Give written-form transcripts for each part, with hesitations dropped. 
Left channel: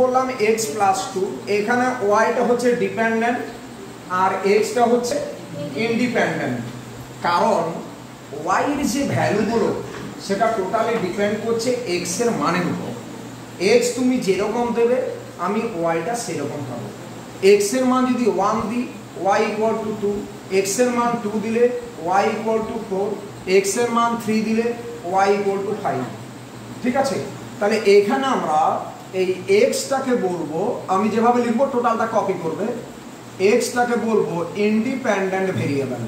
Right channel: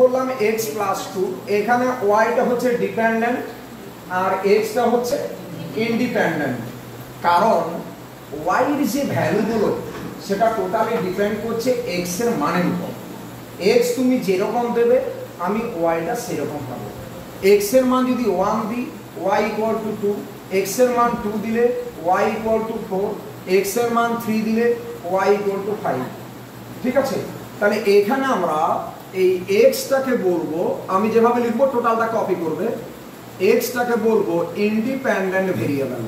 বললাম x + 2, এখানে y টা হচ্ছে ডিপেন্ডেন্ট আর x টা হচ্ছে ইন্ডিপেন্ডেন্ট, কারণ y এর যে ভ্যালুগুলো সেটা টোটালি ডিপেন্ড করছে x এর মানের উপর। x তুমি যেরকম দেবে আমি y টা সেরকম পাবো। x এর মান যদি 1 দিই y = 2, x এর মান 2 দিলে y = 4, x এর মান 3 দিলে y = 5। ঠিক আছে, তাহলে এখানে আমরা এই x টাকে বলবো, আমি যেভাবে লিখবো টোটালটা কপি করবে, x টাকে বলবো ইন্ডিপেন্ডেন্ট ভেরিয়েবল,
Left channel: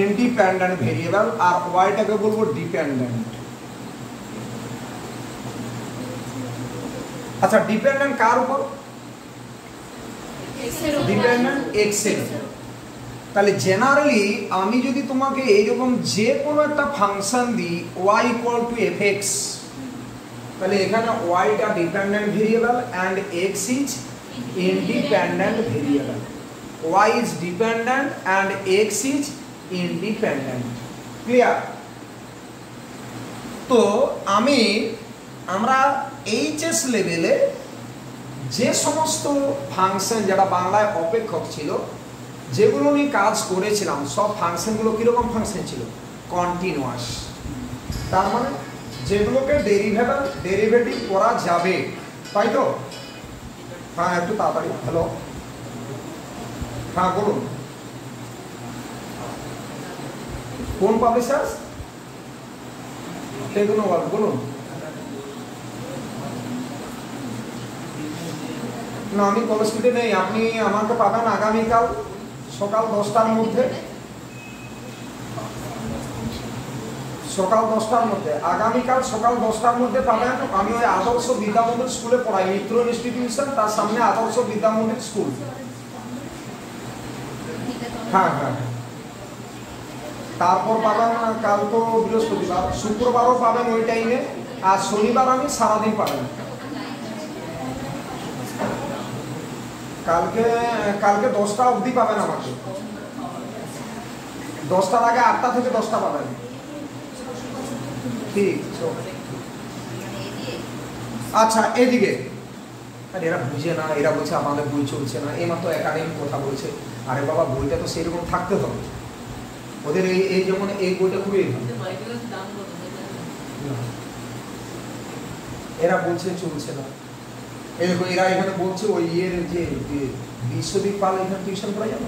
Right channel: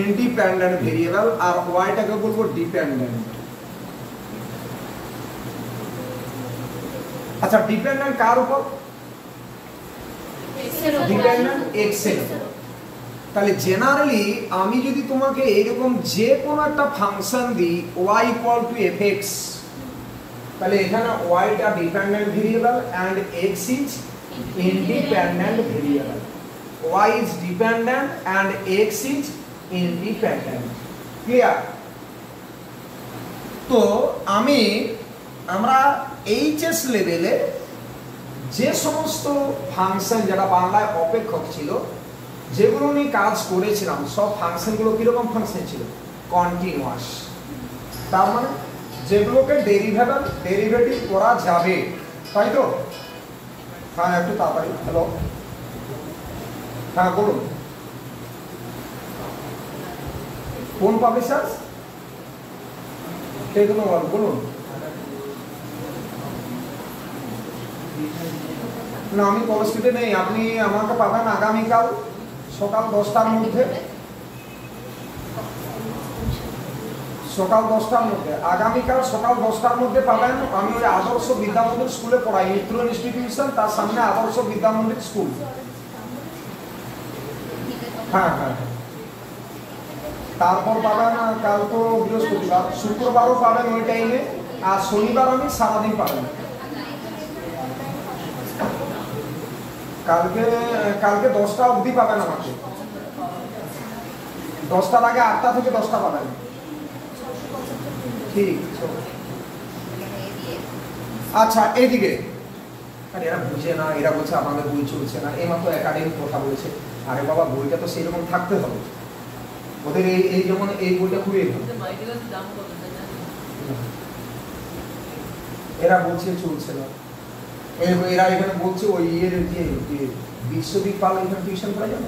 ইন্ডিপেন্ডেন্ট ভেরিয়েবল, আর y টাকে বলবো ডিপেন্ডেন্ট। আচ্ছা, ডিপেন্ডেন্ট কার উপর? ডিপেন্ডেন্ট x এর উপর। তাহলে জেনারেলি আমি যদি তোমাকে এইরকম যে কোনো একটা ফাংশন দিই y = fx, তাহলে এখানে y টা dependent variable and x is independent variable. y is dependent and x is independent। Clear? তো আমরা এইচএস লেভেলে যে সমস্ত ফাংশন, যেটা বাংলায় অপেক্ষক ছিল, যেগুলো নিয়ে কাজ করেছিলাম, সব ফাংশনগুলো কিরকম ফাংশন ছিল? কন্টিনিউয়াস। তার মানে যেগুলোকে ডেরিভেটিভ করা যাবে, তাই তো? হ্যাঁ, একটু তাড়াতাড়ি। হ্যালো, হ্যাঁ বলুন, কোন পাবলিশার? সেগুলো বলুন। না, আমি কলেজটিতে নেই, আপনি আমাকে পাবেন আগামীকাল সকাল 10টার মধ্যে। আগামীকাল সকাল 10টার মধ্যে পাবেন। আমি ওই আদর্শ বিদ্যামন্দির স্কুলে পড়াই, মিত্র ইনস্টিটিউশন, তার সামনে আদর্শ বিদ্যামন্দির স্কুল। হ্যাঁ হ্যাঁ, তারপর পাবেন, কাল তো বৃহস্পতিবার, শুক্রবারও পাবেন ওই টাইমে, আর শনিবার আমি সারাদিন পাবেন। কালকে 10টা অবধি পাবেন আমাকে, 10টার আগে 8টা থেকে 10টা পাবেন। ঠিক। আচ্ছা, এদিকে এরা বুঝে না, এরা বলছে আমাদের বই চলছে না, এইমাত্র একাডেমিক কথা বলছে। আরে বাবা, বইটা তো সেরকম থাকতে হবে ওদের। এই যেমন এই বইটা খুবই, এরা বলছে চলছে না, এরা এখানে বলছে ওই ইয়ের যে বিশ্বদীপ পাল এখানে টিউশন করা যাবে,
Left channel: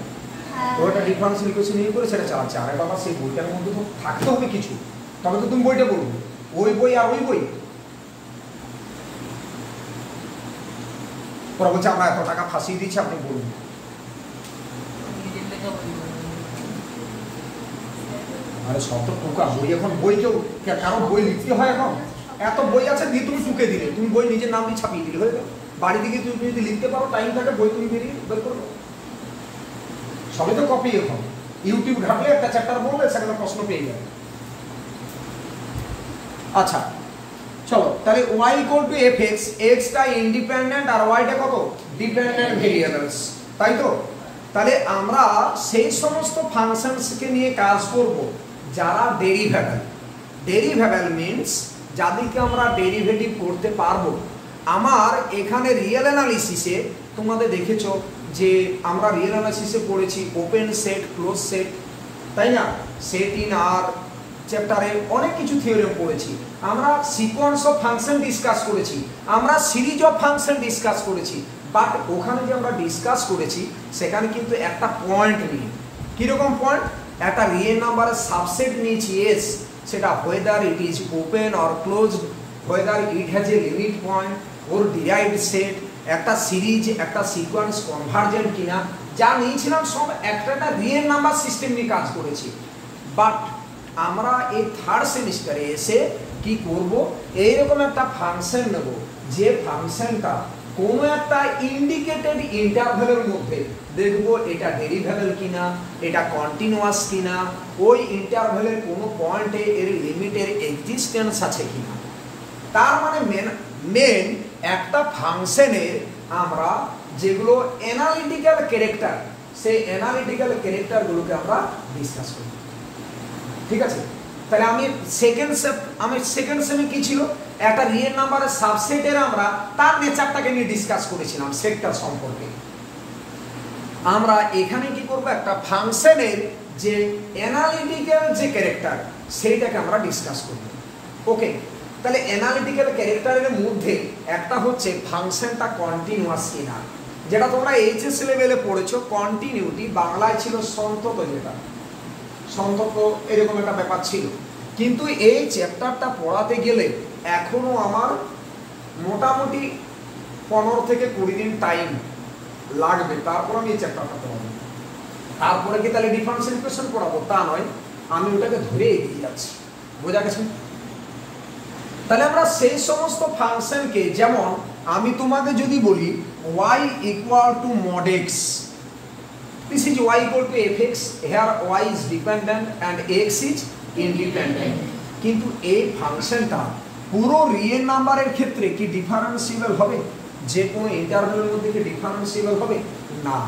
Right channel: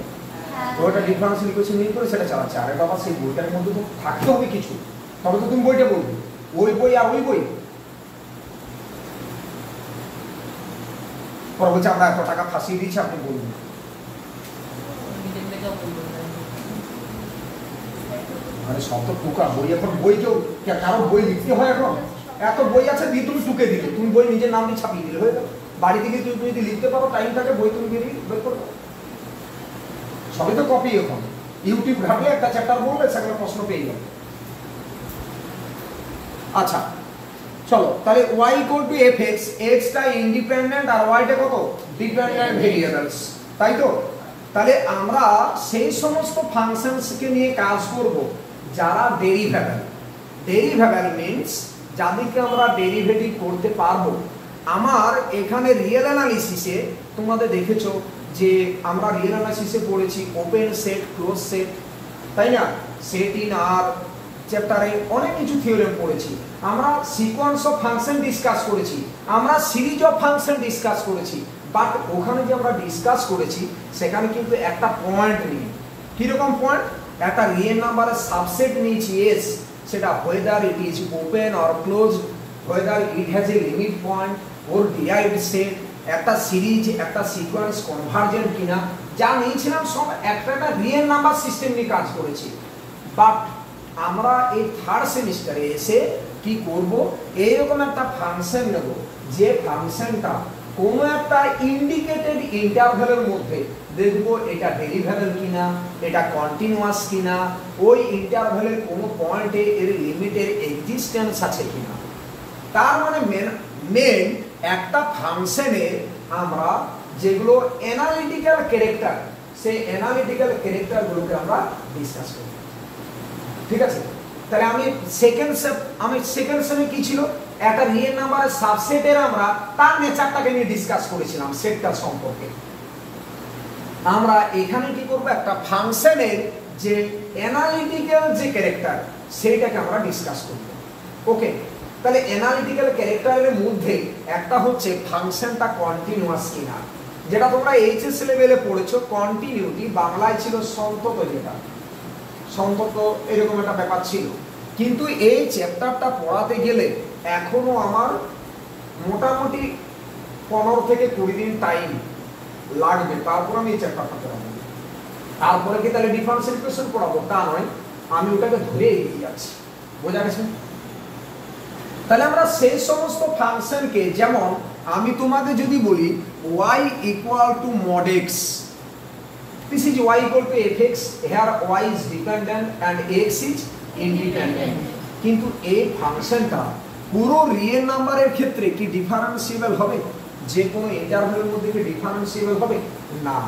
ওটা ডিফারেন্সিয়াল ইকুয়েশন নিয়ে করে সেটা চালাচ্ছে। আরে বাবা, সেই বইটার মধ্যে তো থাকতে হবে কিছু, তবে তো তুমি বইটা বলবে। ওই বই আর ওই বই, বলছে আমরা এত টাকা ফাঁসিয়ে দিচ্ছি, আপনি বলবেন। আরে সব তো টুকা বই, এখন বই কেউ কারো বই লিখতে হয়? এখন এত বই আছে, দিয়ে তুমি টুকে দিলে, তুমি বই নিজের নাম দিয়ে ছাপিয়ে দিলে, হয়ে গেল। বাড়ি থেকে তুমি যদি লিখতে পারো, টাইম থাকে, বই তুমি বের করবে। সবই তো কপি। এখন ইউটিউব ঘাটলে একটা চ্যাপ্টার বললে সেখানে প্রশ্ন পেয়ে যাবে। আচ্ছা চলো, তাহলে y = fx, x টা ইন্ডিপেন্ডেন্ট আর y টা কত? ডিপেন্ডেন্ট ভেরিয়েবলস, তাই তো? তাহলে আমরা সেই সমস্ত ফাংশনসকে নিয়ে কাজ করব যারা ডেরিভেবল। ডেরিভেবল মিন্স যাদেরকে আমরা ডেরিভেটিভ করতে পারবো। আমার এখানে রিয়েল অ্যানালিসিসে তোমাদের দেখেছো যে আমরা রিয়েল অ্যানালিসিসে পড়েছি ওপেন সেট, ক্লোজ সেট, তাই না? সেট ইন আর চ্যাপ্টারে অনেক কিছু থিওরেম পড়েছি। আমরা সিকোয়েন্স অফ ফাংশন ডিসকাস করেছি, আমরা সিরিজ অফ ফাংশন ডিসকাস করেছি। বাট ওখানে যে আমরা ডিসকাস করেছি সেখানে কিন্তু একটা পয়েন্ট নিয়ে, কিরকম পয়েন্ট? একটা রিয়েল নাম্বারের সাবসেট নিয়েছি এস, সেটা whether it is open or closed, whether it has a limit point or derived set, একটা সিরিজ, একটা সিকোয়েন্স কনভার্জেন্ট কিনা, যা নিয়েছিলাম সব একটা রিয়েল নাম্বার সিস্টেম নিয়ে কাজ করেছি। বাট আমরা এই থার্ড সেমিস্টারে এসে কি করব? এইরকম একটা ফাংশন নেব, যে ফাংশনটা কোনো একটা ইন্ডিকেটেড ইন্টারভ্যালের মধ্যে দেখব এটা ডেরিভেবল কিনা, এটা কন্টিনিউয়াস কিনা, ওই ইন্টারভ্যালের কোনো পয়েন্টে এর লিমিটের এক্সিস্টেন্স আছে কিনা। তার মানে মেন একটা ফাংশনের আমরা যেগুলো অ্যানালিটিক্যাল ক্যারেক্টার, সেই অ্যানালিটিক্যাল ক্যারেক্টারগুলোকে আমরা ডিসকাস করি। ঠিক আছে, তাহলে আমি সেকেন্ড সেমে কি ছিল? একটা রিয়েল নাম্বারের সাবসেটের আমরা তার নেচারটাকে নিয়ে ডিসকাস করেছিলাম সেটটা সম্পর্কে। আমরা এখানে কি করব, একটা ফাংশনের যে অ্যানালিটিক্যাল যে ক্যারেক্টার সেইটাকে আমরা ডিসকাস করব। ওকে, তাহলে অ্যানালিটিক্যাল ক্যারেক্টারের মধ্যে একটা হচ্ছে ফাংশনটা কন্টিনিউয়াস কিনা, যেটা তোমরা এইচএস লেভেলে পড়েছো। কন্টিনিউটি বাংলায় ছিল সন্তত, যেটা সন্তত এরকম একটা ব্যাপার ছিল, কিন্তু এই চ্যাপ্টারটা পড়াতে গেলে এখনো আমার মোটামুটি 15 থেকে 20 দিন টাইম লাগবে, তারপর আমি এই চ্যাপ্টারটা পড়াবো। তারপরে কি তাহলে ডিফারেন্সিয়াল ইকুয়েশন পড়াবো তা নয়, আমি ওটাকে ধরে এগিয়ে যাচ্ছি। বোঝা গেছে? তাহলে আমরা সেই সমস্ত ফাংশনকে, যেমন আমি তোমাকে যদি বলি y equal to mod x, this is y equal to fx, here y is dependent and x is independent, কিন্তু এই ফাংশনটা পুরো রিয়েল নাম্বারের ক্ষেত্রে কি ডিফারেন্সিয়েবল হবে? যে কোনো ইন্টারভ্যালের মধ্যে কি ডিফারেন্সিয়েবল হবে? না।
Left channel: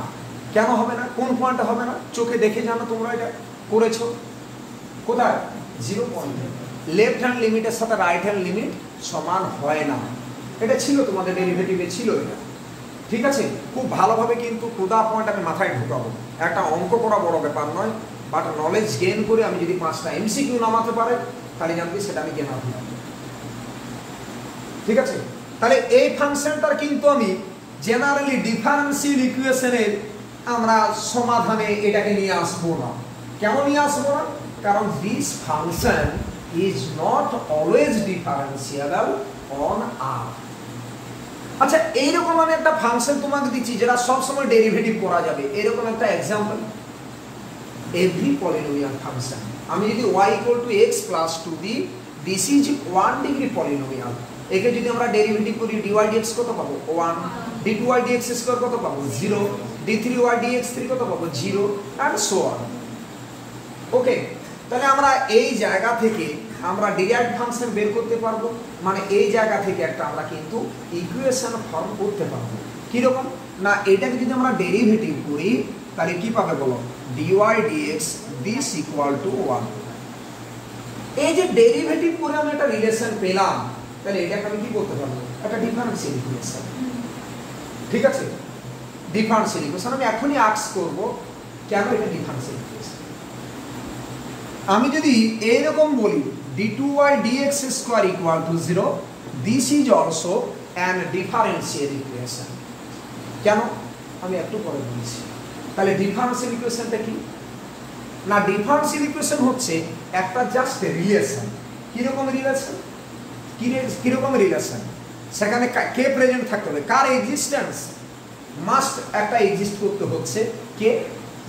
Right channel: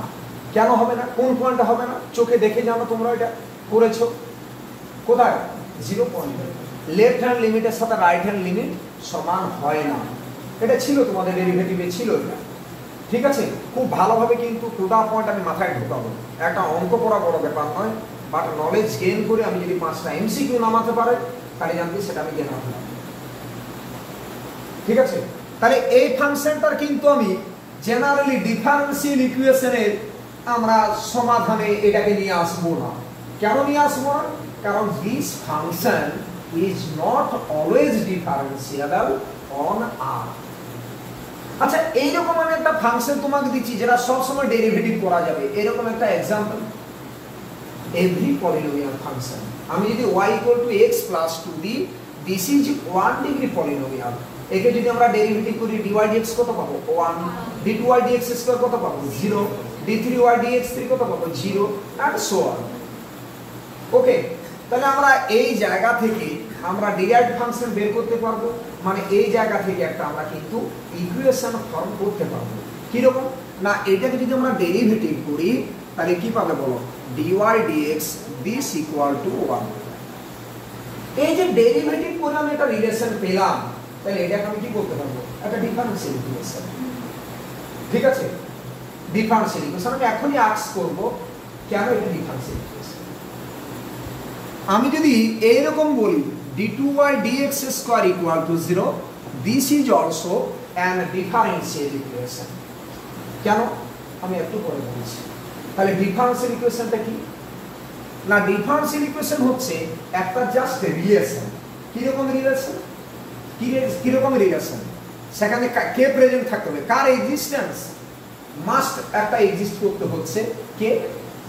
কেন হবে না? কোন পয়েন্টে হবে না? চোখে দেখে জানো, তোমরা এটা করেছো কোথায়? 0 পয়েন্টে। লেফট হ্যান্ড লিমিটের সাথে রাইট হ্যান্ড লিমিট সমান হয় না, এটা ছিল তোমাদের ডেরিভেটিভে ছিল এটা, ঠিক আছে? খুব ভালোভাবে কিন্তু টুদা পয়েন্ট আমি মাথায় ঢোকাবো। একটা অঙ্ক করা বড় ব্যাপার নয়, বাট নলেজ গেইন করে আমি যদি 5টা এমসিকিউ নামাতে পারি তাহলে জানবি সেটা আমি গেইন করতে পারবো, ঠিক আছে? তাহলে এই ফাংশনটার কিন্তু আমি জেনারেলি ডিফারেন্সিয়াল ইকুয়েশনের আমরা সমাধানে এটাকে নিয়ে আসবো না। কেন নিয়ে আসবো না? কারণ this function is not always differentiable on R। আচ্ছা, এইরকম মানে একটা ফাংশন তোমাকে দিচ্ছি যেটা সব সময় ডেরিভেটিভ করা যাবে, এরকম একটা एग्जांपल এভরি পলিনোমিয়াল ফাংশন। আমি যদি y equal to x plus 2d, this is 1 degree polynomial, একে যদি আমরা ডেরিভেটিভ করি dy dx কত পাবো? 1, d2y dx স্কয়ার কত পাবো? 0, d3y dx3 কত পাবো? 0 and so on। ওকে, তাহলে আমরা এই জায়গা থেকে আমরা ডিরাইভড ফাংশন বের করতে পারবো, মানে এই জায়গা থেকে একটা আমরা কিন্তু ইকুয়েশন ফর্ম করতে পারবো। কি রকম না, এটাকে যদি আমরা ডেরিভেটিভ করি তাহলে কি পাবে বলো? dy dx this equal to 1। এই যে ডেরিভেটিভ করে আমি একটা রিলেশন পেলাম, তাহলে এটাকে আমি কি করতে পারবো? একটা ডিফারেন্সিয়াল ইকুয়েশন, ঠিক আছে? ডিফারেন্সিয়াল ইকুয়েশন আমি এখনই আস্ক করব কেন এটা ডিফারেন্সিয়াল ইকুয়েশন। আমি যদি এইরকম বলি d2y dx square equal to 0, this is also an differential equation। কেন? আমি একটু পরে বলছি। তাহলে ডিফারেন্সিয়াল ইকুয়েশনটা কি না, ডিফারেন্সিয়াল ইকুয়েশন হচ্ছে একটা জাস্ট রিলেশন। কি রকম রিলেশন? কি রকম রিলেশন? সেখানে কে প্রেজেন্ট থাকতে হবে? কার এক্সিস্টেন্স মাস্ট একটা এক্সিস্ট করতে হচ্ছে? কে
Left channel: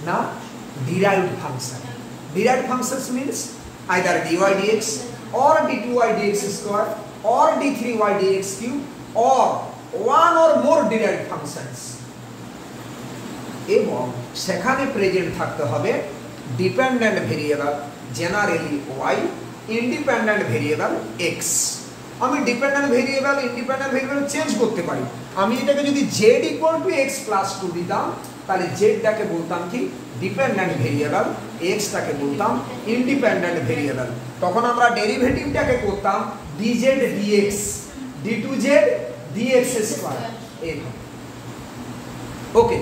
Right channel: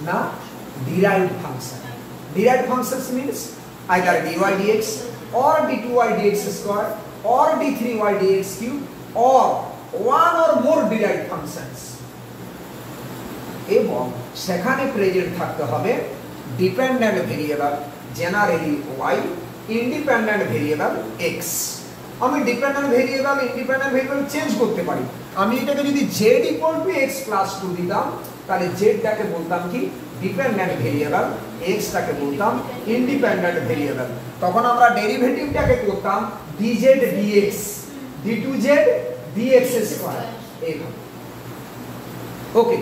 না, derived function. Derived functions means either dy dx or d2y dx square or d3y dx cube or one or more derived functions, এবং সেখানে প্রেজেন্ট থাকতে হবে dependent variable, generally y, independent variable x। আমি dependent variable independent variable change করতে পারি। আমি এটাকে যদি z equal to x plus 2 দিতাম, তাহলে z টাকে বলতাম কি? ডিপেন্ডেন্ট ভেরিয়েবল, x টাকে বলতাম ইন্ডিপেন্ডেন্ট ভেরিয়েবল। তখন আমরা ডেরিভেটিভটাকে করতাম dz dx, d2z dx square এইভাবে। ওকে,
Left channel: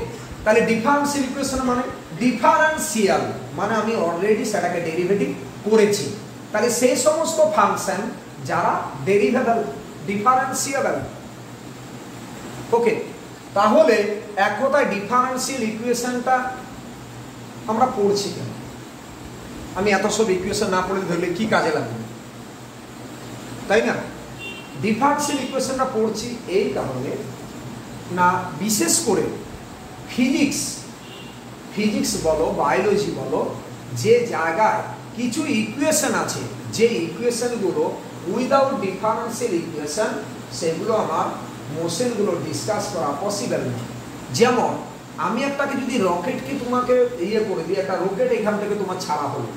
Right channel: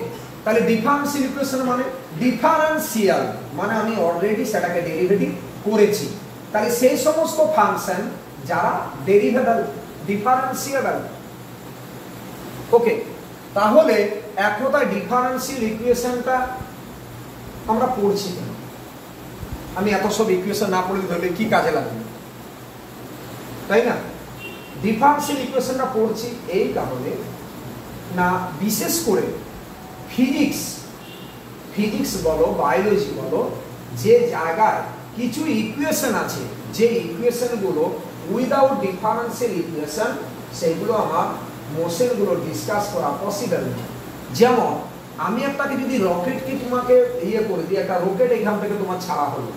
তাহলে ডিফারেন্সিয়াল ইকুয়েশন মানে ডিফারেন্সিয়াল মানে আমি অলরেডি সেটাকে ডেরিভেটিভ করেছি। তাহলে সেই সমস্ত ফাংশন যারা ডেরিভেবল, ডিফারেন্সিয়েবল। ওকে, তাহলে এক কথায় ডিফারেন্সিয়াল ইকুয়েশনটা আমরা পড়ছি কেন? আমি এত সব ইকুয়েশন না পড়লে ধরলে কি কাজে লাগবে, তাই না? ডিফারেন্সিয়াল ইকুয়েশনটা পড়ছি এই কারণে না, বিশেষ করে ফিজিক্স বলো, বায়োলজি বলো, যে জায়গায় কিছু ইকুয়েশন আছে, যে ইকুয়েশনগুলো উইদাউট ডিফারেন্সিয়াল ইকুয়েশন, সেগুলো আমার মোশনগুলো ডিসকাস করা পসিবল না। যেমন আমি একটাকে যদি রকেটকে তোমাকে ইয়ে করে দিই, একটা রকেট এখান থেকে তোমার ছাড়া হলো,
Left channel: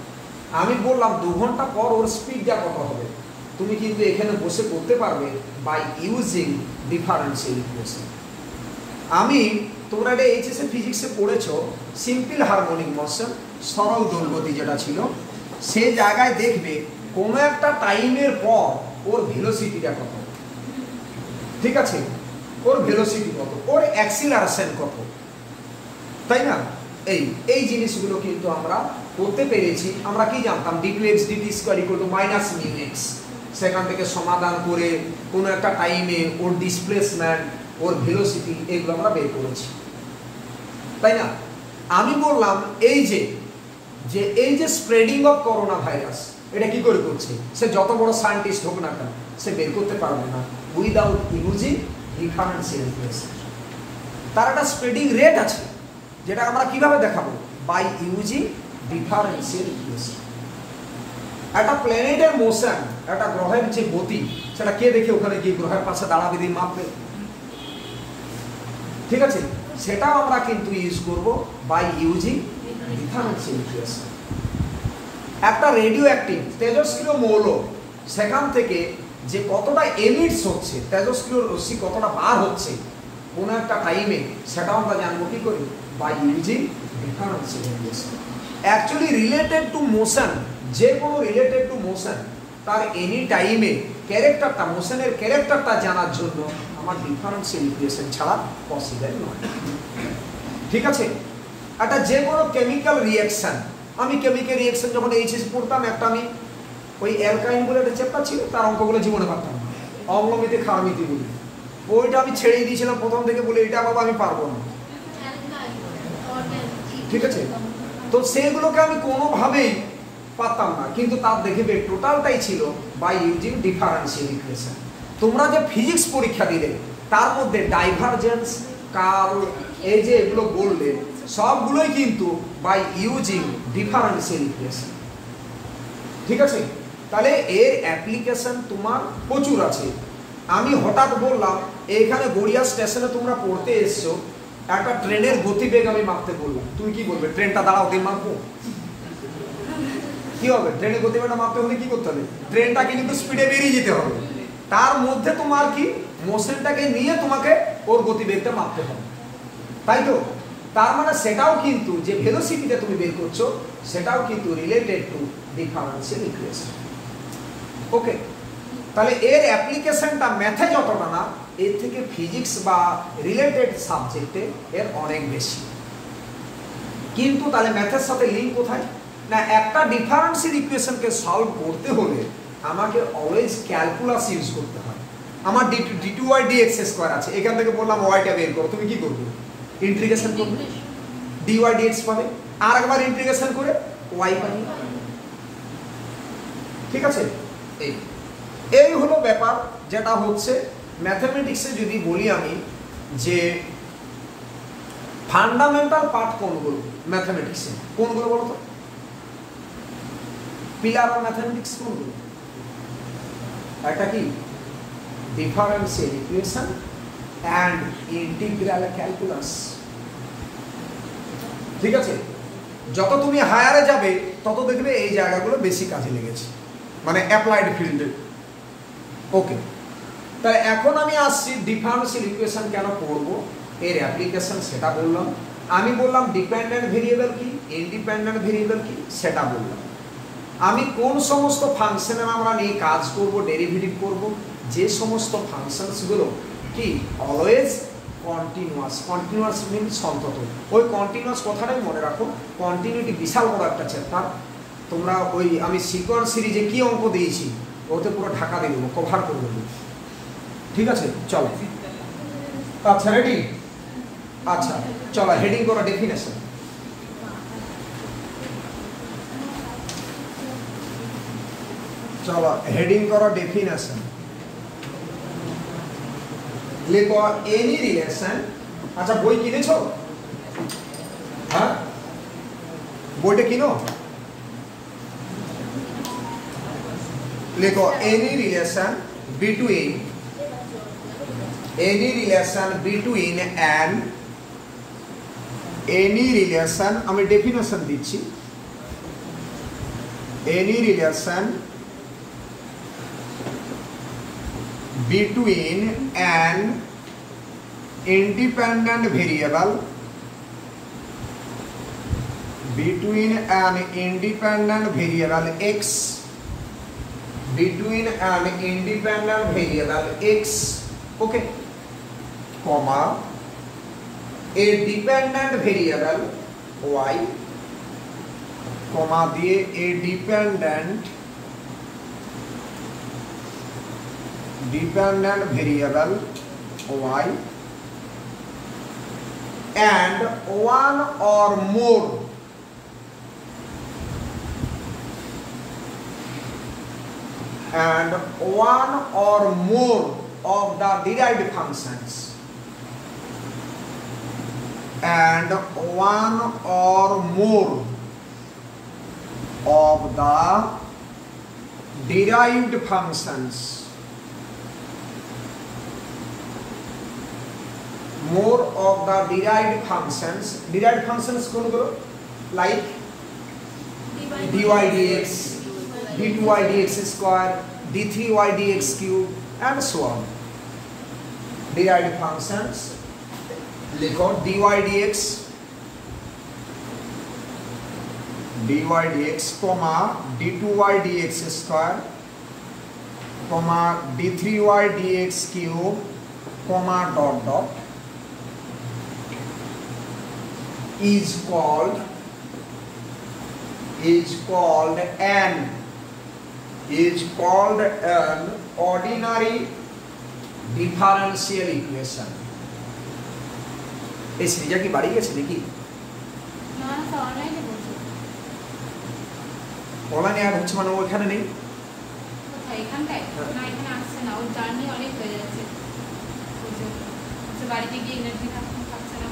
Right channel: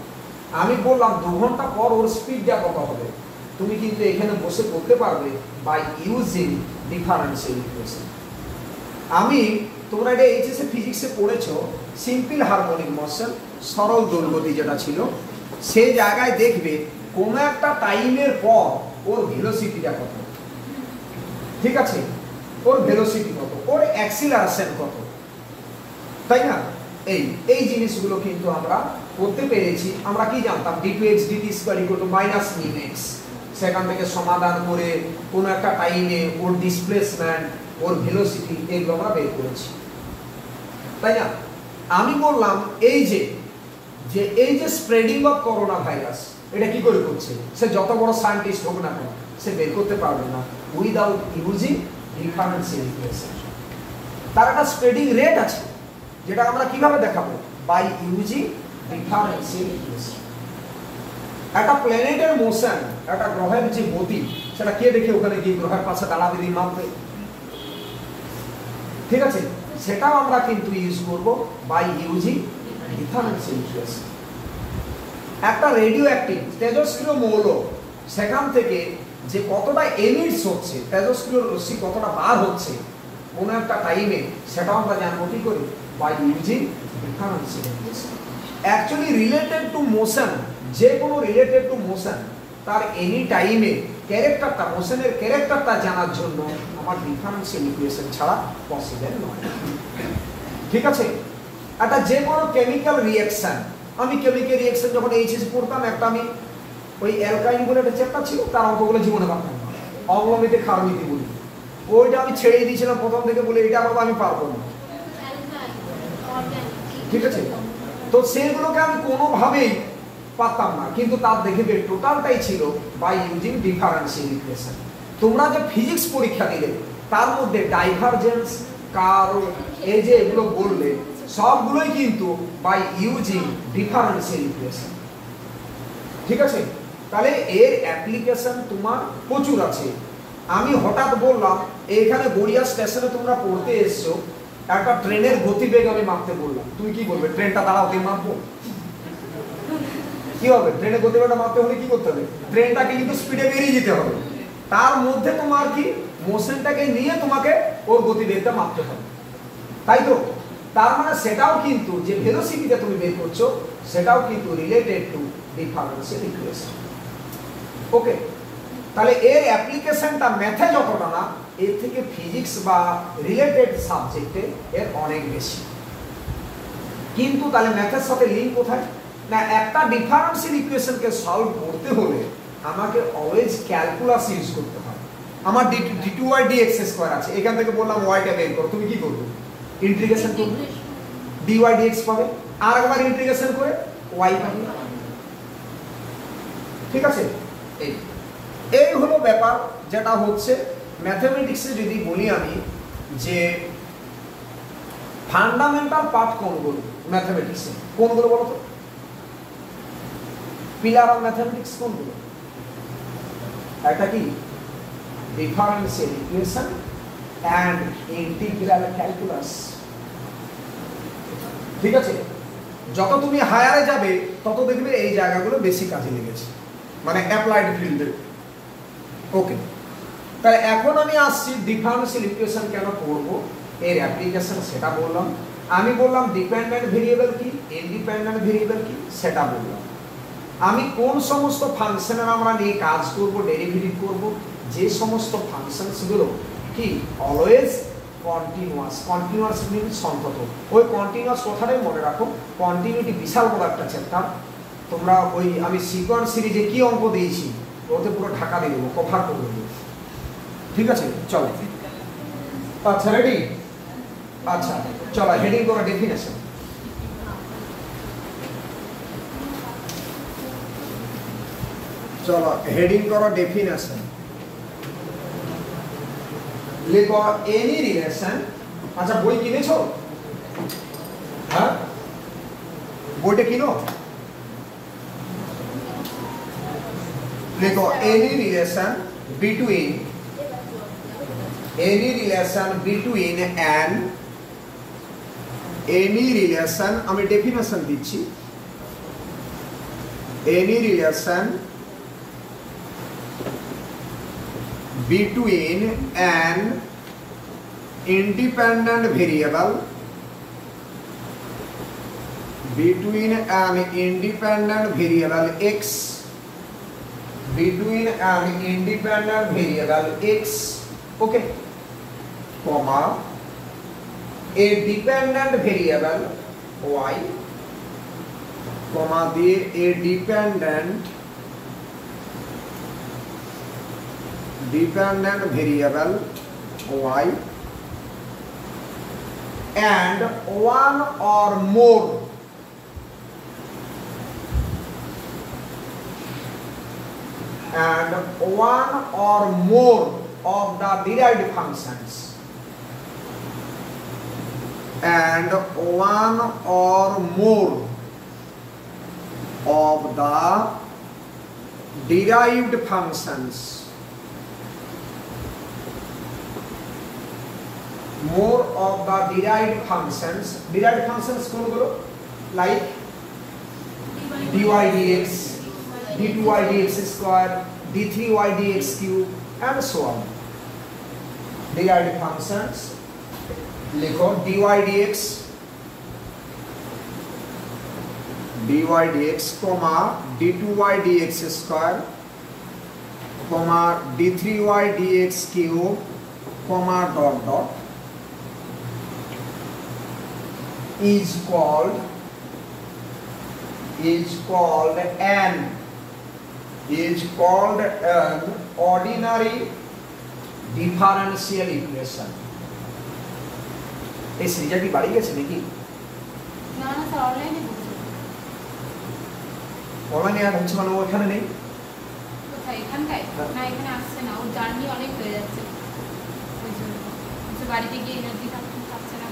আমি বললাম 2 ঘন্টা পর ওর স্পিডটা কত হবে, তুমি কিন্তু এখানে বসে করতে পারবে বাই ইউজিং ডিফারেন্সিয়াল ইকুয়েশন। আমি তোমরা এটা এইচএসএ ফিজিক্সে পড়েছো, সিম্পল হারমোনিক মোশন, সরল দোলগতি যেটা ছিল, সেই জায়গায় দেখবে কোনো একটা টাইমের পর ওর ভেলোসিটিটা কত। ঠিক আছে, ওর ভেলোসিটি কত, ওর অ্যাক্সিলারেশন কত, তাই না? এই জিনিসগুলো কিন্তু আমরা করতে পেরেছি। আমরা কি জানতাম d2x dt square equal to minus mu x, সেখান থেকে সমাধান করে কোন একটা টাইমে ওর ডিসপ্লেসমেন্ট, ওর ভেলোসিটি এগুলো আমরা বের করেছি, তাই না? আমি বললাম এই যে স্প্রেডিং অফ করোনা ভাইরাস, এটা কি করে করছে? সে যত বড় সায়েন্টিস্ট হোক না কেন, সে বের করতে পারবে না উইদাউট ইউজিং ডিফারেন্সিয়াল ইকুয়েশন। তার একটা স্প্রেডিং রেট আছে, যেটা আমরা কিভাবে দেখাবো? By using differential equation. একটা প্ল্যানেটের মোশন, একটা গ্রহের যে গতি, সেটা কে দেখে ওখানে গিয়ে গ্রহের পাশে দাঁড়াবে দিয়ে মাপবে? ঠিক আছে, সেটাও আমরা কিন্তু ইউজ করব বাই ইউজিং ডিফারেন্সিয়াল ইকুয়েশন। একটা রেডিও অ্যাক্টিভ তেজস্ক্রিয় মৌল, সেখান থেকে যে কতটা এমিটস হচ্ছে, তেজস্ক্রিয় রশ্মি কতটা বার হচ্ছে কোনো একটা টাইমে, সেটাও আমরা জানবো কি করে? By using differential equation. Actually related to motion, যে কোনো রিলেটেড টু মোশন, তার এনি টাইমে ক্যারেক্টারটা, মোশনের ক্যারেক্টারটা জানার জন্য আমার ডিফারেন্সিয়াল ইকুয়েশন ছাড়া পসিবল নয়। ঠিক আছে, একটা যে কোনো কেমিক্যাল রিঅ্যাকশন, আমি কেমিক্যাল রিঅ্যাকশন যখন এইচএস পড়তাম, একটা আমি ওই অ্যালকাইন বলে একটা চ্যাপ্টার ছিল, তার অঙ্কগুলো জীবনে পারতাম না, অম্লমিতি ক্ষারমিতি বলি, ওইটা আমি ছেড়ে দিয়েছিলাম প্রথম থেকে, বলে এটা বাবা আমি পারবো না। ঠিক আছে, তো সেগুলোকে আমি কোনোভাবেই পারতাম না, কিন্তু তার দেখবে টোটালটাই ছিল বাই ইউজিং ডিফারেন্সিয়াল ইকুয়েশন। তোমরা যে ফিজিক্স পরীক্ষা দিলে, তার মধ্যে ডাইভারজেন্স, কার্ল, এই যে এগুলো বললে, সবগুলোই কিন্তু বাই ইউজিং ডিফারেন্সিয়াল ইকুয়েশন। ঠিক আছে, তাহলে এর অ্যাপ্লিকেশন তোমার প্রচুর আছে। আমি হঠাৎ বললাম এখানে গড়িয়া স্টেশনে তোমরা পড়তে এসছো, একটা ট্রেনের গতিবেগ আমি মাপতে বললাম, তুমি কি করবে? ট্রেনটা দাঁড়াও দিয়ে মাপবো? কি হবে? ট্রেনের গতিবেগটা মাপতে হলে কি করতে হবে? ট্রেনটাকে কিন্তু স্পিডে বেরিয়ে যেতে হবে, তার মধ্যে তোমার কি মোশনটাকে নিয়ে তোমাকে ওর গতিবেগটা মাপতে হবে, তাই তো? তার মানে সেটাও কিন্তু যে ভেলোসিটিতে তুমি বের করছো, সেটাও কিন্তু রিলেটেড টু ডিফারেন্সিয়াল ইকুয়েশন। ওকে, তাহলে এর অ্যাপ্লিকেশনটা ম্যাথে যতটা না, এর থেকে ফিজিক্স বা রিলেটেড সাবজেক্টে এর অনেক বেশি। কিন্তু তাহলে ম্যাথের সাথে লিঙ্ক কোথায়? না, একটা ডিফারেন্সিয়াল ইকুয়েশনকে সলভ করতে হলে আমাকে অলওয়েজ ক্যালকুলাস ইউজ করতে হয়। আমার d2y dx স্কয়ার আছে, এখান থেকে বললাম ওয়াইটা বের করো, তুমি কি করবে? ইন্টিগ্রেশন করবে, dy dx পাবে, আর একবার ইন্টিগ্রেশন করে y পাবে। ঠিক আছে, এই হলো ব্যাপার, যেটা হচ্ছে ম্যাথমেটিক্সে। যদি বলি আমি যে ফান্ডামেন্টাল পার্ট কোনগুলো ম্যাথমেটিক্সে, কোনগুলো বলো তো? পিলার অফ ম্যাথমেটিক্স কোনগুলো? একটা কি differential equation and integral calculus. ঠিক আছে, যত তুমি হায়ারে যাবে তত দেখবে এই জায়গাগুলো বেশি কাজে লেগেছে, মানে অ্যাপ্লাইড ফিল্ডে। ওকে, তাহলে এখন আমি আসছি ডিফারেন্সিয়াল ইকুয়েশন কেন পড়বো, এর অ্যাপ্লিকেশন সেটা বললাম। আমি বললাম ডিপেন্ডেন্ট ভেরিয়েবল কি, ইন্ডিপেন্ডেন্ট ভেরিয়েবল কি, সেটা বললাম। আমি কোন সমস্ত ফাংশনের আমরা নিয়ে কাজ করব, ডেরিভেটিভ করব, যে সমস্ত ফাংশনসগুলো কি অলওয়েজ কন্টিনিউয়াস। কন্টিনিউয়াস মিন্স সন্তত। ওই কন্টিনিউয়াস কথাটাই মনে রাখো, কন্টিনিউটি বিশাল বড় একটা চ্যাপ্টার। তোমরা ওই আমি সিকোয়েন্স সিরিজে কি অঙ্ক দিয়েছি, ওতে পুরো ঢাকা দিয়ে দেবো, কভার করে দেবো। ঠিক আছে, চলো। আচ্ছা, রেডি? আচ্ছা, চলো হেডিং করা ডেফিনেশন। চলো হেডিং করা ডেফিনেশন। লিখো এনি রিলেশন। আচ্ছা, বই কিনেছো? হ্যাঁ, বইটা কিনো। লিখো any relation between any relation, আমি ডেফিনেশন দিচ্ছি। Any relation between an independent variable x okay, comma A dependent variable y, কমা দিয়ে এ dependent variable y and one or more of the derived functions and one or more of the derived functions কোনগুলো, like dy dx, d2y dx square, d3y dx cube and so on. Derived functions লিখো dy dx comma d2y dx square comma d3y dx cube comma dot dot is called an ordinary differential equation. এই সিরিজটা কি বাড়ি গেছে নাকি? না না, অনলাইনে বলছি। অনলাইনে আর হচ্ছে মানে ওখানে নেই কোথায়? এখানটায় না, এখানে আসছে না, ও জার্নি অনেক হয়ে যাচ্ছে ওই জন্য। আচ্ছা, বাড়িতে গিয়ে এনার্জি থাকছে না।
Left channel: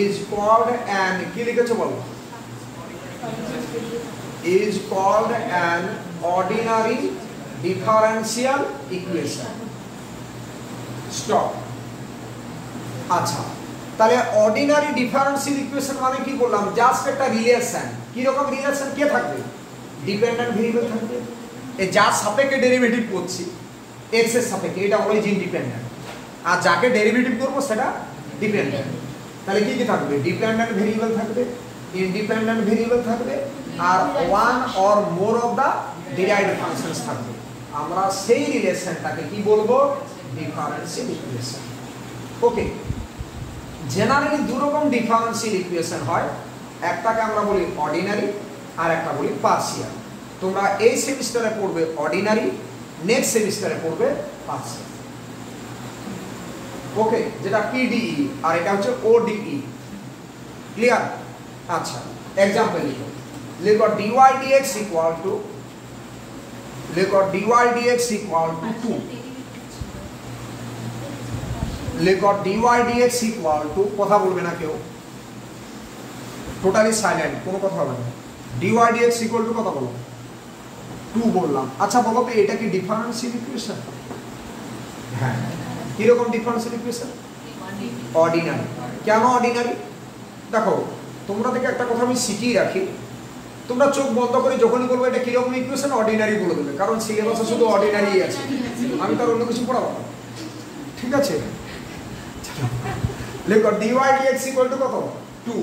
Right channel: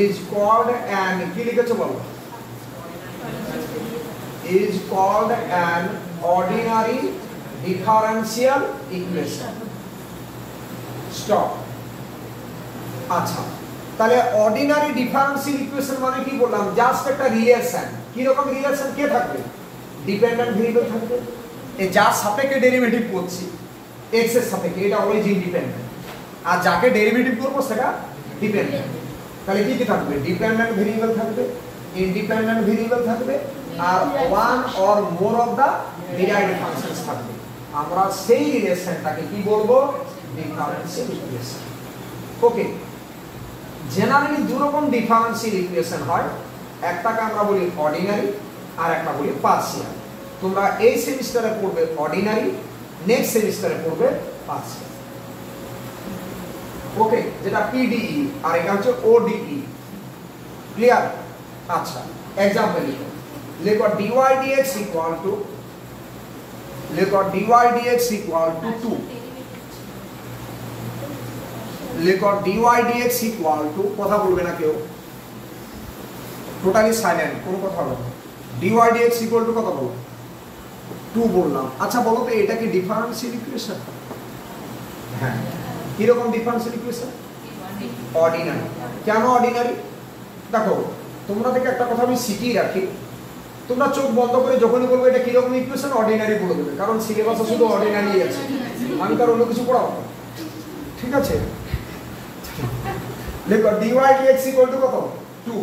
is called an, কি লিখেছো বলো? is called an ordinary differential equation. Stop. আচ্ছা, তাহলে অর্ডিনারি ডিফারেন্সিয়াল ইকুয়েশন মানে কি বললাম? জাস্ট একটা রিলেশন। কি রকম রিলেশন? কে থাকবে? ডিপেন্ডেন্ট ভেরিয়েবল থাকবে। এই যার সাপেক্ষে ডেরিভেটিভ করছি x এর সাপেক্ষে, এটা অলওয়েজ ইন্ডিপেন্ডেন্ট, আর যাকে ডেরিভেটিভ করব সেটা ডিপেন্ডেন্ট। তাহলে কি কি থাকবে? ডিপেন্ডেন্ট ভেরিয়েবল থাকবে, ইন্ডিপেন্ডেন্ট ভেরিয়েবল থাকবে, আর one or more of the derived functions থাকবে। আমরা সেই রিলেশনটাকে কি বলবো? Differential equation. ওকে, জেনারেলি দুই রকম ডিফারেন্সিয়াল ইকুয়েশন হয়, একটাকে আমরা বলি অর্ডিনারি আর একটা বলি পার্শিয়াল। তোমরা এই সেমিস্টারে পড়বে অর্ডিনারি, নেক্সট সেমিস্টারে পড়বে পার্শিয়াল। ওকে, যেটা পিডিই আর এটা হচ্ছে ওডিই। ক্লিয়ার? আচ্ছা, एग्जांपल लिखो। लिखो dy dx इक्वल टू 2। लिखो dy dx इक्वल टू, কথা বলবে না কেউ, টোটালি সাইলেন্ট, কোনো কথা বলবে না। dy dx ইকুয়াল টু কত বলো? 2 বললাম। আচ্ছা বলো তো এটা কি ডিফারেন্সিয়াল ইকুয়েশন? হ্যাঁ। কি রকম ডিফারেন্সিয়াল ইকুয়েশন? অর্ডিনারি। কেন অর্ডিনারি? দেখো, তোমরা থেকে একটা কথা আমি শিখিয়ে রাখি, তোমরা চোখ বন্ধ করে যখনই বলবে এটা কি রকম ইকুয়েশন, অর্ডিনারি বলে দেবে, কারণ সিলেবাসে শুধু অর্ডিনারি আছে, আমি তো আর অন্য কিছু পড়াবো না। ঠিক আছে? লিখো dy dx ইকুয়াল টু কত? 2।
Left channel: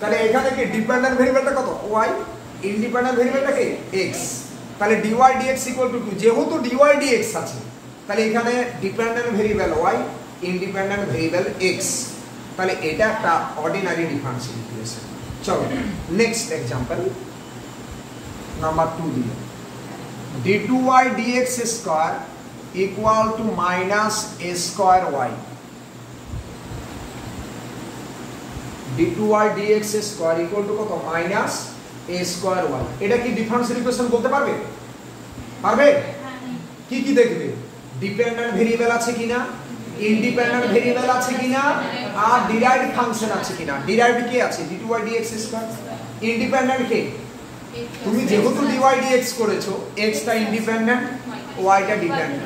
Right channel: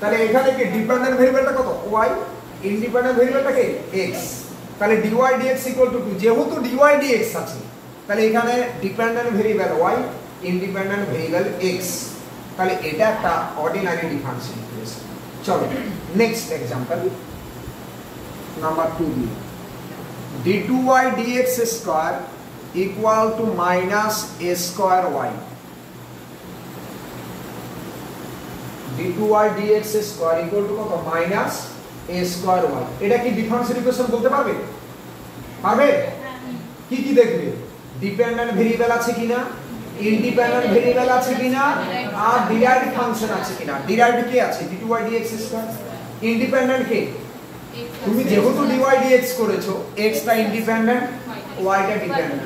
তাহলে এখানে কি ডিপেন্ডেন্ট ভেরিয়েবলটা কত? y, ইন্ডিপেন্ডেন্ট ভেরিয়েবলটা কি? x। তাহলে dy dx ইকুয়াল টু 2। যেহেতু dy dx আছে, তাহলে এখানে dependent variable y, independent variable x। তাহলে এটা একটা অর্ডিনারি ডিফারেন্সিয়াল ইকুয়েশন। চলো নেক্সট एग्जांपल নাম্বার 2 দিই। d2y dx square equal to minus a square y। d2y dx square equal to কত? Minus a square y। এটা কি ডিফারেন্সিয়াল ইকুয়েশন বলতে পারবে? পারবে? কি কি দেখবে? ডিপেন্ডেন্ট ভেরিয়েবল আছে কিনা, ইন্ডিপেন্ডেন্ট ভেরিয়েবল আছে কিনা, আর ডিরাইভড ফাংশন আছে কিনা। ডিরাইভড কি আছে? d2y dx square. ইন্ডিপেন্ডেন্ট কি? তুমি যেহেতু dy dx করেছো, x টা ইন্ডিপেন্ডেন্ট, y টা ডিপেন্ডেন্ট,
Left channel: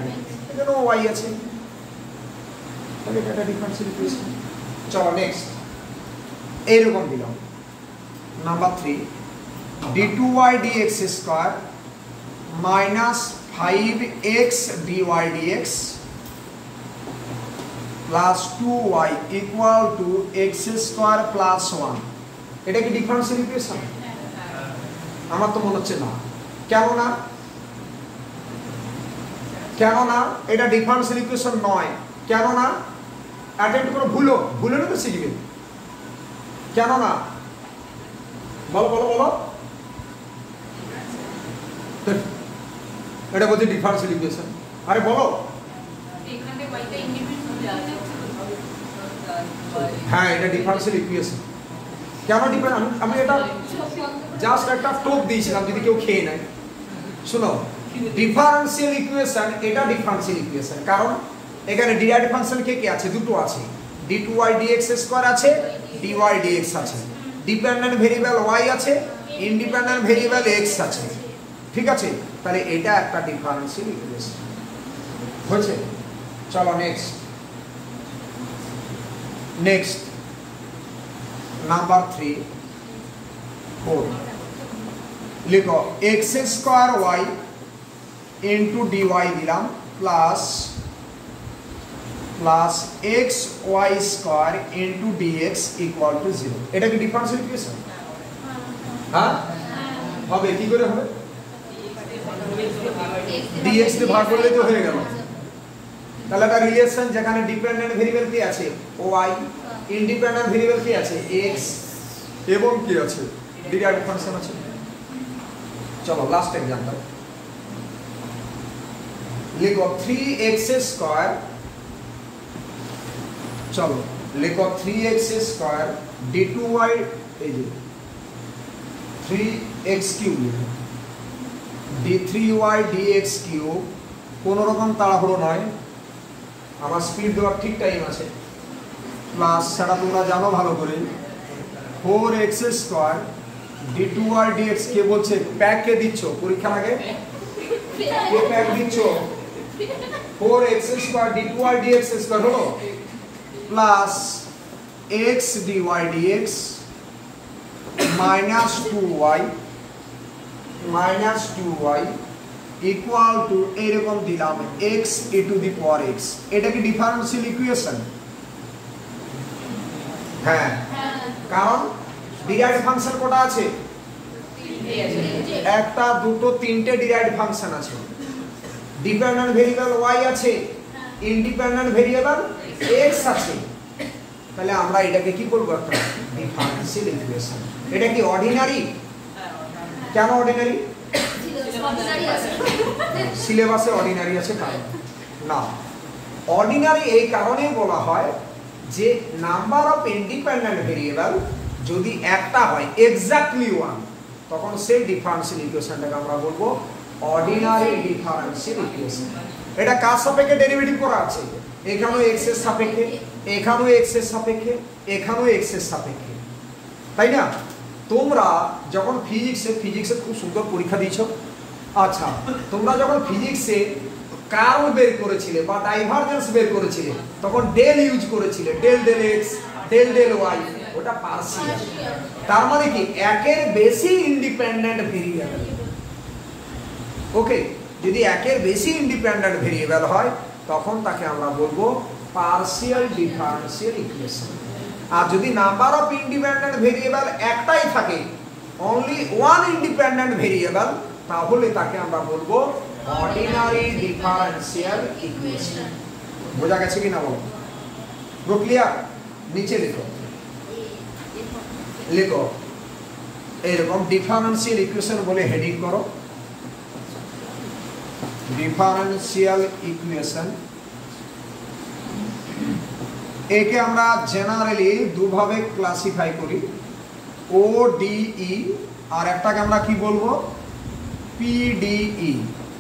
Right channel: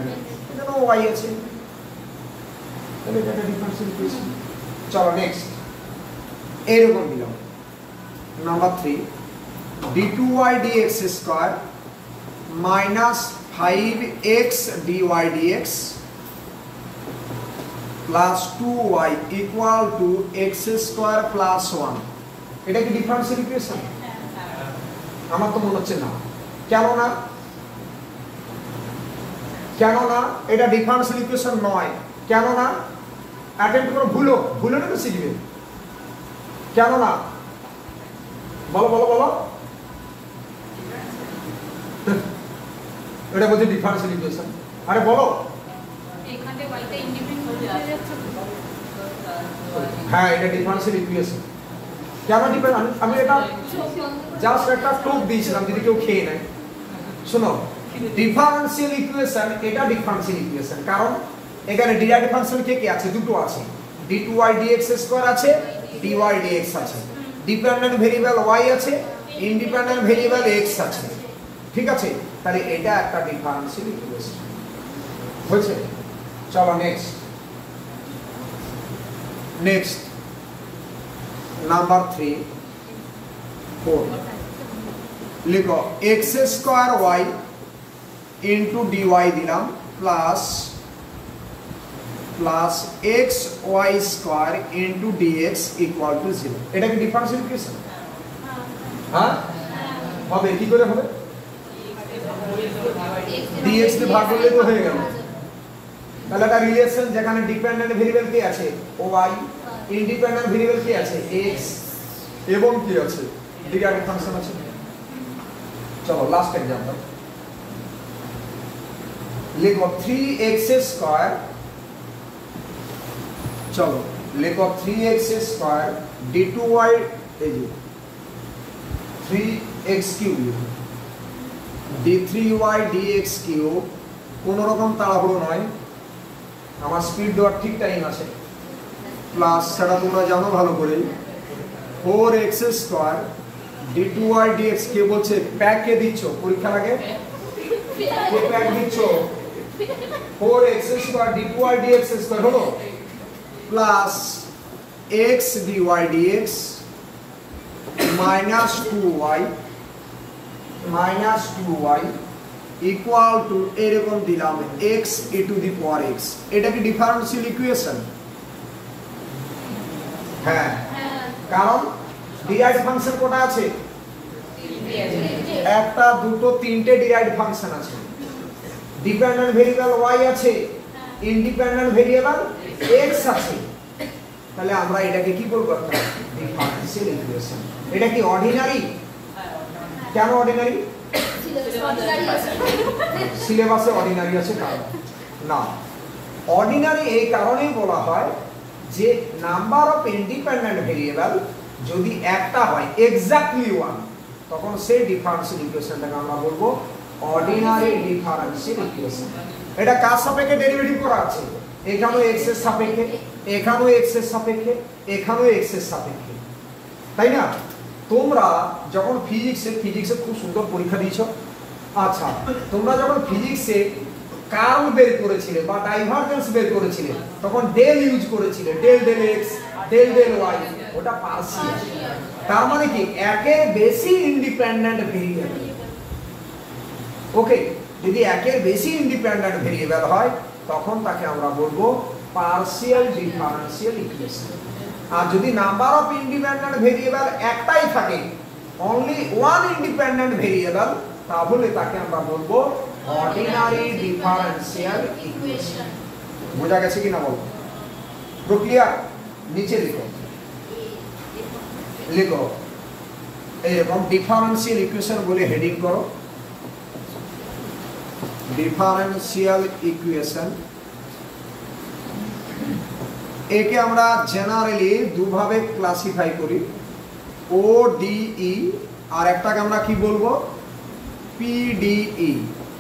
এখানে y আছে, তাহলে এটা ডিফারেন্সিয়াল ইকুয়েশন। চলো নেক্সট এরকম দিলাম number 3, d2y dx square minus 5x dy dx plus 2y equal two x square plus 1। এটা কি ডিফারেন্সিয়াল ইকুয়েশন? আমার তো মনে হচ্ছে না। কেন না? কেন না এটা ডিফারেন্সিয়াল ইকুয়েশন নয়, কেন না অ্যাটেম্প্ট করে ভুলো না তো শিখবে, কেন না বলো বলো বলো, এটা বলছে ডিফারেন্সিয়াল ইকুয়েশন, আরে বলো। এখানে বলতে ইন্ডিপেন্ডেন্ট হয়ে যাচ্ছে। হ্যাঁ এটা ডিফারেন্সিয়াল ইকুয়েশন, কেন ডিফারেন্স, আমি এটা জাস্ট একটা টোপ দিয়েছিলাম যদি কেউ খেয়ে নেয়। শোনো ডিফারেন্সিয়াল ইকুয়েশন, এটা ডিফারেন্সিয়াল ইকুয়েশন কারণ এখানে ডিরাইভড ফাংশন কে কে আছে, দুটো আছে, d2y dx স্কয়ার আছে, dy dx আছে, ডিপেন্ডেন্ট ভেরিয়েবল y আছে, ইন্ডিপেন্ডেন্ট ভেরিয়েবল x আছে, ঠিক আছে, তাহলে এটা একটা ডিফারেন্সিয়াল ইকুয়েশন হয়েছে। চলো নেক্সট নাম্বার 3 4 লিখো x square y into dy দিলাম plus x y square into dx equal to 0। এটা কি ডিফারেন্সিয়াল ইকুয়েশন? হ্যাঁ হবে, কি করে হবে? dx কে ভাগ করলে তো হয়ে গেল। তাহলে একটা রিলেশন যেখানে ডিপেন্ডেন্ট ভেরিয়েবল কি আছে y, ইন্ডিপেন্ডেন্ট ভেরিয়েবল কি আছে x, এবং কি আছে ডিরাইভড ফাংশন আছে। চলো লাস্ট एग्जांपल লিখো 3x স্কয়ার, চলো লিখো 3x স্কয়ার d2y, এই যে 3x cube d3y dx cube, কোন রকম তাড়াহুড়ো নয়, আমার স্পিড দেওয়ার ঠিক টাইম আছে, প্লাস সেটা তোমরা জানো ভালো করে 4x স্কয়ার d2y dx কে বলছে প্যাক কে দিচ্ছ পরীক্ষার আগে, কে প্যাক দিচ্ছ 4x square d2y dx square হলো plus x dy dx minus 2y equal to এরকম দিলাম x e to the power x। এটা কি ডিফারেন্সিয়াল ইকুয়েশন? হ্যাঁ, কারণ ডিরাইভড ফাংশন কটা আছে? একটা দুটো তিনটে ডিরাইভড ফাংশন আছে, ডিপেন্ডেন্ট ভেরিয়েবল y আছে, ইন্ডিপেন্ডেন্ট ভেরিয়েবল x আছে, তাহলে আমরা এটাকে কি বলবো? Differential equation. এটা কি অর্ডিনারি? কেন অর্ডিনারি? সিলেবাসে অর্ডিনারি আছে কারণ না, অর্ডিনারি এই কারণেই বলা হয় যে নাম্বার অফ ইন্ডিপেন্ডেন্ট ভেরিয়েবল যদি একটা হয় এক্স্যাক্টলি 1, তখন সেই ডিফারেন্সিয়াল ইকুয়েশনটাকে আমরা বলবো অর্ডিনারি ডিফারেন্সিয়াল ইকুয়েশন। এটা কার সাপেক্ষে ডেরিভেটিভ করা আছে? এখানেও x এর সাপেক্ষে, এখানেও x এর সাপেক্ষে, এখানেও x এর সাপেক্ষে, তাই না? তোমরা যখন ফিজিক্সে খুব সুন্দর পরীক্ষা দিয়েছো, আচ্ছা তোমরা যখন ফিজিক্সে কার্ভ বের করেছিলে বা ডাইভারজেন্স বের করেছিলে তখন ডেল ইউজ করেছিলে, del del x del del y, ওটা পার্শিয়াল। তার মানে কি একের বেশি ইন্ডিপেন্ডেন্ট ভেরিয়েবল, ওকে, যদি একের বেশি ইন্ডিপেন্ডেন্ট ভেরিয়েবল হয় তখন তাকে আমরা বলবো পার্শিয়াল ডিফারেন্সিয়াল ইকুয়েশন। আর যদি নাম্বার অফ ইন্ডিপেন্ডেন্ট ভেরিয়েবল একটাই থাকে, অনলি ওয়ান ইন্ডিপেন্ডেন্ট ভেরিয়েবল, তাহলে তাকে আমরা বলবো অর্ডিনারি ডিফারেন্সিয়াল ইকুয়েশন। বোঝা গেছে কিনা বলো? প্রক্রিয়া নিচে লিখো এরকম ডিফারেন্সিয়াল ইকুয়েশন বলে হেডিং করো, ডিফারেন্সিয়াল ইকুয়েশন। একে আমরা জেনারেলি দুভাবে ক্লাসিফাই করি, ODE, আর একটাকে আমরা কি বলবো PDE,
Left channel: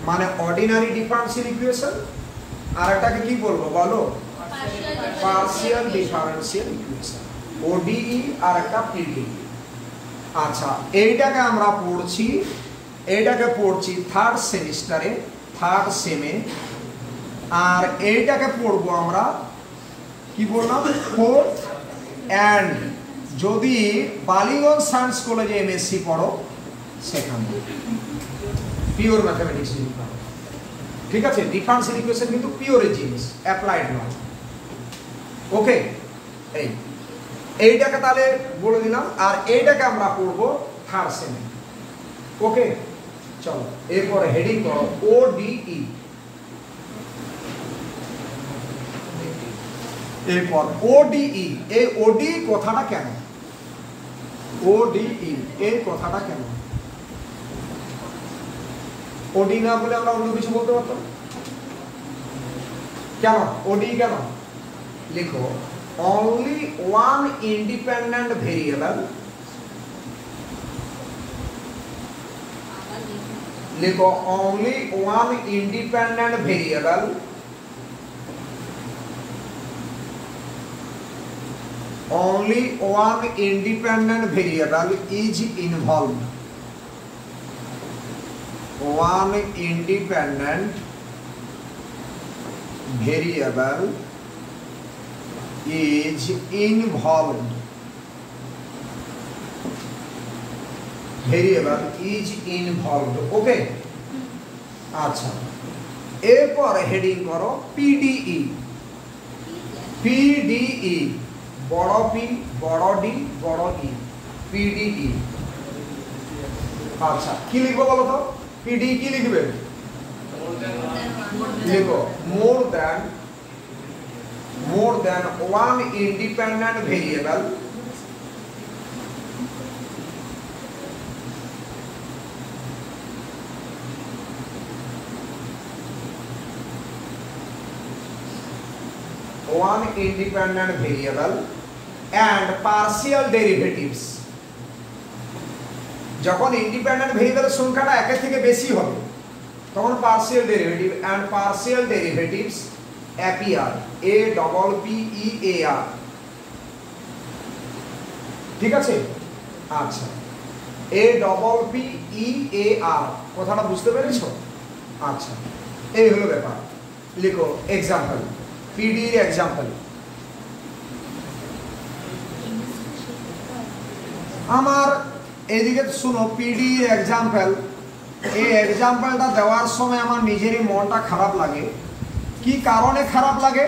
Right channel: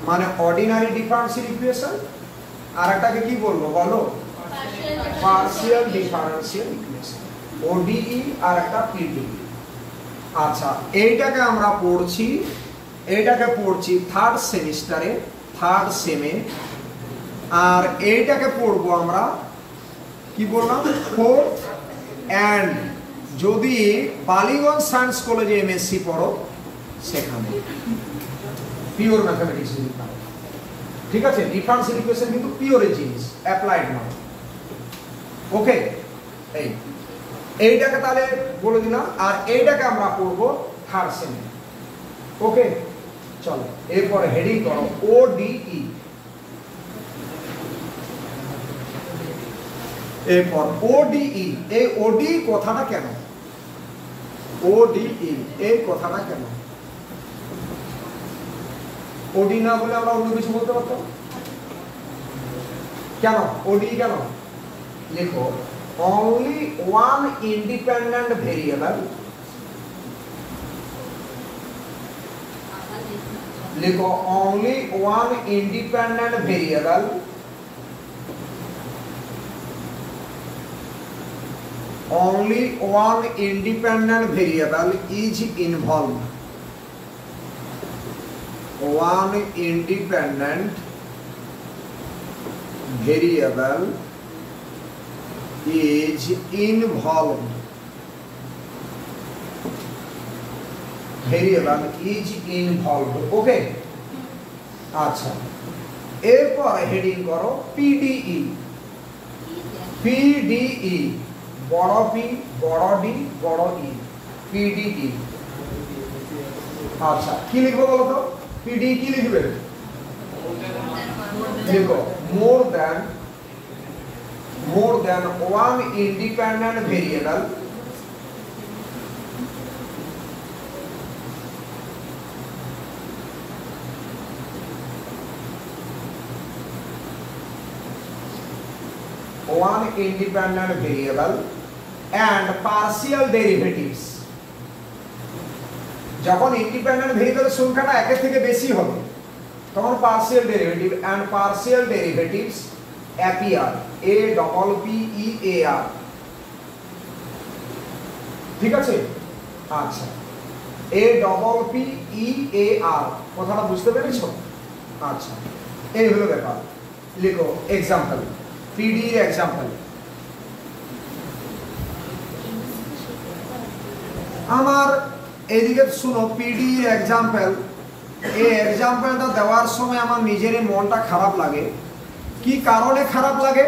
মানে অর্ডিনারি ডিফারেন্সিয়াল ইকুয়েশন, আর একটাকে কি বলবো বলো? Partial differential equation. ODE আর একটা PDE। আচ্ছা এইটাকে আমরা পড়ছি থার্ড সেমিস্টারে, থার্ড সেমে, আর এইটাকে পড়বো আমরা কি বললাম ফোর্থ, এন্ড যদি বালিগঞ্জ সায়েন্স কলেজে এমএসসি পড়ো সেখানে পিওর ম্যাথমেটিক্স, ঠিক আছে? ডিফারেন্সিয়াল ইকুয়েশন কিন্তু পিওরের জিনিস, অ্যাপ্লাইড নয়, ওকে। এইটাকে তাহলে বলে দিলাম, আর এইটাকে আমরা পড়বো থার্ড সেমে, ওকে। চলো এরপরে হেডিং করো ODE। এরপর ওডিই, এই ওডি কথাটা কেন, ওডিই এই কথাটা কেন, ওডি না বলে আমরা অন্য কিছু বলতে পারতাম, কেন ওডি কেন? লিখো only one independent variable, লিখো only one independent variable, only one independent variable is involved, one independent variable is involved, variable is involved, ওকে। আচ্ছা, এরপর হেডিং করো পিডিই, পিডিই বড় পি বড় ডি বড় ই, পিডিই। আচ্ছা কি লিখবো বলো তো, পিডি কি লিখবে? লিখো more than one independent variable and partial derivatives, যখন ইন্ডিপেন্ডেন্ট ভেরিয়েবল সংখ্যাটা একের থেকে বেশি হবে তখন partial derivative and partial derivatives appear, A double P E A R, ঠিক আছে? আচ্ছা, এ ডবল পি ই এ আর কথাটা বুঝতে পেরেছো? আচ্ছা, এই হলো ব্যাপার। লিখো এক্সাম্পল, পিডি এর এক্সাম্পল। আমার এদিকে শুনো, পিডি এক্সাম্পল, এই এক্সাম্পলটা দেওয়ার সময় আমার নিজেরই মনটা খারাপ লাগে। কি কারণে খারাপ লাগে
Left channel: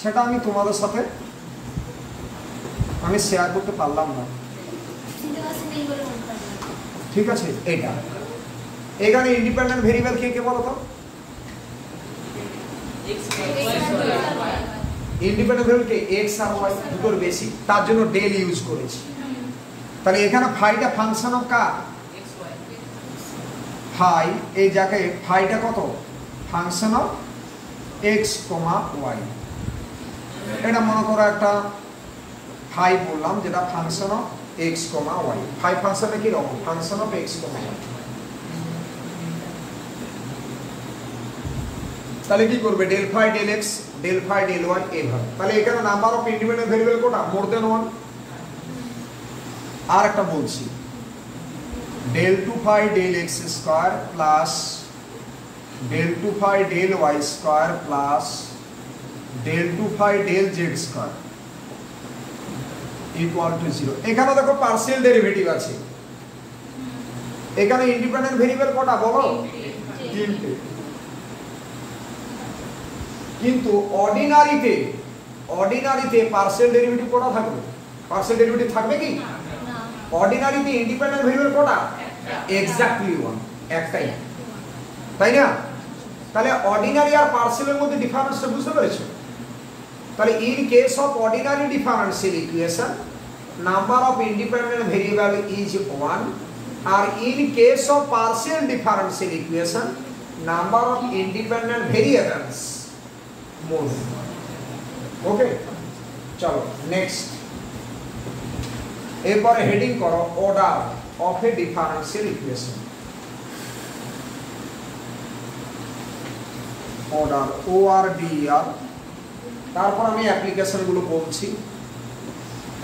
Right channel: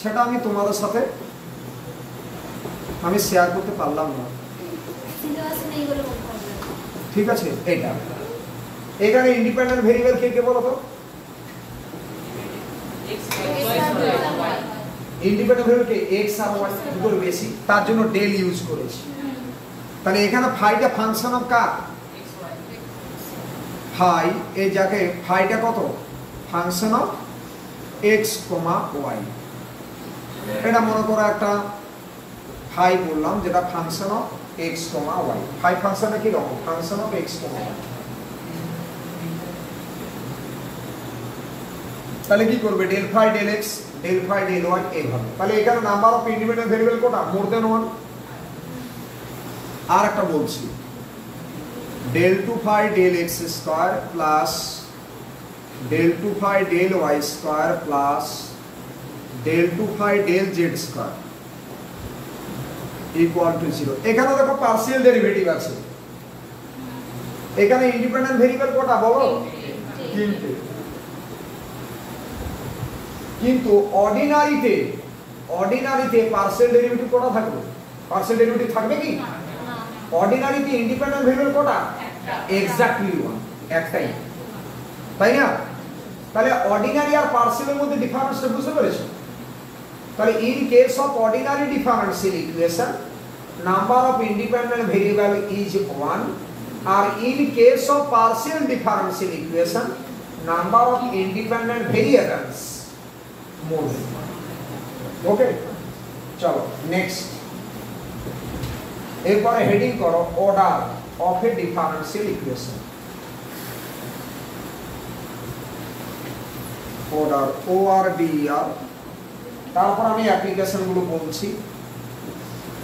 সেটা আমি তোমাদের সাথে আমি শেয়ার করতে পারলাম না, ঠিক আছে? এটা এখানে ইন্ডিপেন্ডেন্ট ভেরিয়েবল কে কে বলো তো? ইন্ডিপেন্ডেন্ট ভেরিয়েবল কে এক্স আর ওয়াই দুটোর বেশি, তার জন্য ডেল ইউজ করেছি। তাহলে এখানে ফাইটা ফাংশন অফ কার? ফাই, এই জায়গায় ফাইটা কত? Function of X comma Y. এটা মনে করো একটা ফাই বললাম যেটা function of X comma Y. Phi ফাংশনটা কি রকম? Function of X comma Y. তাহলে কি করবে? Del phi del X, del phi del Y এইভাবে। তাহলে এখানে নাম্বার অফ ইন্ডিপেন্ডেন্ট ভেরিয়েবল কোটা? More than one. আর একটা বলছি, del 2 phi del x square plus del 2 phi del y square plus del 2 phi del z square equal to 0। এখানে দেখো partial derivative আছে। এখানে ইন্ডিপেন্ডেন্ট ভেরিয়েবল কটা বলো? তিনটে। কিন্তু অর্ডিনারিতে পার্সিয়াল ডেরিভেটিভ কটা থাকবে? পার্সিয়াল ডেরিভেটিভ থাকবে কি? অর্ডিনারিতে ইন্ডিপেন্ডেন্ট ভেরিয়েবল কটা? এক্স্যাক্টলি ওয়ান, একটাই, তাই না? তাহলে অর্ডিনারি আর পার্সিয়ালের মধ্যে ডিফারেন্সটা বুঝতে পেরেছো? তাহলে in case of ordinary differential equation number of independent variable is 1, আর in case of partial differential equation number of independent variables more. Okay, চলো নেক্সট। এরপরে হেডিং করো order of a differential equation. Order, O R D R. তারপর আমি application গুলো বলছি।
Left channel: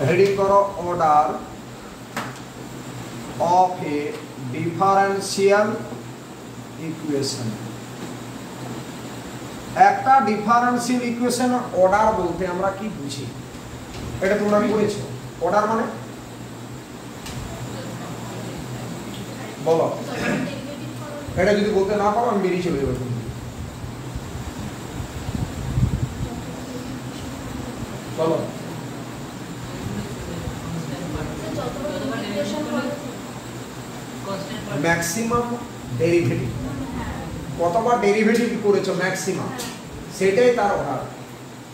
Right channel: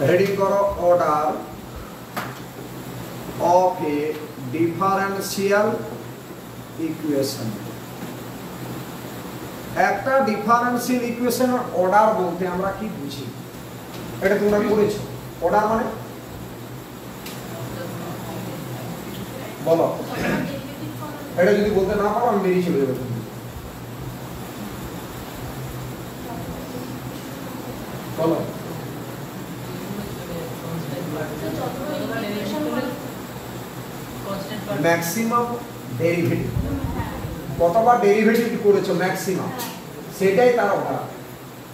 Heading করো order of a differential equation. একটা differential equation order বলতে আমরা কি বুঝি এটা তোমরা পড়েছো? অর্ডার মানে বলো, এটা যদি বলতে না পারো আমি বেরিয়ে চলে যাবো। বলো, ম্যাক্সিমাম ডেরিভেটিভ, কতবার ডেরিভেটিভ করেছো ম্যাক্সিমাম, সেটাই তার অর্ডার।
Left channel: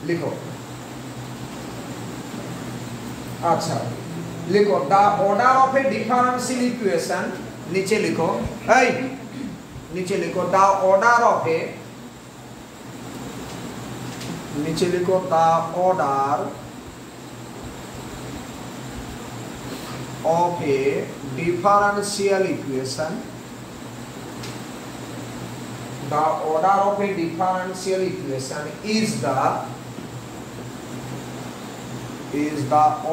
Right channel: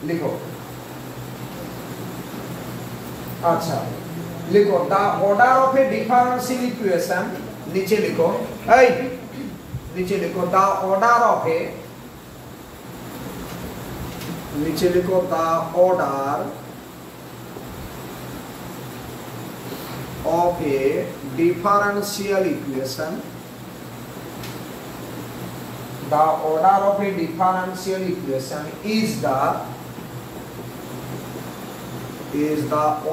লিখো अच्छा लिखो the order of A differential equation, नीचे लिखो नीचे लिखो द ऑर्डर ऑफ ए, नीचे लिखो the order of A differential equation, the order of a differential equation is the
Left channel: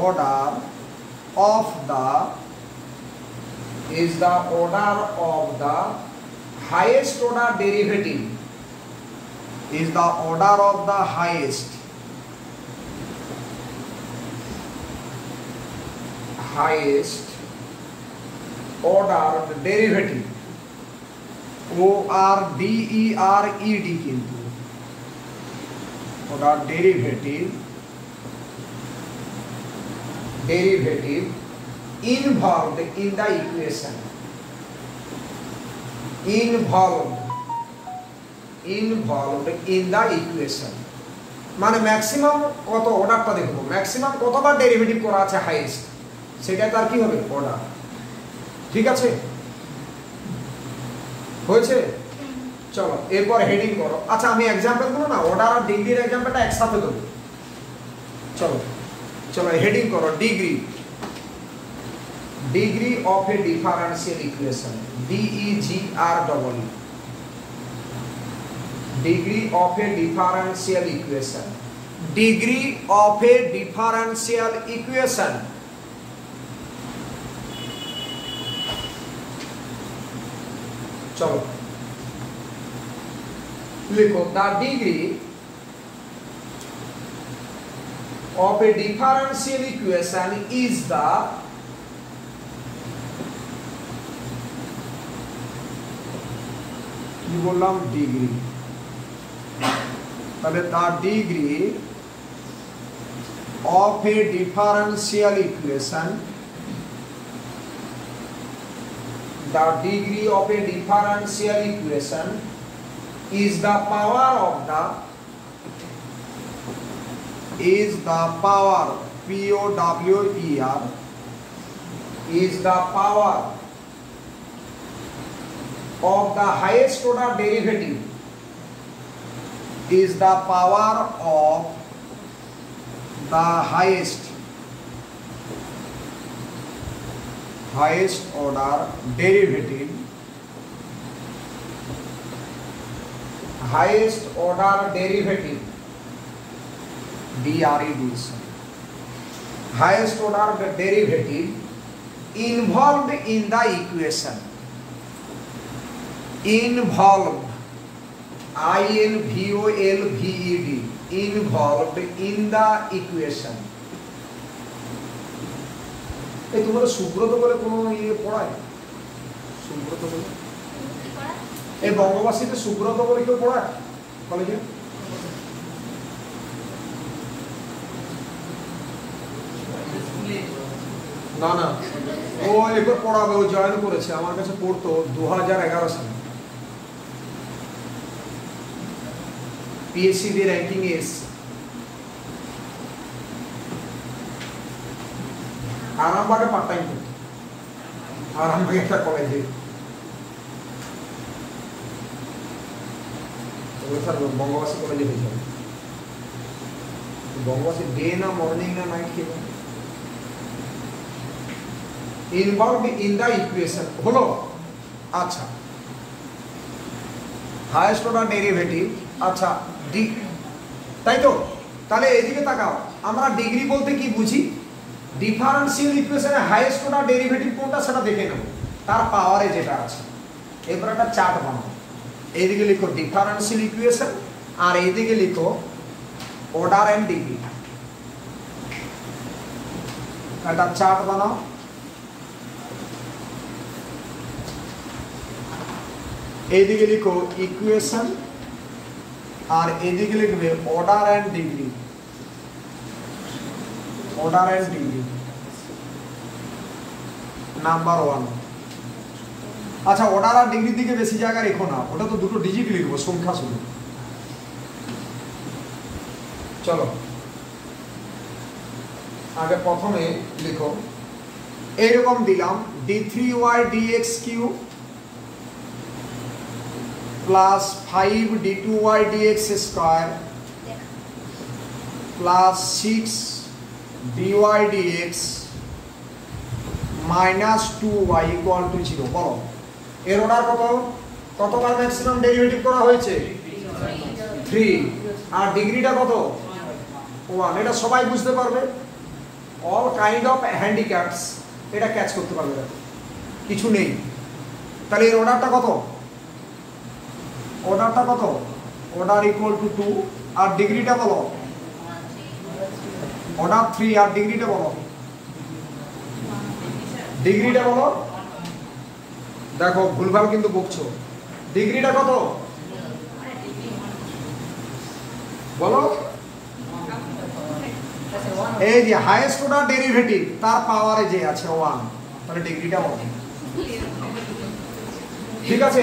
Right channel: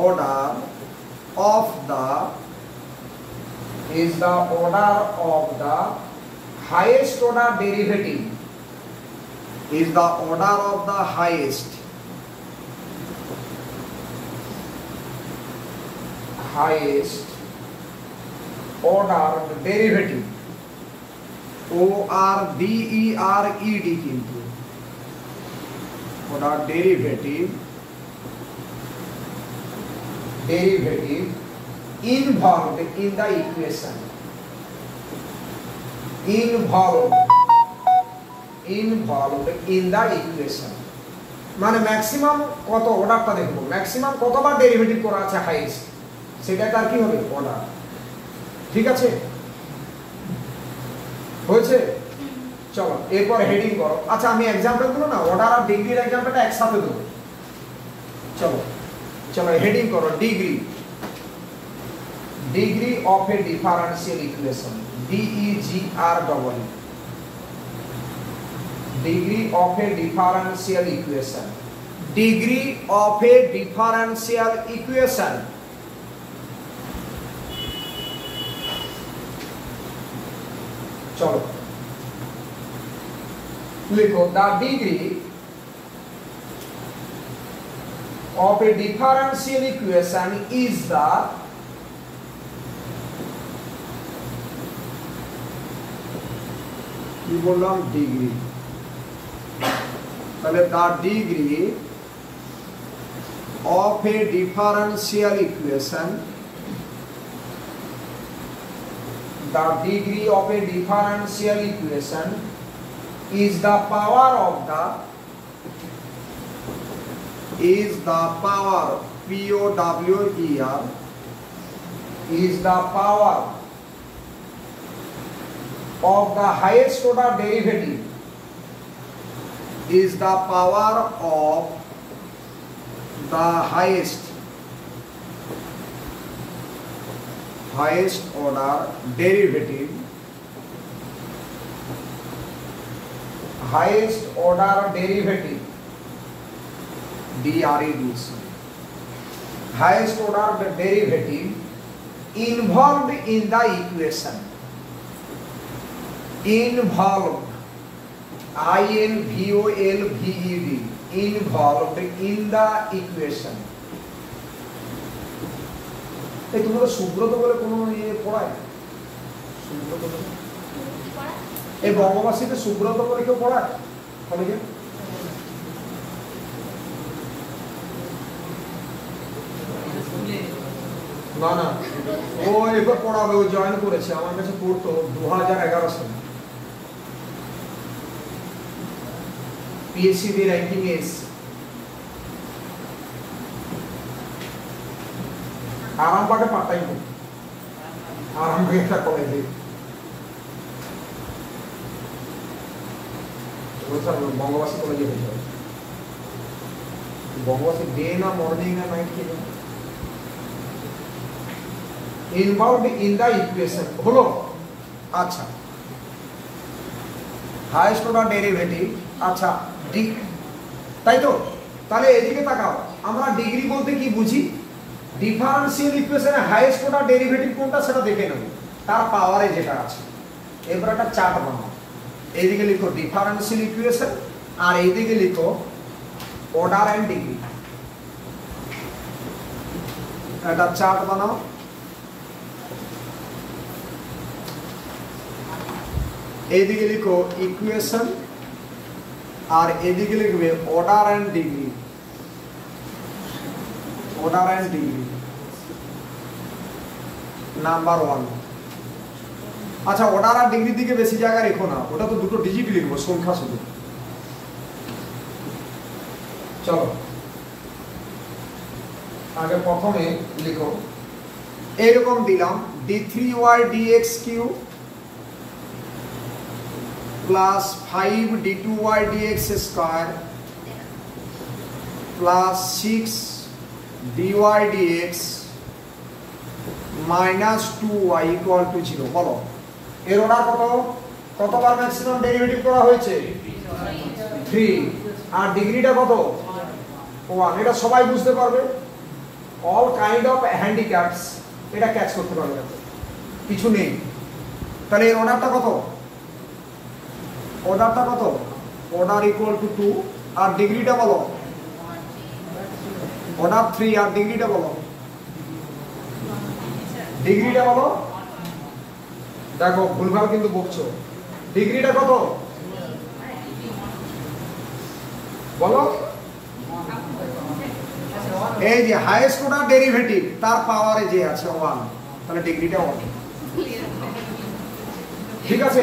order of the highest order derivative, is the order of the highest order derivative, ORDERED কিন্তু order derivative involved in the equation, involved in the equation, মানে maximum কত অর্ডারটা দেখব, maximum কতবার derivative করা আছে highest, সেটা তার কি হবে অর্ডার। ঠিক আছে, হয়েছে? চলো এরপর হেডিং করো। আচ্ছা আমি एग्जांपल গুলো না অর্ডার আর ডিগ্রির एग्जांपलটা একসাথে দেব। চলো চলো হেডিং করো degree of a differential equation, DEGREE, degree of a differential equation, degree of a differential equation. চলো লিখো the degree of a differential equation is the কি বললাম ডিগ্রি, তাহলে the degree of a differential equation, the degree of a differential equation is the power of the power, POWER, is the power of the highest order derivative, is the power of the highest order derivative, highest order derivative, DRED, highest order derivative involved in the equation, involved, INVOLVED, involved in the equation। এই তোমাদের সুব্রত বলে কোনো ইয়ে পড়ায়? সুব্রত বলে এই বঙ্গবাসীতে সুব্রত বলে কেউ পড়ায় কলেজে? না না, ও এবার পড়াবে, ও জয়েন করেছে, আমার কাছে পড়তো 2011 সালে, PhD র্যাঙ্কিং এ এসছে। আরামবাগে পার্ট টাইম করতো, আরামবাগে একটা কলেজে, বঙ্গবাসী কলেজে হয়ে যাবে। বঙ্গবাসী ডে না মর্নিং না নাইট কি ইনভলভড ইন দা ইকুয়েশন হলো। আচ্ছা হাইয়েস্ট অর্ডার ডেরিভেটিভ, আচ্ছা তাই তো? তাহলে এদিকে তাকাও, আমরা ডিগ্রি বলতে কি বুঝি? ডিফারেন্সিয়াল ইকুয়েশনে হাইয়েস্ট অর্ডার ডেরিভেটিভ কোনটা সেটা দেখে নেব, তার পাওয়ারে যেটা আছে। এবার একটা চার্ট বানাও, এইদিকে লিখো ডিফারেন্সিয়াল ইকুয়েশন আর এইদিকে লিখো অর্ডার এন্ড ডিগ্রি। একটা চার্ট বানাও, এইদিকে লিখো ইকুয়েশন আর এদিকে লিখবে order and degree, order and degree number 1। আচ্ছা অর্ডার আর ডিগ্রির দিকে বেশি জায়গা রেখো না, ওটা তো দুটো ডিজিট লিখবো, সংখ্যা শুধু। চলো আগে প্রথমে লিখো এইরকম দিলাম d3y dx cube plus 5 d2y dx square plus 6 dy dx minus 2y equal to 0। বলো এর অর্ডার কতবার ম্যাক্সিমাম ডেরিভেটিভ করা হয়েছে? 3। আর ডিগ্রিটা কত? 1। এটা সবাই বুঝতে পারবে, অল কাইন্ড অফ হ্যান্ডিক্যাপস এটা ক্যাচ করতে পারবে, কিছু নেই। তাহলে এর অর্ডারটা কত? Order equal to 2। আর ডিগ্রিটা বলো, অর্ডার 3। আর ডিগ্রিটা বলো, দেখো ভুলভাল কিন্তু বকছো। ডিগ্রিটা কত বলো? এই যে হাইয়েস্ট অর্ডার ডেরিভেটিভ তার পাওয়ারে যে আছে 1, তাহলে ডিগ্রিটা 1। ঠিক আছে,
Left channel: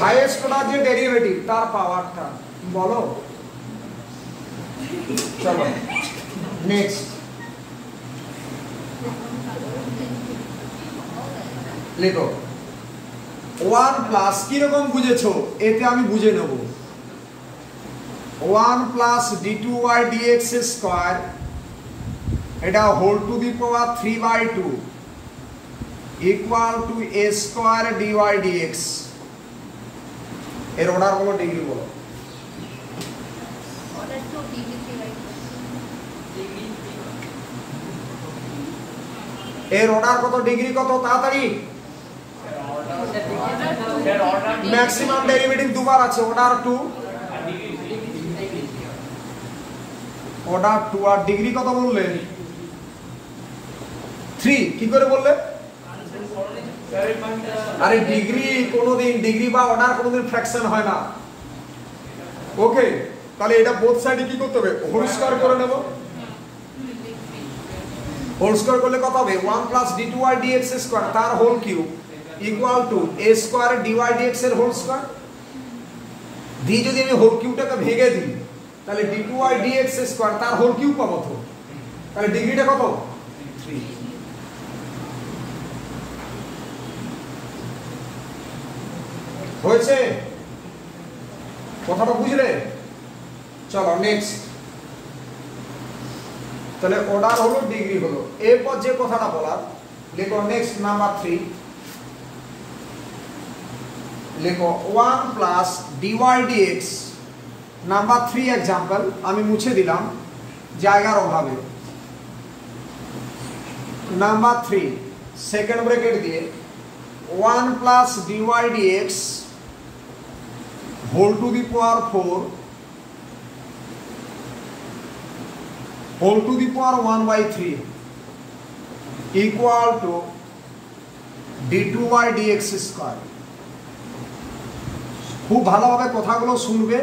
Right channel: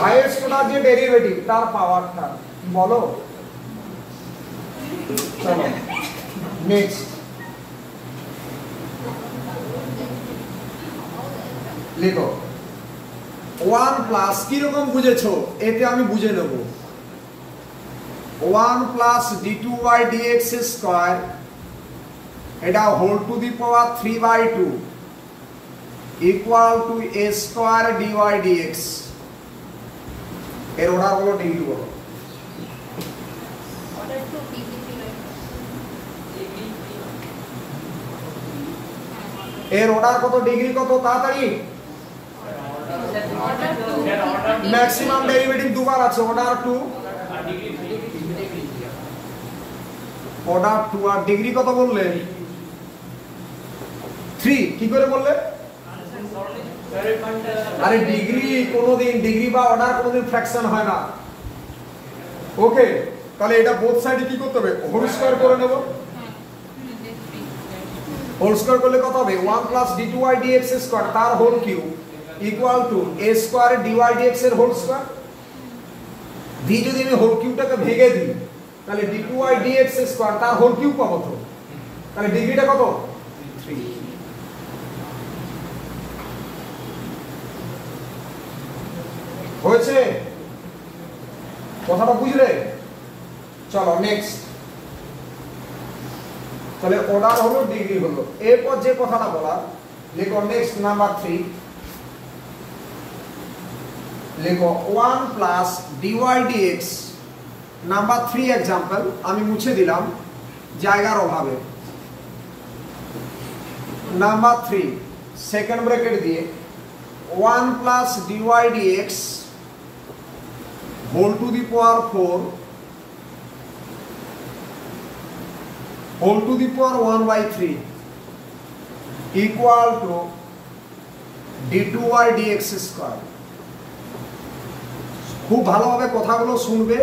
হাইয়েস্ট অর্ডার যে ডেরিভেটিভ তার পাওয়ারটা বলো। চলো নেক্সট লিখো 1 প্লাস কিরকম বুঝেছো এতে আমি বুঝে নেব। 1 প্লাস d2y dx স্কয়ার এটা whole to the power 3/2 equal to a square dy dx। এর অর্ডার বলো, ডিগ্রি বলো। এর অর্ডার কত, ডিগ্রি কত? তাড়াতাড়ি, ম্যাক্সিমাম ডেরিভেটিভ দুবার আছে, অর্ডার 2 আর ডিগ্রি কত বললে? 3। কি করে বললে? আরে ডিগ্রি কোনোদিন, ডিগ্রি বা অর্ডার কোনোদিন ফ্র্যাকশন হয় না। ওকে, তাহলে এটা বোথ সাইডে কি করতে হবে? হোল স্কয়ার করে নেব। হোল স্কয়ার করলে কত হবে? 1 প্লাস d2y dx স্কয়ার তার whole cube equal to a square dy dx এর হোল স্কয়ার। দি যদি আমি হোল কিউবটাকে ভেঙে দিই তাহলে d2y dx স্কয়ার তার হোল কিউব পাবো। তো তাহলে ডিগ্রিটা কত? 3। হয়েছে? কথাটা বুঝলে? চলো নেক্সট। তাহলে অর্ডার হলো, ডিগ্রি হলো। এরপর যে কথাটা বলা লেখো নেক্সট নাম্বার 3 লেখো 1 plus dy dx। Number 3 example আমি মুছে দিলাম জায়গার অভাবে। নাম্বার 3 সেকেন্ড ব্র্যাকেট দিয়ে 1 plus dy dx whole to the power 4 whole to the power 1/3 equal to d2y dx square. খুব ভালোভাবে কথাগুলো শুনবে,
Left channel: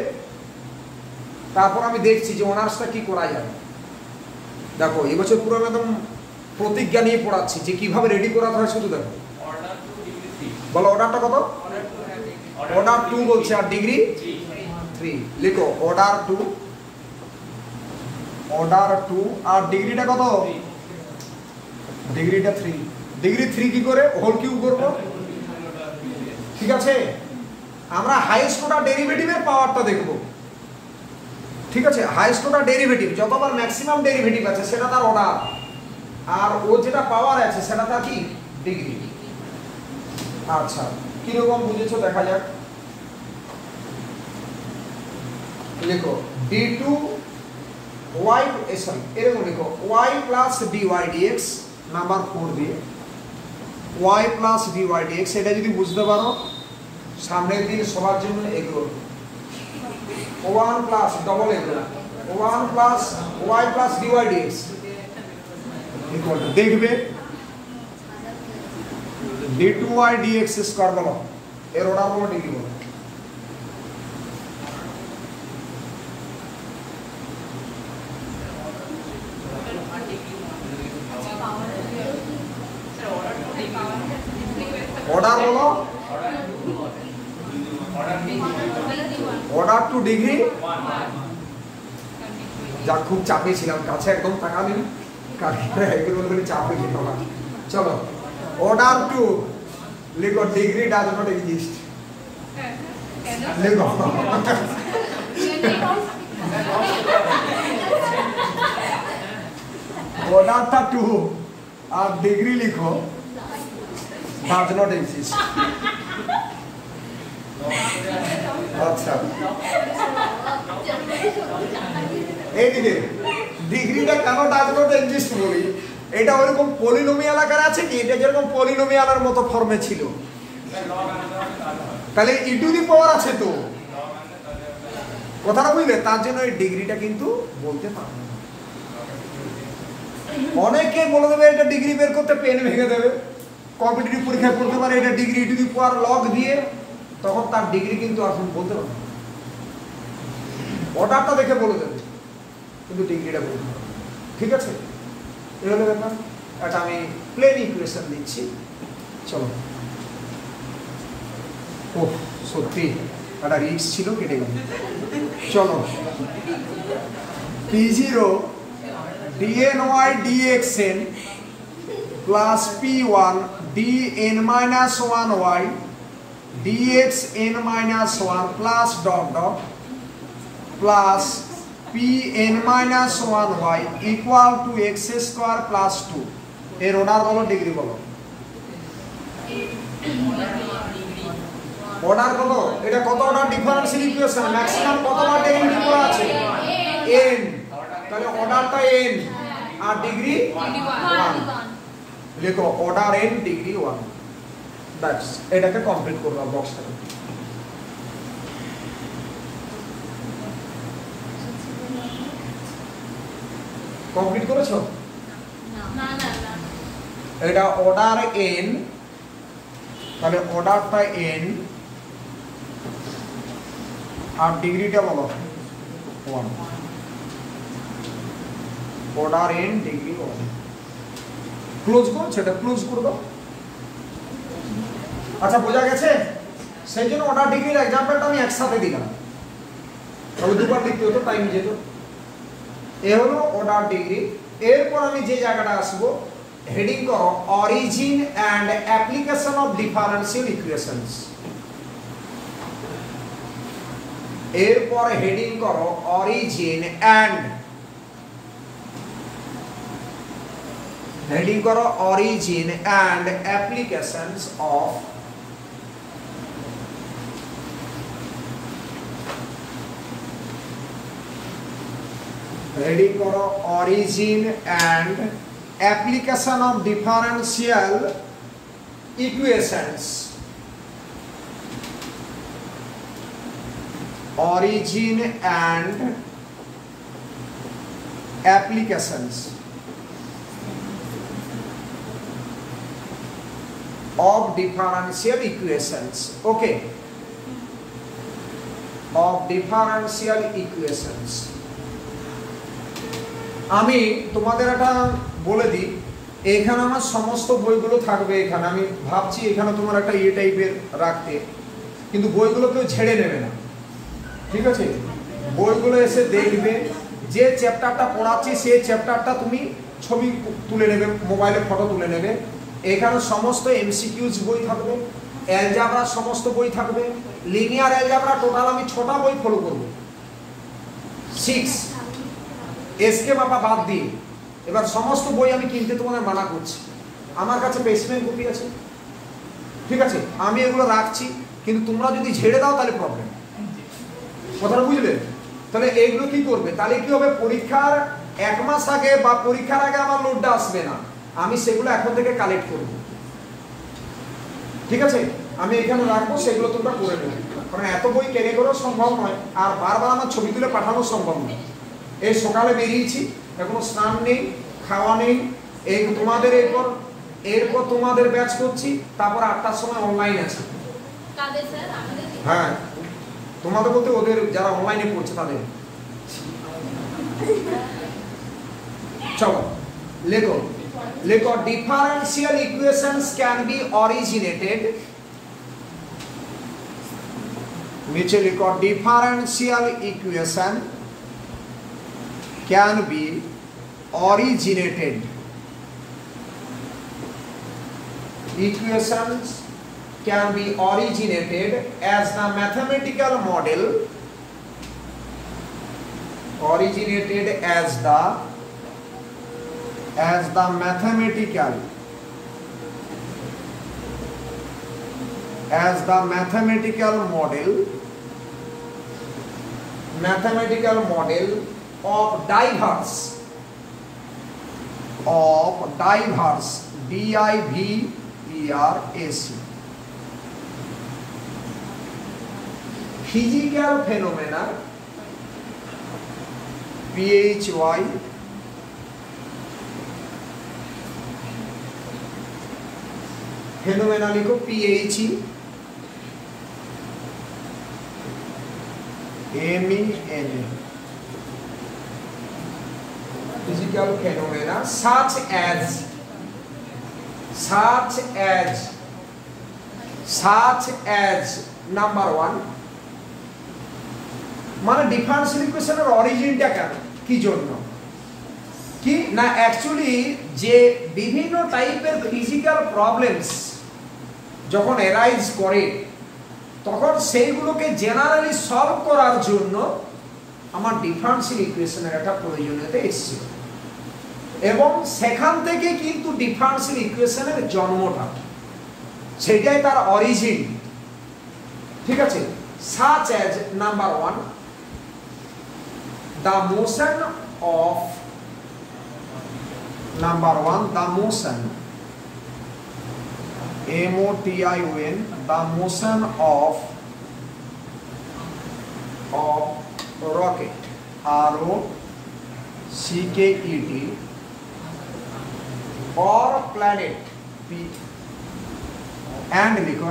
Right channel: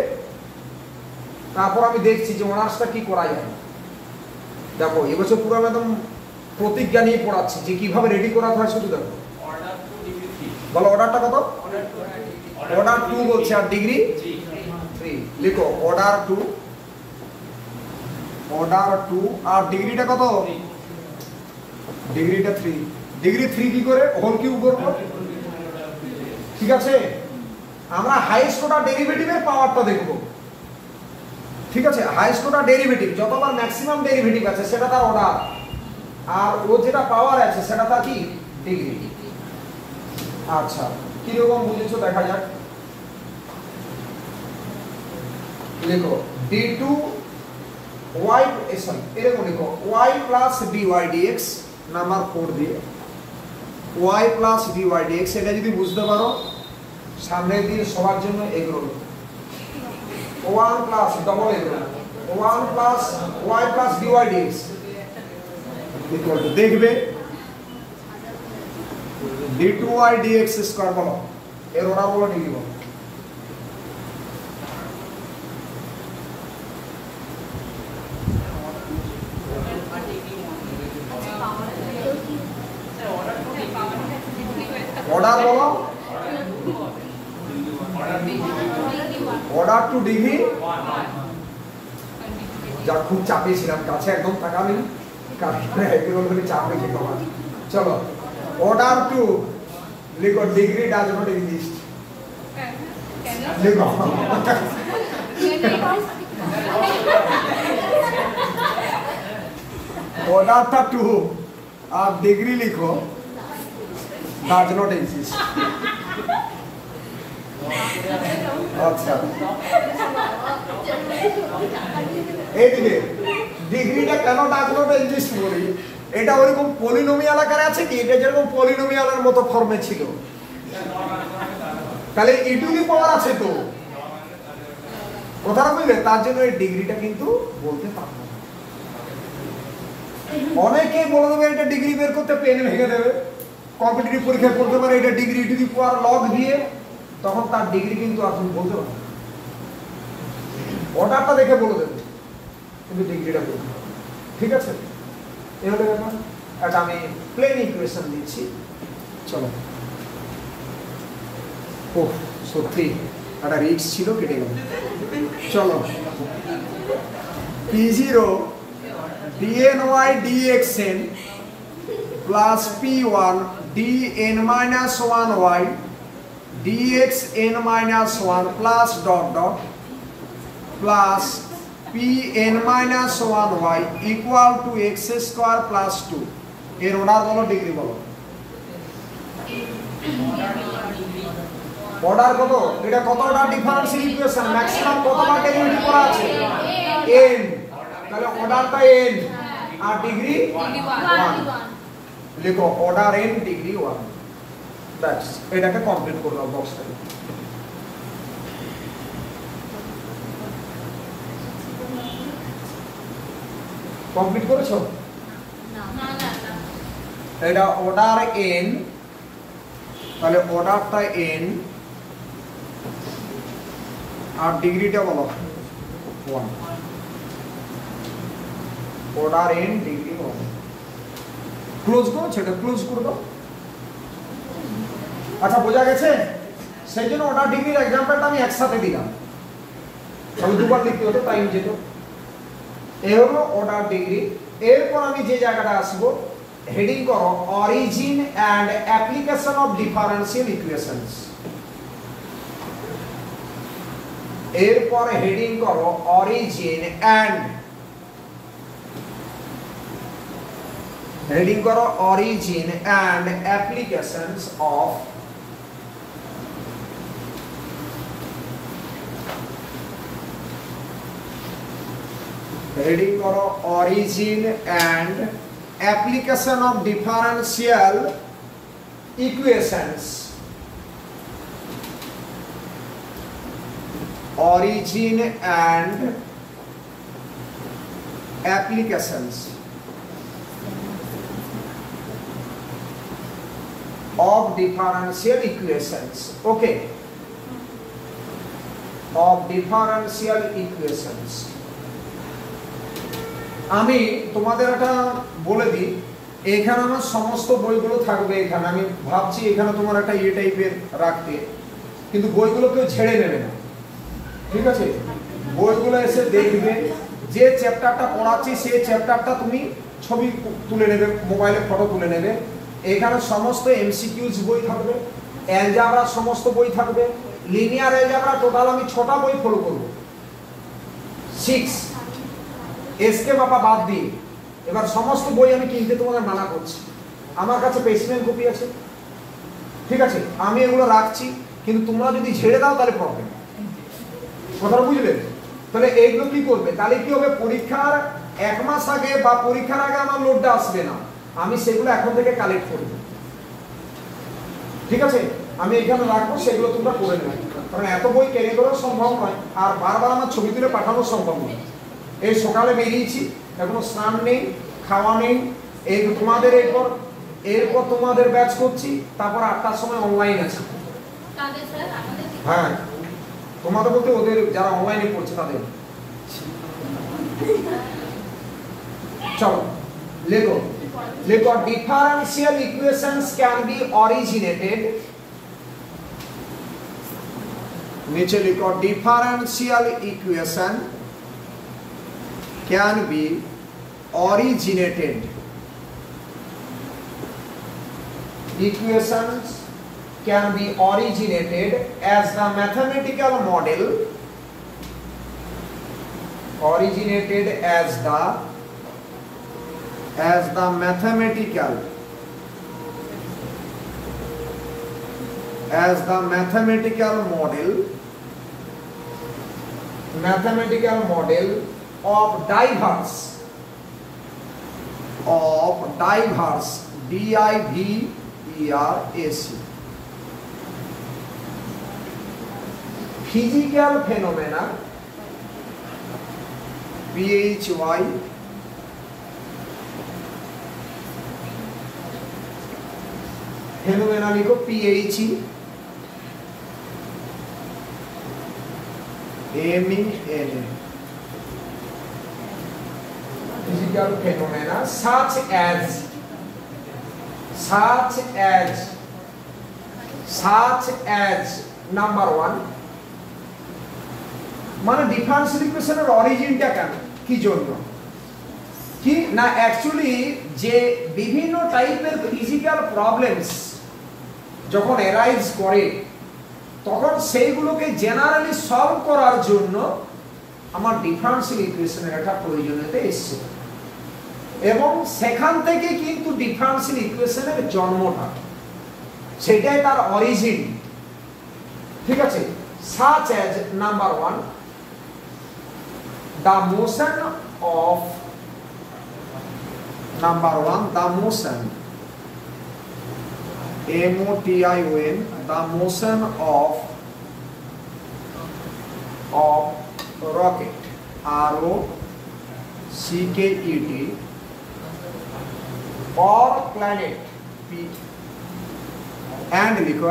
তারপর আমি দেখছি যে অনার্সটা কি করা যায়। দেখো এবছর পুরো একদম প্রতিজ্ঞা নিয়ে পড়াচ্ছি যে কিভাবে রেডি করাতে হয়। শুধু দেখো বলো অর্ডারটা কত? অর্ডার 2 বলছে, আর ডিগ্রি 3। লিখো অর্ডার 2 আর ডিগ্রিটা কত? ডিগ্রিটা 3। ডিগ্রি 3 কি করে? হোল কিউব করব। ঠিক আছে, আমরা হাইয়েস্ট অর্ডার ডেরিভেটিভের পাওয়ারটা দেখব। ঠিক আছে, হাইয়েস্ট অর্ডার ডেরিভেটিভ যতবার ম্যাক্সিমাম ডেরিভেটিভ আছে সেটা তার অর্ডার, আর ও যেটা পাওয়ার আছে সেটা তার কি? ডিগ্রি। আচ্ছা, কিরকম বুঝেছো দেখা যাক। লিখো d2y এরকম লিখো y plus dy dx number 4 দিয়ে y প্লাস dy dx। এটা যদি বুঝতে পারো সামনের দিকে সবার জন্য egg roll. 1 plus double egg roll 1 plus y plus dy dx equal two দেখবে d2y dx স্কয়ার। বলো এর অর্ডার বলো, ডিগ্রি বলো। অর্ডার বলো, অর্ডার টু ডিগ্রি যা খুব চাপে ছিলাম, কাছে একদম তাকাবেন, কারণ এগুলো বলে চাপে ছিল না। চলো, অর্ডার টু লিখো ডিগ্রি ডাজ নট এক্সিস্ট। লিখো অর্ডারটা টু আর ডিগ্রি লিখো ডাজ নট এক্সিস্ট। আচ্ছা, এইদিকে ডিগ্রিটা কেন ডাজ নট এক্সিস্ট বলি, এটা ওরকম পলিনোমিয়াল আকারে আছে কি, এটা যেরকম পলিনোমিয়ালের মতো ফর্মে ছিল, তাহলে ই টু দি পাওয়ার আছে তো, কথাটা বুঝলে, তার জন্য এই ডিগ্রিটা কিন্তু বলতে পারবো না। অনেকে বলে দেবে এটা ডিগ্রি বের করতে পেন ভেঙে দেবে, কম্পিটিটিভ পরীক্ষায় পড়তে পারে এটা degree E two the power log দিয়ে, তখন তার ডিগ্রি কিন্তু এখন বলতে পারবে, অর্ডারটা দেখে বলে দেবে কিন্তু ডিগ্রিটা বলতে পারবে। ঠিক আছে, এই হলো ব্যাপার। এটা আমি প্লেন ইকুয়েশন দিচ্ছি। চলো, ও সত্যি একটা রিস্ক ছিল, কেটে গেল। চলো, P0 dny dxn plus P1 dn minus 1y dxn minus 1 plus dot dot plus Pn minus 1y equal to x square plus 2। এর অর্ডার বলো, ডিগ্রি বলো। অর্ডার কত? এটা কত অর্ডার ডিফারেন্সিয়াল ইকুয়েশন, ম্যাক্সিমাম কতটা ডেরিভেটিভ করা আছে? n। তাহলে অর্ডারটা n আর ডিগ্রি 1। লিখো অর্ডার n ডিগ্রি 1। দ্যাটস, এটাকে কমপ্লিট করলাম বক্সটাকে। কমপ্লিট করেছো? না না না, এটা অর্ডার n, তাহলে অর্ডারটা n আর ডিগ্রিটা বলো 1। Order n degree 1। ক্লোজ করো, সেটা ক্লোজ করে দাও। আচ্ছা, বোঝা গেছে? সেই জন্য অর্ডার ডিগ্রির এক্সাম্পলটা আমি একসাথে দিলাম, তাহলে দুবার লিখতে হতো, টাইম যেত। এ হলো অর্ডার ডিগ্রি। এরপর আমি যে জায়গাটা আসবো, হেডিং করো origin and application of differential equations. এরপর হেডিং করো অরিজিন অ্যান্ড, হেডিং করো origin and applications of heading করো origin and application of differential equations. origin and applications of differential equations. Okay, of differential equations. আমি তোমাদের একটা বলে দিই, এখানে আমার সমস্ত বইগুলো থাকবে। এখানে আমি ভাবছি এখানে তোমার একটা এই টাইপের রাখতে, কিন্তু বইগুলো কেউ ছেড়ে নেবে না, ঠিক আছে? বইগুলো এসে দেখবে, যে চ্যাপ্টারটা পড়াচ্ছি সেই চ্যাপ্টারটা তুমি ছবি তুলে নেবে, মোবাইলে ফটো তুলে নেবে। এখানে সমস্ত এমসিকিউজ বই থাকবে, অ্যালজেব্রা সমস্ত বই থাকবে, লিনিয়ার অ্যালজেব্রা টোটাল আমি 6টা বই ফলো করব, 6 এসকে মাপা বাদ দিয়ে। এবার সমস্ত বই আমি কিনতে তোমাদের মানা করছি, আমার কাছে পেসমেন্ট কপি আছে, ঠিক আছে? আমি এগুলো রাখছি, কিন্তু তোমরা যদি ঝেড়ে দাও তাহলে প্রবলেম। কথাটা বুঝলে? তাহলে এইগুলো কি করবে, তাহলে কি হবে, পরীক্ষার 1 মাস আগে বা পরীক্ষার আগে আমার লোডটা আসবে না, আমি সেগুলো এখন থেকে কালেক্ট করব, ঠিক আছে? আমি এখানে রাখবো, সেগুলো তোমরা করে নেবে, কারণ এত বই ক্যারি করা সম্ভব নয়, আর বারবার আমার ছবি তুলে পাঠানো সম্ভব নয়। এই সকালে বেরিয়েছি, এখনো স্নান নেই, খাওয়া নেই, এই তোমাদের এরপর তোমাদের ব্যাচ করছি, তারপর 8টার সময় অনলাইন আছে। হ্যাঁ, তোমাদের বলতে ওদের যারা অনলাইনে পড়ছে তাদের। চলো লেখো, লেখো differential equations can be originated, নিচে লিখো differential equation can be originated. Equations can be originated as the mathematical model, originated as the mathematical model of diverse DIVERAC physical phenomena PHY phenomena लिखो PHE MEN physical phenomena such as number 1 মানে differential ইকুয়েশনের অরিজিনটা কেন কি জন্য কি না actually যে বিভিন্ন টাইপের ফিজিক্যাল প্রবলেমস যখন অ্যারাইজ করে তখন সেইগুলোকে জেনারেলি সলভ করার জন্য আমার ডিফারেন্সিয়াল ইকুয়েশনের একটা প্রয়োজনীয়তা এসেছে এবং সেখান থেকে কিন্তু ডিফারেন্সিয়াল ইকুয়েশনের জন্মটা সেটাই তার অরিজিন ঠিক আছে such as number 1 the motion of MOTION the motion of rocket ROCKET or planet and लिखो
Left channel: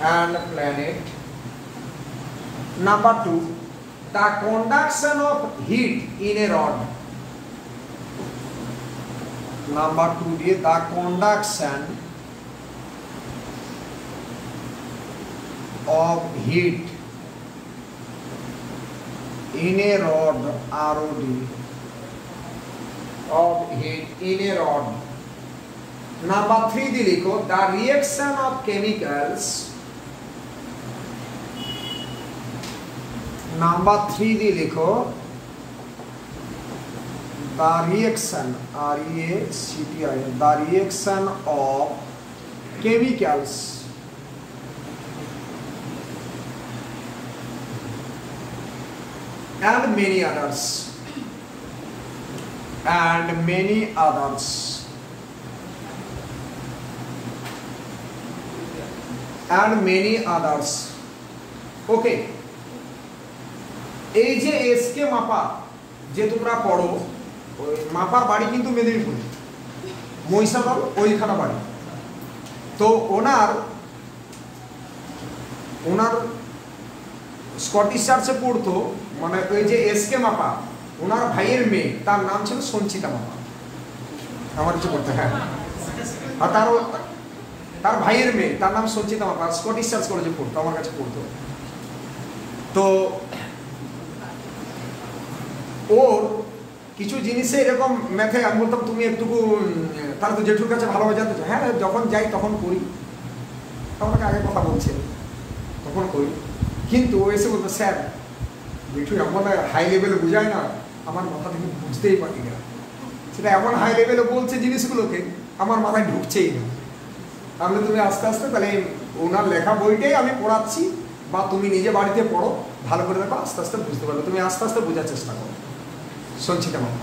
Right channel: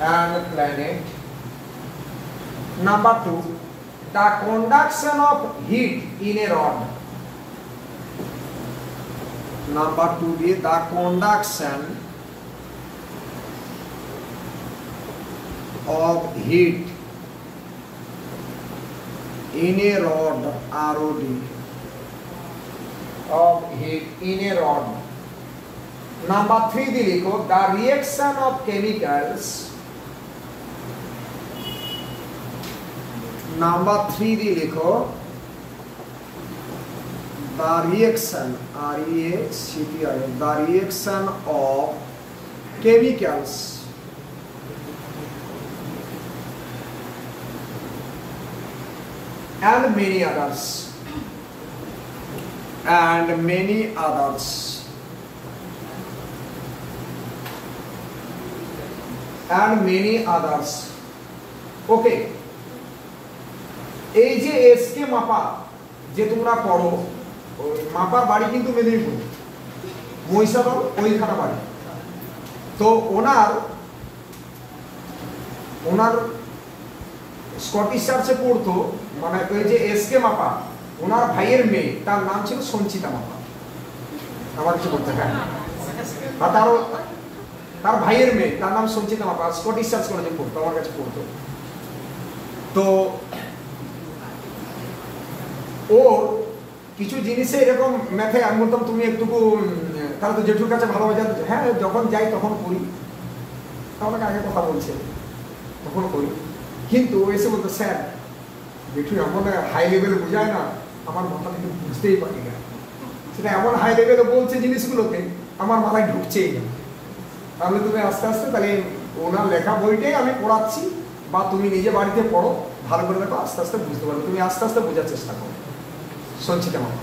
and planet number 2 the conduction of heat in a rod number 2 the conduction of heat in a rod ROD of heat in a rod number 3 the लिखो the reaction of chemicals number 3 दी लिखो the reaction the reaction of chemicals and many others okay এই যে SK মাপা যে তোমরা পড়ো ওই মাপার বাড়ি কিন্তু মেদিনীপুর মহিষাদল ওইখানে বাড়ি তো ওনার স্কটিশ চার্চে পড়তো মানে ওই যে এসকে মাপা ওনার ভাইয়ের মেয়ে তার নাম ছিল সঞ্চিতা মাপা আমার কিছু করতে হ্যাঁ আর তার ভাইয়ের মেয়ে তার নাম সঞ্চিতা মাপা স্কটিশ চার্চ কলেজে পড়তো আমার কাছে পড়তো তো ওর কিছু জিনিসে এরকম ম্যাথে আমি বলতাম তুমি একটুকু তাহলে তো জেঠুর কাছে ভালো হয়ে যাবে হ্যাঁ যখন যাই তখন করি আমাকে আগে কথা বলছে তখন করি কিন্তু ও এসে বলতো স্যার জেঠু এমন হাই লেভেলে বোঝায় না আমার মাথা থেকে বুঝতেই পারি না সেটা এমন হাই লেভেলে বলছে জিনিসগুলোকে আমার মাথায় ঢুকছেই না তাহলে তুমি আস্তে আস্তে তাহলে ওনার লেখা বইটাই আমি পড়াচ্ছি বা তুমি নিজে বাড়িতে পড়ো ভালো করে দেখো আস্তে আস্তে বুঝতে পারবে তুমি আস্তে আস্তে বোঝার চেষ্টা করো সঞ্চিতা মাপা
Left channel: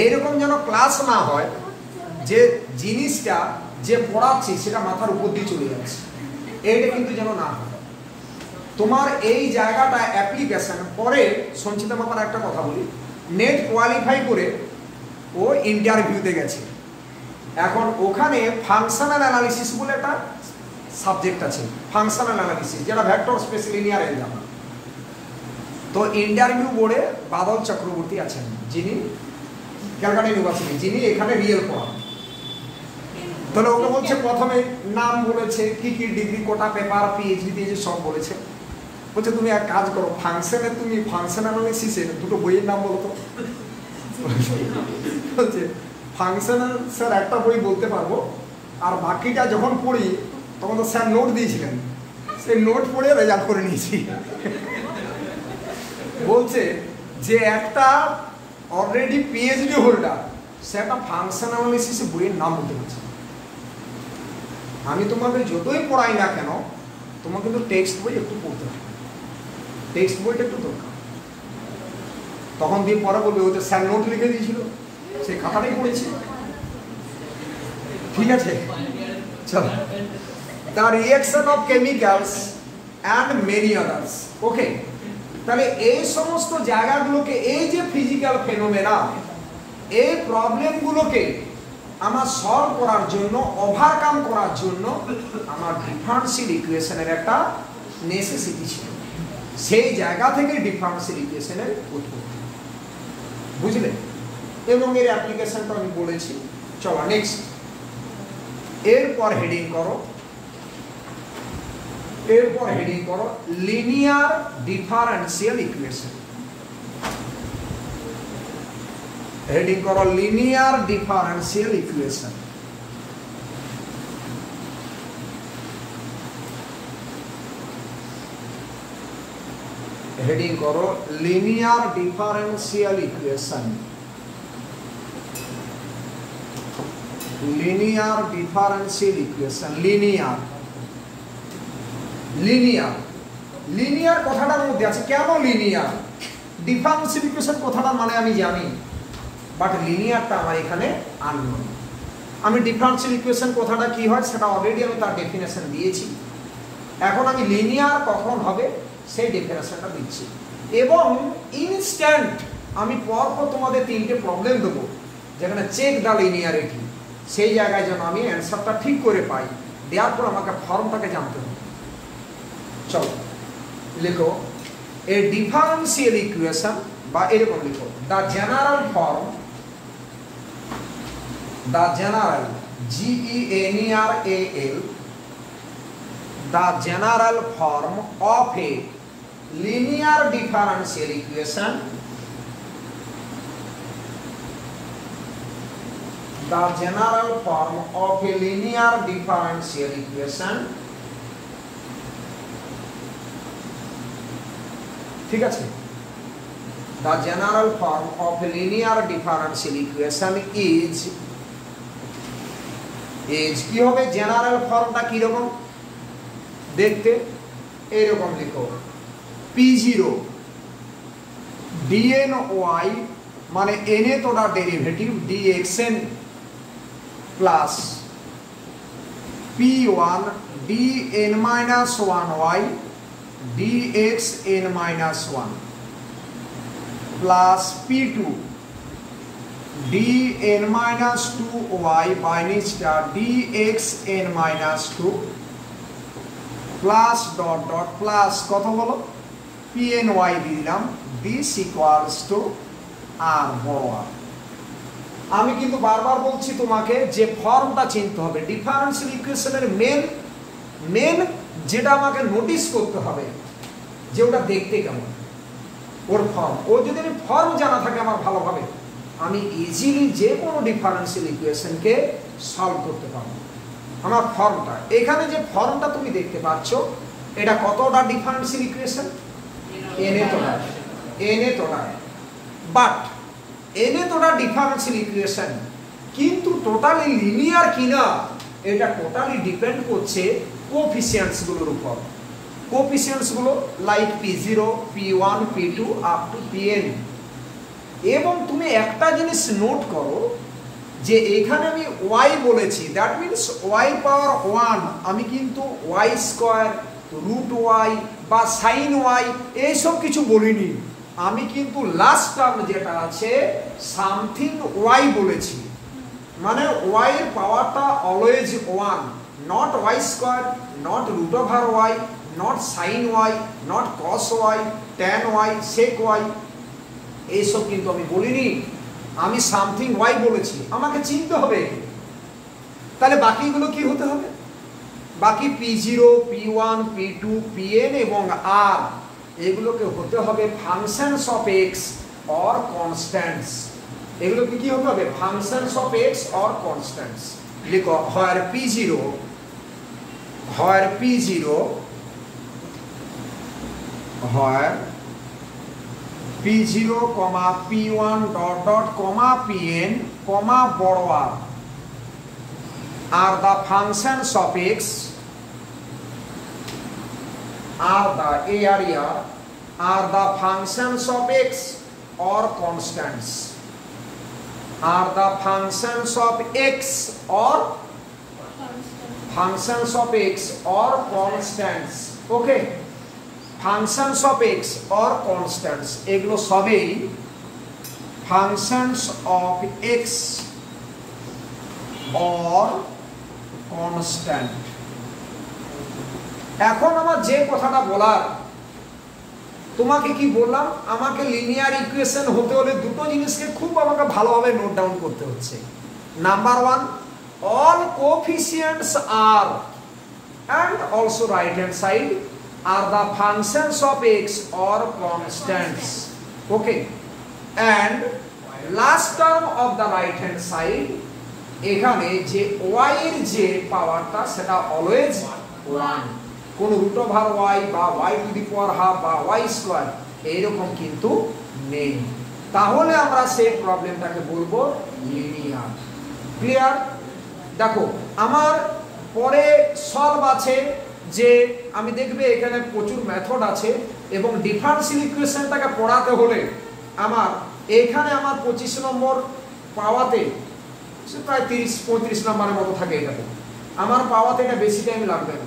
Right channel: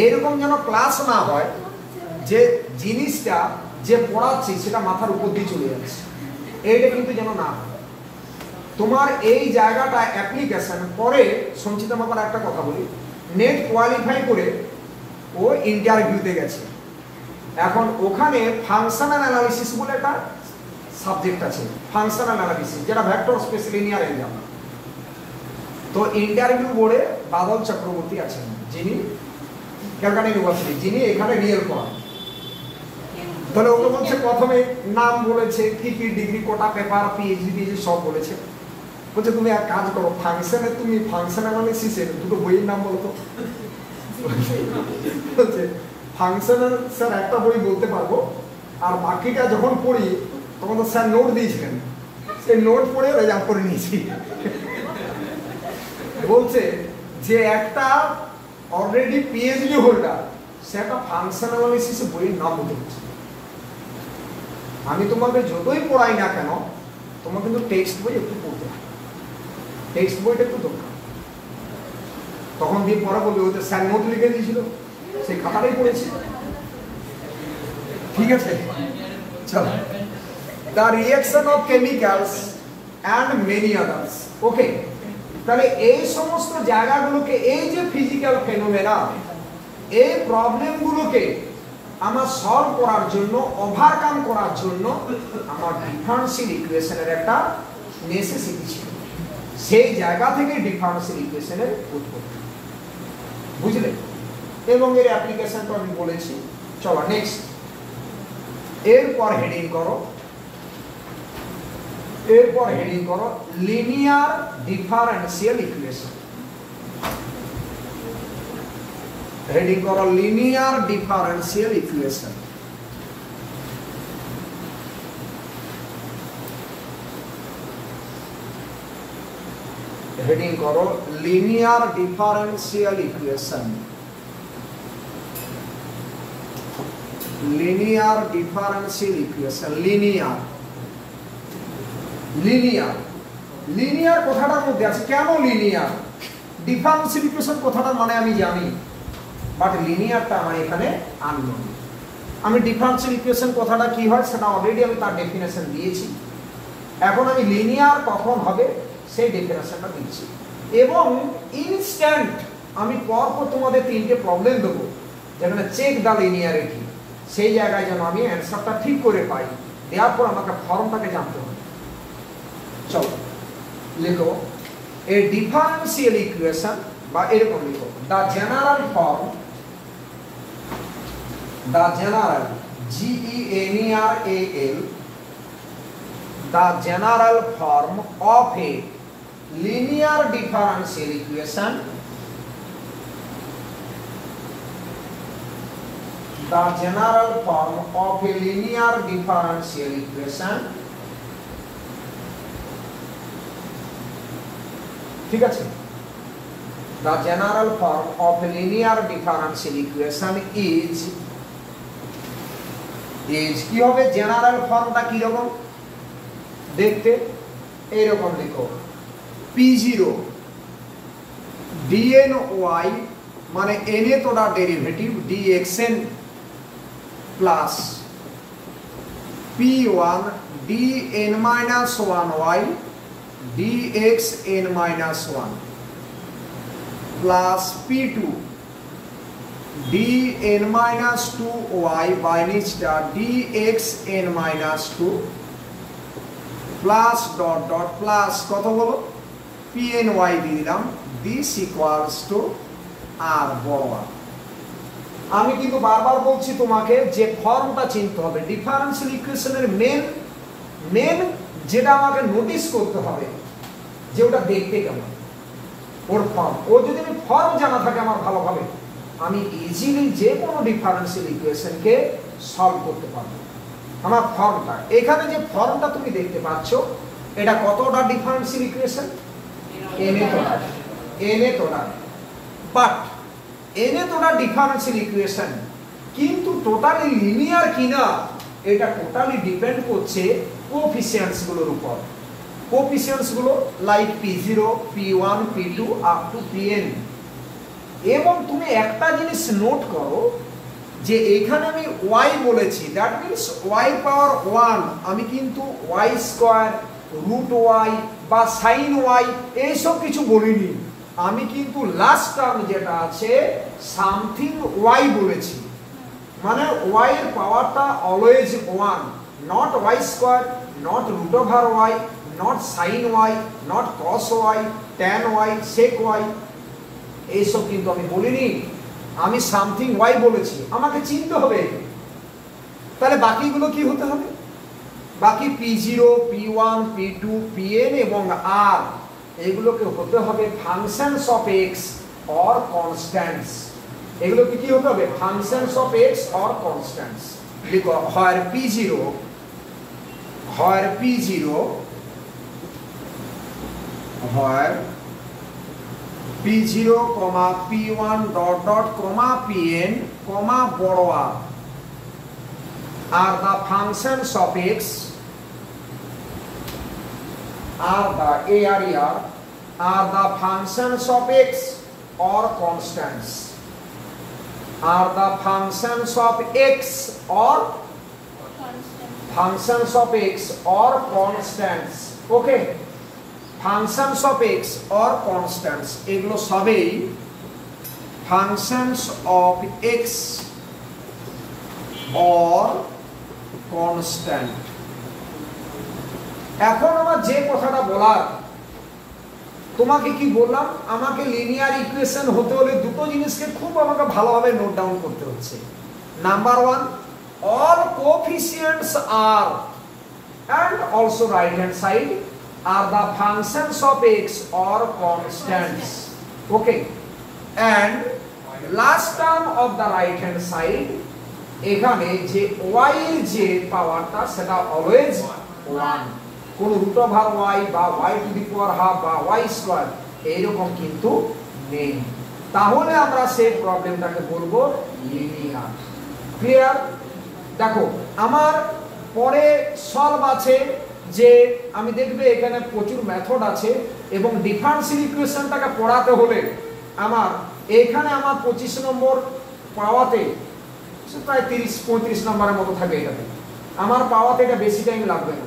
এইরকম যেন ক্লাস না হয় যে জিনিসটা যে পড়াচ্ছি সেটা মাথার উপর দিয়ে চলে যাচ্ছে এইটা কিন্তু যেন না হয় তোমার এই জায়গাটা অ্যাপ্লিকেশন পরে সঞ্চিতা মাপার একটা কথা বলি নেট কোয়ালিফাই করে ও ইন্টারভিউতে গেছে এখন ওখানে ফাংশনাল অ্যানালিসিস বলে একটা সাবজেক্ট আছে ফাংশনাল অ্যানালিসিস যেটা ভেক্টর স্পেস লিনিয়ার এলজেব্রা তো ইন্টারভিউ বোর্ডে বাদল চক্রবর্তী আছেন যিনি ক্যালকাটা ইউনিভার্সিটি যিনি এখানে রিয়েল পড়ান তাহলে ওরা বলছে প্রথমে নাম বলেছে কি কি ডিগ্রি কোটা পেপার পিএইচডি সব বলেছে বলছে তুমি এক কাজ করো, তুমি ফাংশন অ্যানালিসিসের দুটো বইয়ের নাম বলো তো। বলছে ফাংশনের স্যার একটা বই বলতে পারবো, আর বাকিটা যখন পড়ি তখন তো স্যার নোট দিয়েছিলেন, সেই নোট পড়ে রেজাল্ট করে নিয়েছি। বলছে যে একটা অলরেডি পিএইচডি হোল্ডার সে একটা ফাংশন অ্যানালিসিসের বইয়ের নাম বলতে পারছে। আমি তোমাকে যতই পড়াই না কেন, তোমার কিন্তু টেক্সট বই একটু পড়তে হবে, টেক্সট বইটা একটু দরকার। তখন দিয়ে পরে বলবে ওদের স্যার নোট লিখে দিয়েছিল, সেই খাতাটাই পড়েছি। ঠিক আছে, চলো। The reaction of chemicals and many others. Okay, তাহলে এই সমস্ত জায়গাগুলোকে, এই যে ফিজিক্যাল ফেনোমেনা, এই প্রবলেমগুলোকে আমার সলভ করার জন্য, ওভারকাম করার জন্য আমার ডিফারেন্সিয়াল ইকুয়েশনের একটা নেসেসিটি ছিল। সেই জায়গা থেকে ডিফারেন্সিয়াল ইকুয়েশনের উৎপত্তি, বুঝলে? এবং এর অ্যাপ্লিকেশনটা আমি বলেছি। চলো নেক্সট, এরপর হেডিং করো, লিনিয়ার ডিফারেন্সিয়াল ইকুয়েশন। হেডিং করো লিনিয়ার ডিফারেন্সিয়াল ইকুয়েশন। হেডিং করো linear differential equation. Linear differential equation. Linear কথাটার মধ্যে আছে। কেন লিনিয়ার? ডিফারেন্সিয়াল ইকুয়েশন কথাটা মানে আমি জানি, বাট লিনিয়ারটা আমার এখানে আননোন। আমি ডিফারেন্সিয়াল ইকুয়েশন কথাটা কি হয় সেটা অলরেডি আমি তার ডেফিনেশন দিয়েছি। এখন আমি লিনিয়ার কখন হবে সেই ডেফিনেশনটা দিচ্ছি, এবং ইনস্ট্যান্ট আমি পরপর তোমাদের তিনটে প্রবলেম দেবো যেখানে চেক দ্য লিনিয়ারিটি, সেই জায়গায় যেন আমি অ্যান্সারটা ঠিক করে পাই। দেওয়ার পর আমাকে ফর্মটাকে জানতে হবে। চলো লিখো, এ ডিফারেন্সিয়াল ইকুয়েশন, বা এরকম লিখো, the general form, the general GENERAL, the general form of a linear differential equation, the general form of a linear differential equation, ঠিক আছে? The general form of a linear differential equation is কি হবে? General ফর্মটা কি রকম দেখতে? এইরকম লিখো, P0 dny মানে n তোটা derivative dxn plus P1 dn-1y dxn-1 plus P2 dn-2y by নিচটা dxn-2 plus dot dot plus কত হলো pny দিয়ে দিলাম, দিস ইকুয়ালস টু আর বড় আর। আমি কিন্তু বারবার বলছি তোমাকে যে ফর্মটা চিনতে হবে। ডিফারেন্সিয়াল ইকুয়েশনের মেন যেটা আমাকে নোটিস করতে হবে যে ওটা দেখতে কেমন, ওর ফর্ম। ও যদি আমি ফর্ম জানা থাকে আমার ভালোভাবে, আমি ইজিলি যে কোনো ডিফারেন্সিয়াল ইকুয়েশনকে সলভ করতে পারবো। আমার ফর্মটা, এখানে যে ফর্মটা তুমি দেখতে পাচ্ছ, এটা কতটা ডিফারেন্সিয়াল ইকুয়েশন? এনে তোটা, বাট এনে তোটা ডিফারেন্সিয়াল ইকুয়েশন, কিন্তু টোটালি লিনিয়ার কিনা এটা টোটালি ডিপেন্ড করছে কোএফিসিয়েন্টস গুলোর উপর। কোএফিসিয়েন্টস গুলো like P0, P1, P2 up to Pn। এবং তুমি একটা জিনিস নোট করো যে এখানে আমি y বলেছি, দ্যাট মিন্স y পাওয়ার 1, আমি কিন্তু y স্কয়ার, রুট y বা সাইন y এইসব কিছু বলিনি। আমি কিন্তু লাস্ট টার্ম যেটা আছে সামথিং y বলেছি, মানে y এর পাওয়ারটা always 1, not y square, not root over y, not sine y, not cos y, tan y, sec y, এইসব কিন্তু আমি বলিনি। আমি সামথিং y বলেছি, আমাকে চিনতে হবে। তাহলে বাকিগুলো কি হতে হবে? বাকি P0, P1, P2, Pn এবং R এগুলোকে হতে হবে functions of x or constants. এগুলোকে কি হতে হবে? Functions of x or constants. লিখো where p0 where p0 where p0 p1 dot dot pn বড় r are the functions of x are the area are the functions of x or constants are the functions of x or functions of x or constants okay functions of x or constants এগুলো সবই functions of x or constant। এখন আমার যে কথাটা বলার, তোমাকে কি বললাম, আমাকে লিনিয়ার ইকুয়েশন হতে হলে দুটো জিনিসকে খুব আমাকে ভালোভাবে নোট ডাউন করতে হচ্ছে। Number 1, all coefficients are and also right hand side are the functions of x or constants okay and last term of the right hand side এখানে যে y এর যে পাওয়ারটা সেটা অলওয়েজ 1, কোন রুট ওভার y বা y two the power half বা y square এরকম কিন্তু নেই। তাহলে আমরা সেই প্রবলেমটাকে বলবো লিনিয়ার। ক্লিয়ার? দেখো আমার পরে সলভ আছে যে আমি দেখবে এখানে প্রচুর মেথড আছে এবং ডিফারেন্সিয়াল ইকুয়েশনটাকে পড়াতে হলে আমার এখানে আমার 25 নম্বর পাওয়াতে প্রায় 30-35 নম্বরের মতো থাকে। এটা আমার পাওয়াতে এটা বেশি টাইম লাগবে না।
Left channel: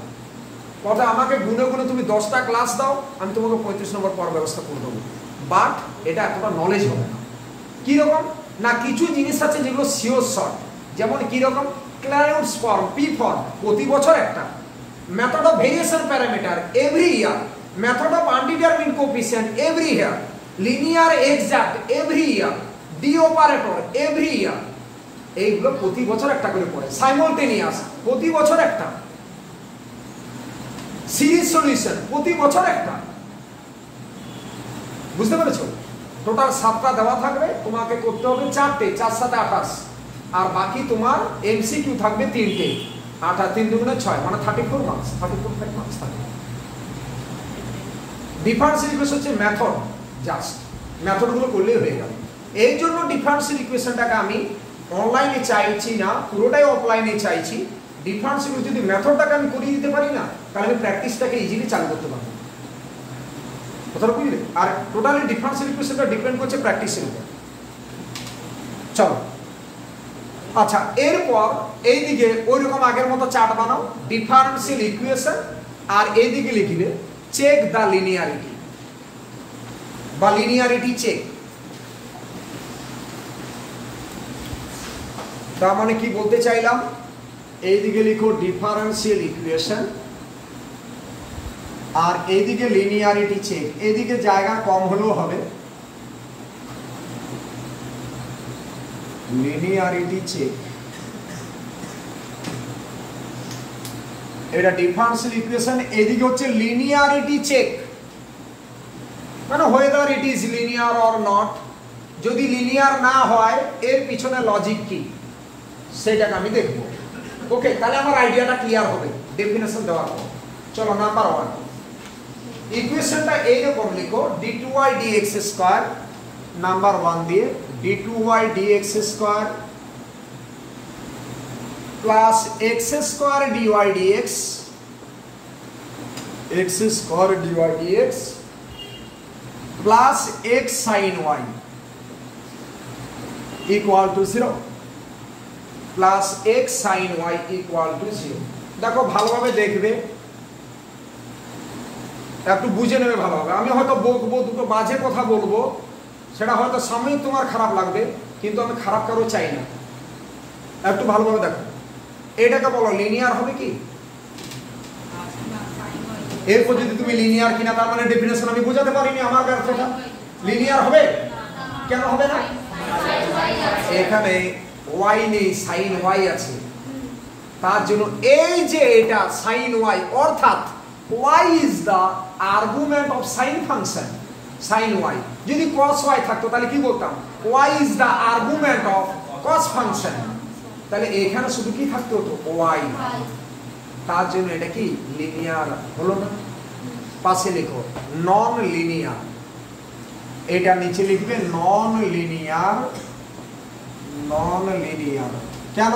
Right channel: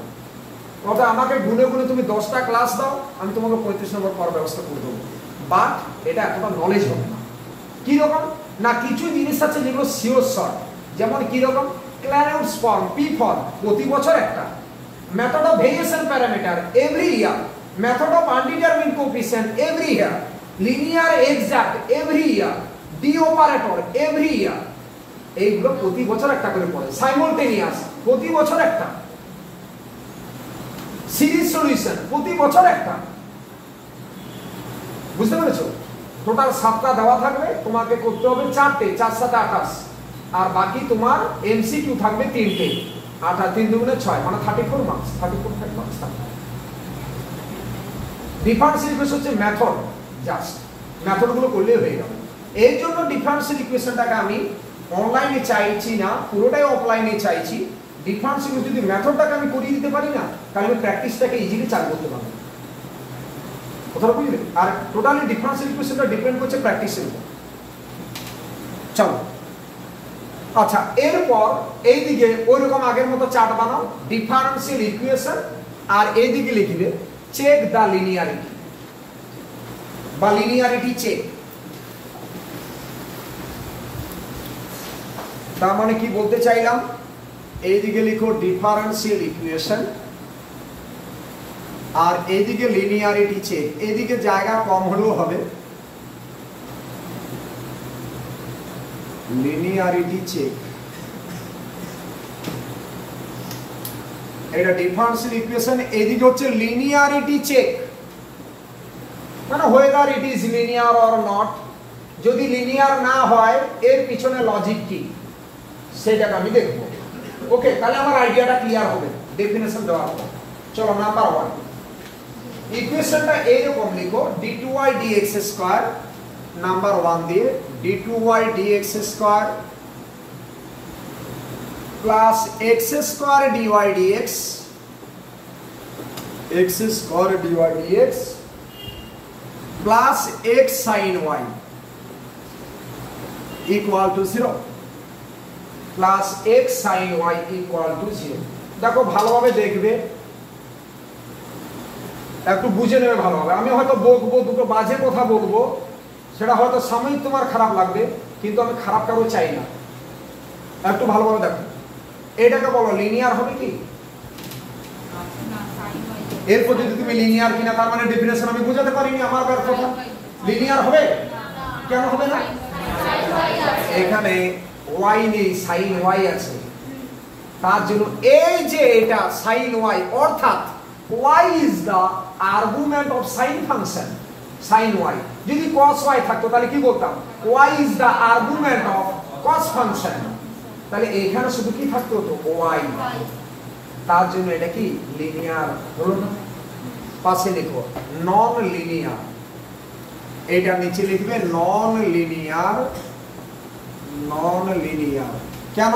কথা আমাকে গুনে গুনে তুমি 10টা ক্লাস দাও, আমি তোমাকে 35 নম্বর পাওয়ার ব্যবস্থা করে দেবো। বাট এটা এতটা নলেজ হবে না। কি রকম না, কিছু জিনিস আছে যেগুলো সিওর শর্ট, যেমন কি রকম ক্লারেন্স ফর্ম, পি ফর্ম প্রতি বছর একটা, method of variation parameter every year, method of undetermined coefficient every year, linear exact every year, D operator every year, এইগুলো প্রতি বছর একটা করে পড়ে। সাইমultaneous প্রতি বছর একটা, সিরিজ সলিউশন প্রতি বছর একটা। বুঝতে পেরেছো? টোটাল 7টা দেওয়া থাকবে, তোমাকে করতে হবে 4টে, 4 7 28, আর বাকি তোমার এমসিকিউ থাকবে 3টে। 8 3 দুগুণে 6 মানে 34 মার্কস, 34 মার্কস থাকবে। ডিফারেন্সিয়াল ইকুয়েশন হচ্ছে মেথড, জাস্ট মেথডগুলো করলেই হয়ে যাবে। এই জন্য ডিফারেন্সিয়াল ইকুয়েশনটাকে আমি অনলাইনে চাইছি না, পুরোটাই অফলাইনে চাইছি। ডিফারেন্সিয়াল যদি মেথডটাকে আমি করিয়ে দিতে পারি না, তাহলে আমি প্র্যাকটিসটাকে ইজিলি চালু করতে পারবো। কথাটা বুঝলে? আর টোটালি ডিফারেন্সিয়াল ইকুয়েশনটা ডিপেন্ড করছে প্র্যাকটিসের উপর। চলো আচ্ছা, এরপর এইদিকে ওইরকম আগের মতো চার্ট বানাও, ডিফারেন্সিয়াল ইকুয়েশন, আর এইদিকে লিখবে চেক দ্য লিনিয়ারিটি বা লিনিয়ারিটি চেক। তার মানে কি বলতে চাইলাম, এইদিকে লিখো ডিফারেন্সিয়াল ইকুয়েশন আর এইদিকে লিনিয়ারিটি চেক। এইদিকে জায়গা কম হলেও হবে, লিনিয়ারিটি চেক। এটা ডিফারেন্সিয়াল ইকুয়েশন, এইদিকে হচ্ছে লিনিয়ারিটি চেক, মানে whether it is linear or not। যদি লিনিয়ার না হয় এর পিছনে লজিক কি সেটাকে আমি দেখব। ওকে, তাহলে আমার আইডিয়াটা ক্লিয়ার হবে ডেফিনেশন দেওয়ার পর। চলো নাম্বার 1, ইকুয়েশনটা এইরকম লিখো, d2y dx স্কয়ার, নাম্বার 1 দিয়ে d2y dx square plus x square dy dx, x square dy dx plus x sin y equal to 0, plus x sin y equal to 0। দেখো ভালোভাবে দেখবে, একটু বুঝে নেবে ভালোভাবে। আমি হয়তো বলবো, দুটো বাজে কথা বলবো, সেটা হয়তো সাময়িক তোমার খারাপ লাগবে, কিন্তু আমি খারাপ কারো চাই না। একটু ভালোভাবে দেখো, এটাকে বলো লিনিয়ার হবে কি? এরপর যদি তুমি লিনিয়ার কিনা, তার মানে ডেফিনেশন আমি বুঝাতে পারিনি, আমার ব্যর্থতা। লিনিয়ার হবে? কেন হবে না? এখানে y নেই, sin y আছে, তার জন্য এই যে এটা sin y, অর্থাৎ y is the argument of sine function, sin y. যদি cos y থাকতো তাহলে কি বলতাম, y is the argument of cos function, তাহলে এখানে শুধু কি থাকতো, y। তার জন্য এটা কি লিনিয়ার হলো না। পাশে লিখো নন লিনিয়ার, এটা নিচে লিখবে নন লিনিয়ার। নন লিনিয়ার কেন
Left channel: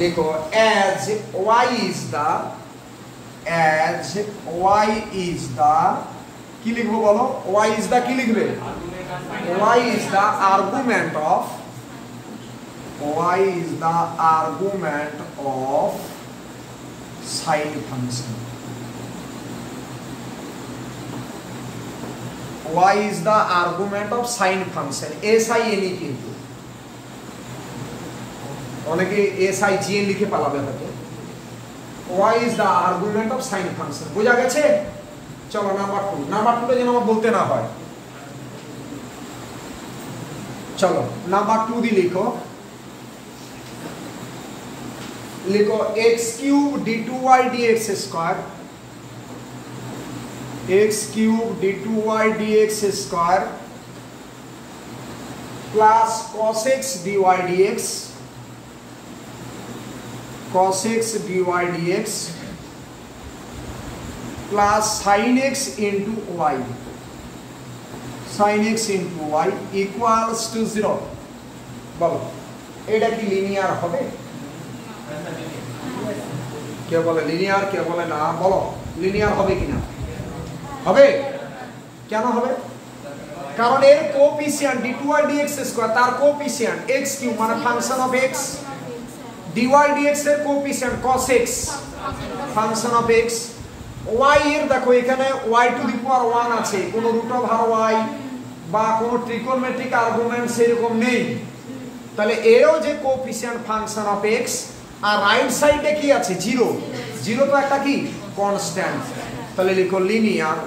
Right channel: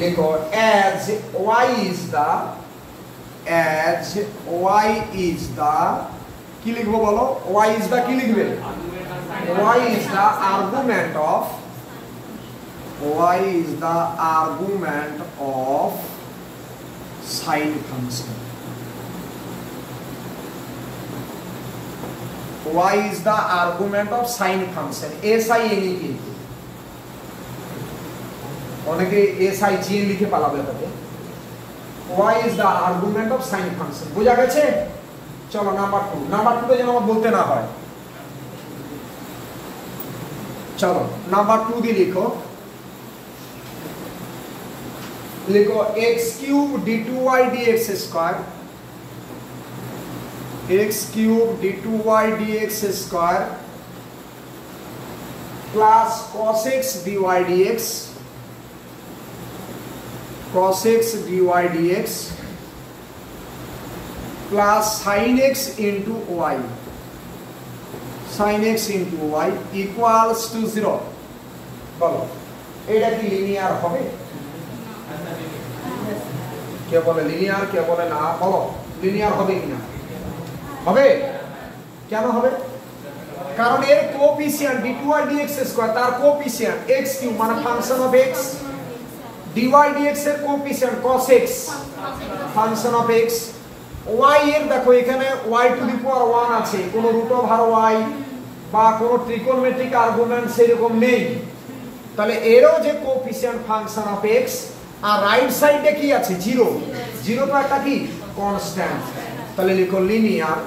লিখো, as y is the কি লিখবো বলো, y is the কি লিখবে, y is the argument of sine function। y is the argument of sine function, SINE কিন্তু অনেকে SIGN লিখে পালাবে তাতে। y is the argument of sine function, বুঝা গেছে? চলো নাম্বার 2, নাম্বার 2 যেন বলতে না হয়। চলো নাম্বার 2 দিয়ে লিখো, লিখো x cube d2y dx square, x cube d2y dx square plus cos x dy dx, cos x dy dx plus sin x into y, sin x into y equals to 0। বলো এটা কি linear হবে? কে বলে linear, কে বলে না? বলো linear হবে কিনা? হবে। কেন হবে? কারণ এর কোএফিসিয়েন্ট d2y dx স্কয়ার, তার কোএফিসিয়েন্ট x কিউব মানে function of x, dy dx এর coefficient cos x function of x, y এর দেখো এখানে y টু দি পাওয়ার 1 আছে, কোন রুট ওভার y বা কোন ট্রিগোনোমেট্রিক আর্গুমেন্ট সেরকম নেই, তাহলে এরও যে কোএফিসিয়েন্ট ফাংশন অফ x, আর রাইট সাইডে কি আছে 0, 0 তো একটা কি কনস্ট্যান্ট, তাহলে লিখো লিনিয়ার,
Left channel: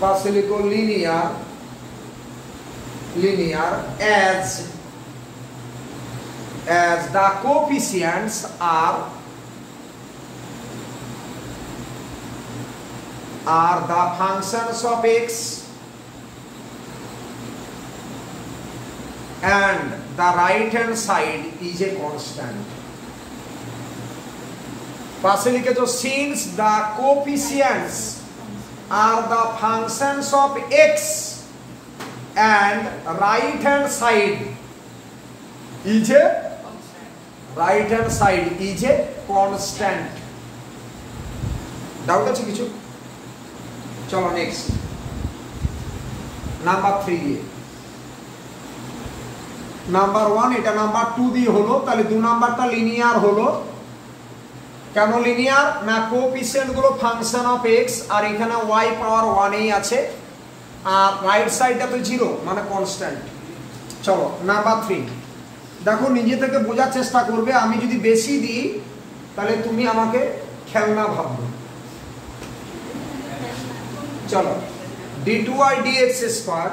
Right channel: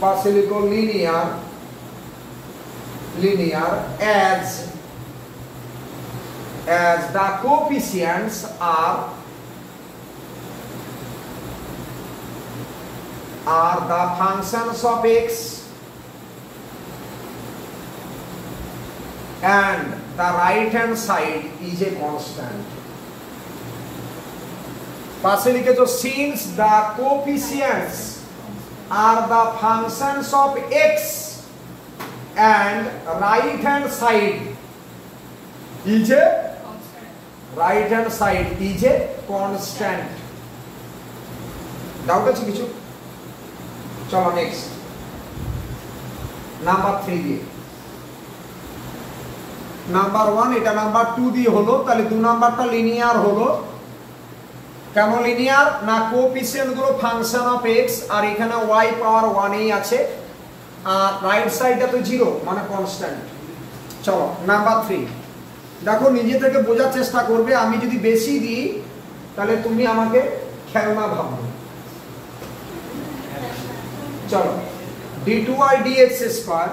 পাশে লিখো linear, linear as the coefficients are the functions of x and the right hand side is a constant। পাশে লিখেছো since the coefficients are the functions of x and right hand side is a constant। Doubt আছে কিছু? চলো next number 3 দিয়ে, number 1 এটা number 2 দিয়ে হলো, তাহলে 2 নাম্বারটা লিনিয়ার হলো। কেন লিনিয়ার না, কোএফিসিয়েন্ট গুলো ফাংশন অফ x আর এখানে y পাওয়ার 1 এই আছে, আর রাইট সাইডটা তো 0 মানে কনস্ট্যান্ট। চলো নাম্বার 3 দেখো, নিজে থেকে বোঝার চেষ্টা করবে, আমি যদি বেশি দিই তাহলে তুমি আমাকে খেলনা ভাববে। চলো d2y dx square,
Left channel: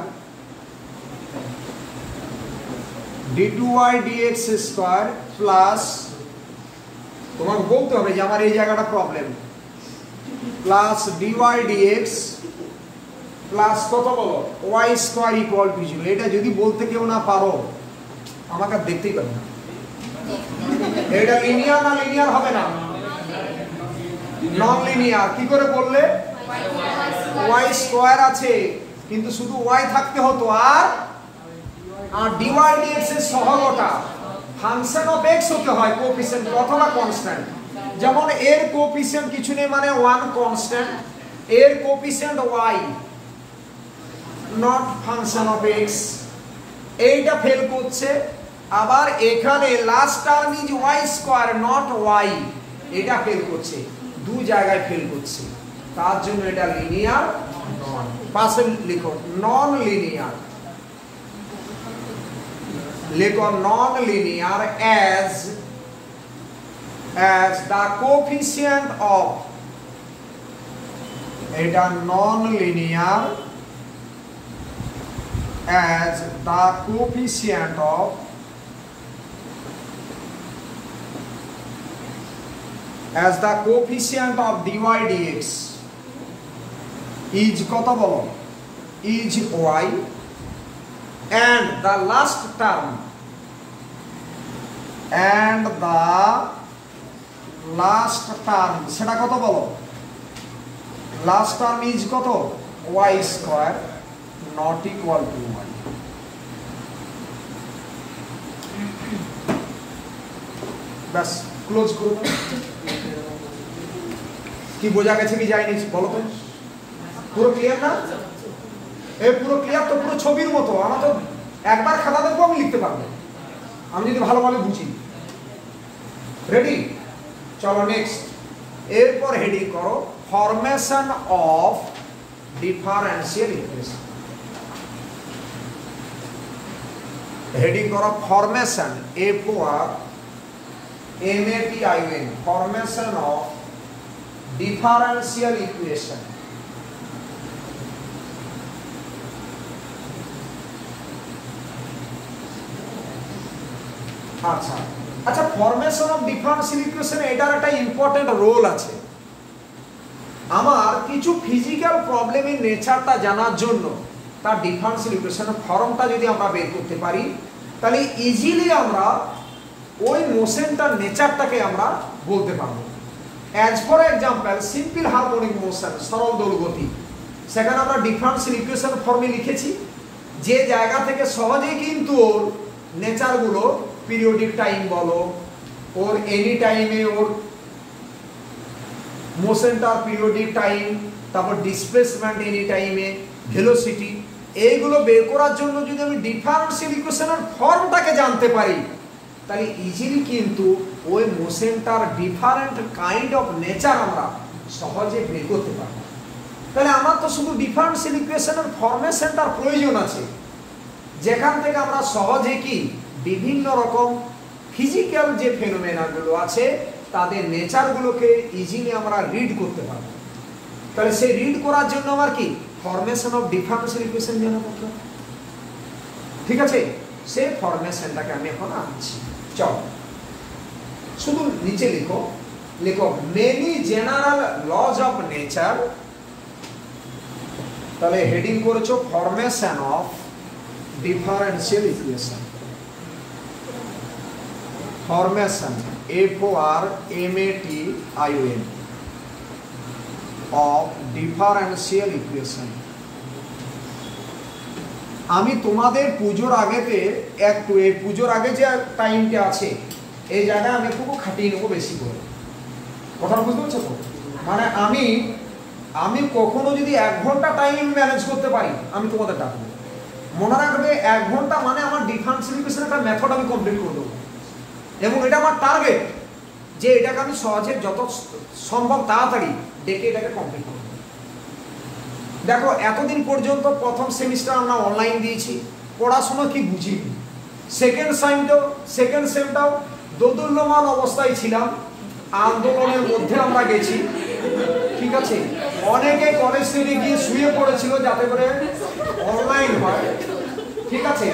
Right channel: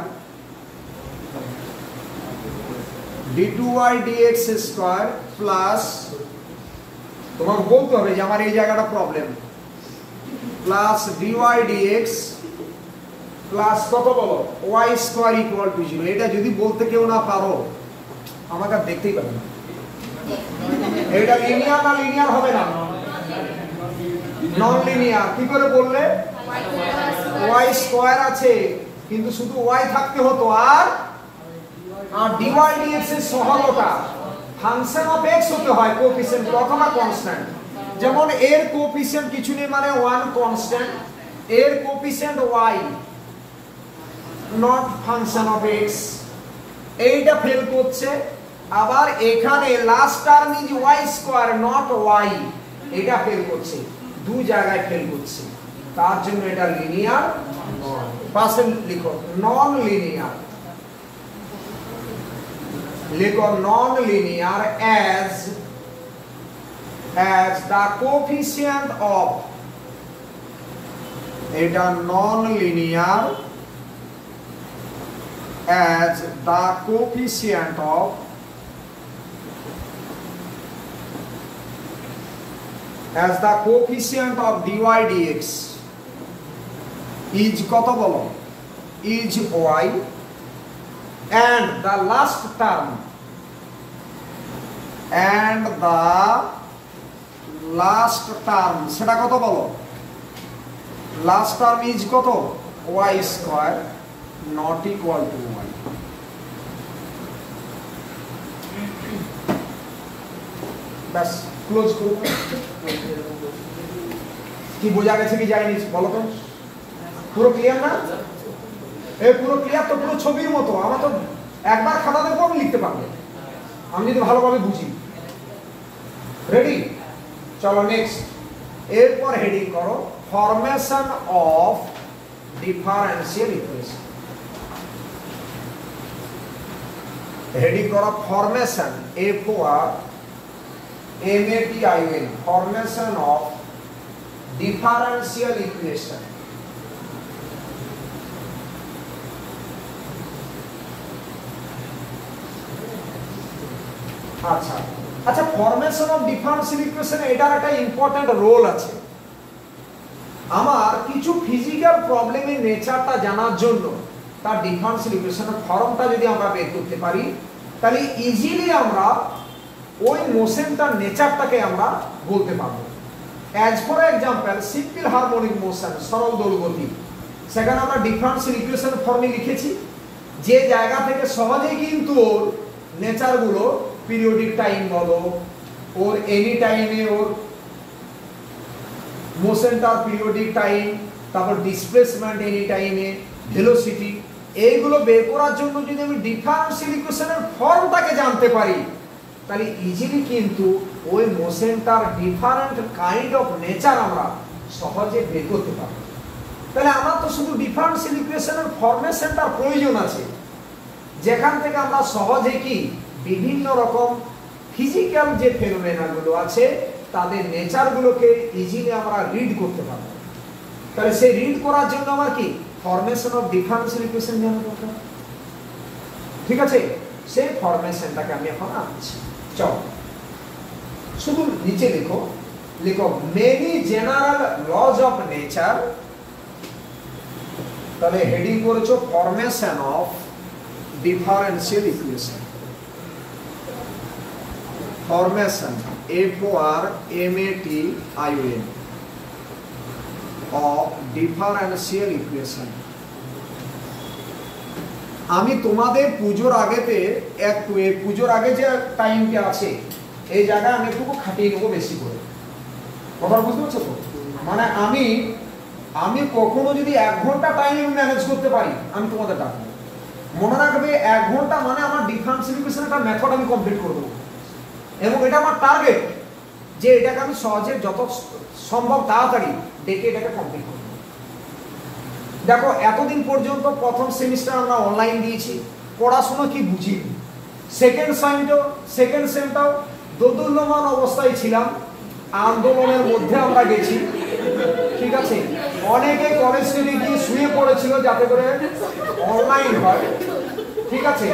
d2y dx square plus, তোমাকে বলতে হবে যে আমার এই জায়গাটা problem, plus dy dx plus কত বলো y স্কয়ার ইকুয়াল টু 0। এটা যদি বলতে কেউ না পারো আমাকে দেখতেই পাবে না। এটা লিনিয়ার না লিনিয়ার হবে না, নন লিনিয়ার। কি করে বললে, y স্কয়ার আছে কিন্তু শুধু y থাকতে হতো, আর dy dx এর সহগটা ফাংশন অফ x হতে হয়, কোএফিসিয়েন্ট অথবা কনস্ট্যান্ট। যেমন এর কোএফিসিয়েন্ট কিছু নেই মানে 1 কনস্ট্যান্ট, এর coefficient y not function of x, এইটা ফেল করছে। আবার এখানে last term is y square not y, এটা ফেল করছে, দু জায়গায় ফেল করছে, তার জন্য এটা লিনিয়ার। পাশে লিখো নন লিনিয়ার, লিখো non linear as the coefficient of, এটা non linear as the coefficient of as the coefficient of dy dx is কত বলো is y and the last term সেটা কত বলো last term is কত y square not equal to y bus close করে দাও কি বোঝা গেছে কি যায়নি বলো তো পুরো ক্লিয়ার না এই পুরো ক্লিয়ার তো পুরো ছবির মতো আমরা তো একবার খাতা দেখবো আমি লিখতে পারবো আমি যদি ভালোভাবে বুঝি রেডি চলো নেক্সট এরপর হেডিং করো formation of differential equation heading করো formation FORMATION formation of differential equation আচ্ছা আচ্ছা ফরমেশন অফ ডিফারেন্সিয়াল ইকুয়েশন এটার একটা ইম্পর্টেন্ট রোল আছে আমার কিছু ফিজিক্যাল প্রবলেমের নেচারটা জানার জন্য তার ডিফারেন্সিয়াল ইকুয়েশনের ফর্মটা যদি আমরা বের করতে পারি তাহলে ইজিলি আমরা ওই মোশনটার নেচারটাকে আমরা বলতে পারবো as for example simple harmonic motion সরল দোলগতি সেখানে আমরা ডিফারেন্সিয়াল ইকুয়েশন ফর্মে লিখেছি যে জায়গা থেকে সহজেই কিন্তু ওর নেচারগুলো পিরিয়ডিক টাইম বলো ওর এনি টাইমে ওর মোশনটা পিরিয়ডিক টাইম তারপর ডিসপ্লেসমেন্ট এনি টাইমে ভেলোসিটি এইগুলো বের করার জন্য যদি আমি ডিফারেন্সিয়াল ইকুয়েশনের ফর্মটাকে জানতে পারি তাহলে ইজিলি কিন্তু ওই মোশনটার ডিফারেন্ট কাইন্ড অফ নেচার আমরা সহজে বের করতে পারি তাহলে আমার তো শুধু ডিফারেন্সিয়াল ইকুয়েশনের ফরমেশনটার প্রয়োজন আছে যেখান থেকে আমরা সহজে কি বিভিন্ন রকম ফিজিক্যাল যে ফেনোমেনাগুলো আছে তাদের নেচারগুলোকে ইজিলি আমরা রিড করতে পারব তাহলে সেই রিড করার জন্য আমার কি ফরমেশন অফ ডিফারেন্সিয়াল ইকুয়েশন জানা দরকার ঠিক আছে সেই ফরমেশনটাকে আমি এখন আনছি চলো শুধু নিচে লিখো লিখো many general laws of nature তাহলে হেডিং করেছো formation of differential equation formation FORMATION of differential equation আমি তোমাদের পুজোর আগেতে একটু এই পুজোর আগে যে টাইমটা আছে এই জায়গায় আমি একটু খাটিয়ে নেবো বেশি করে কথা বুঝতে পারছো তো মানে আমি কখনো যদি 1 ঘন্টা টাইম ম্যানেজ করতে পারি আমি তোমাদের ডাকবো মনে রাখবে 1 ঘন্টা মানে আমার ডিফারেন্সিয়াল ইকুয়েশন একটা মেথড আমি কমপ্লিট করে দেবো এবং এটা আমার টার্গেট যে এটাকে আমি সহজে যত সম্ভব তাড়াতাড়ি ডেকে এটাকে কমপ্লিট করব দেখো এতদিন পর্যন্ত প্রথম সেমিস্টার আমরা অনলাইন দিয়েছি পড়াশোনা কি বুঝিনি সেকেন্ড সেমটাও দোদুল্যমান অবস্থায় ছিলাম আন্দোলনের মধ্যে আমরা গেছি ঠিক আছে অনেকে কলেজ থেকে গিয়ে শুয়ে পড়েছিল যাতে করে অনলাইন হয় ঠিক আছে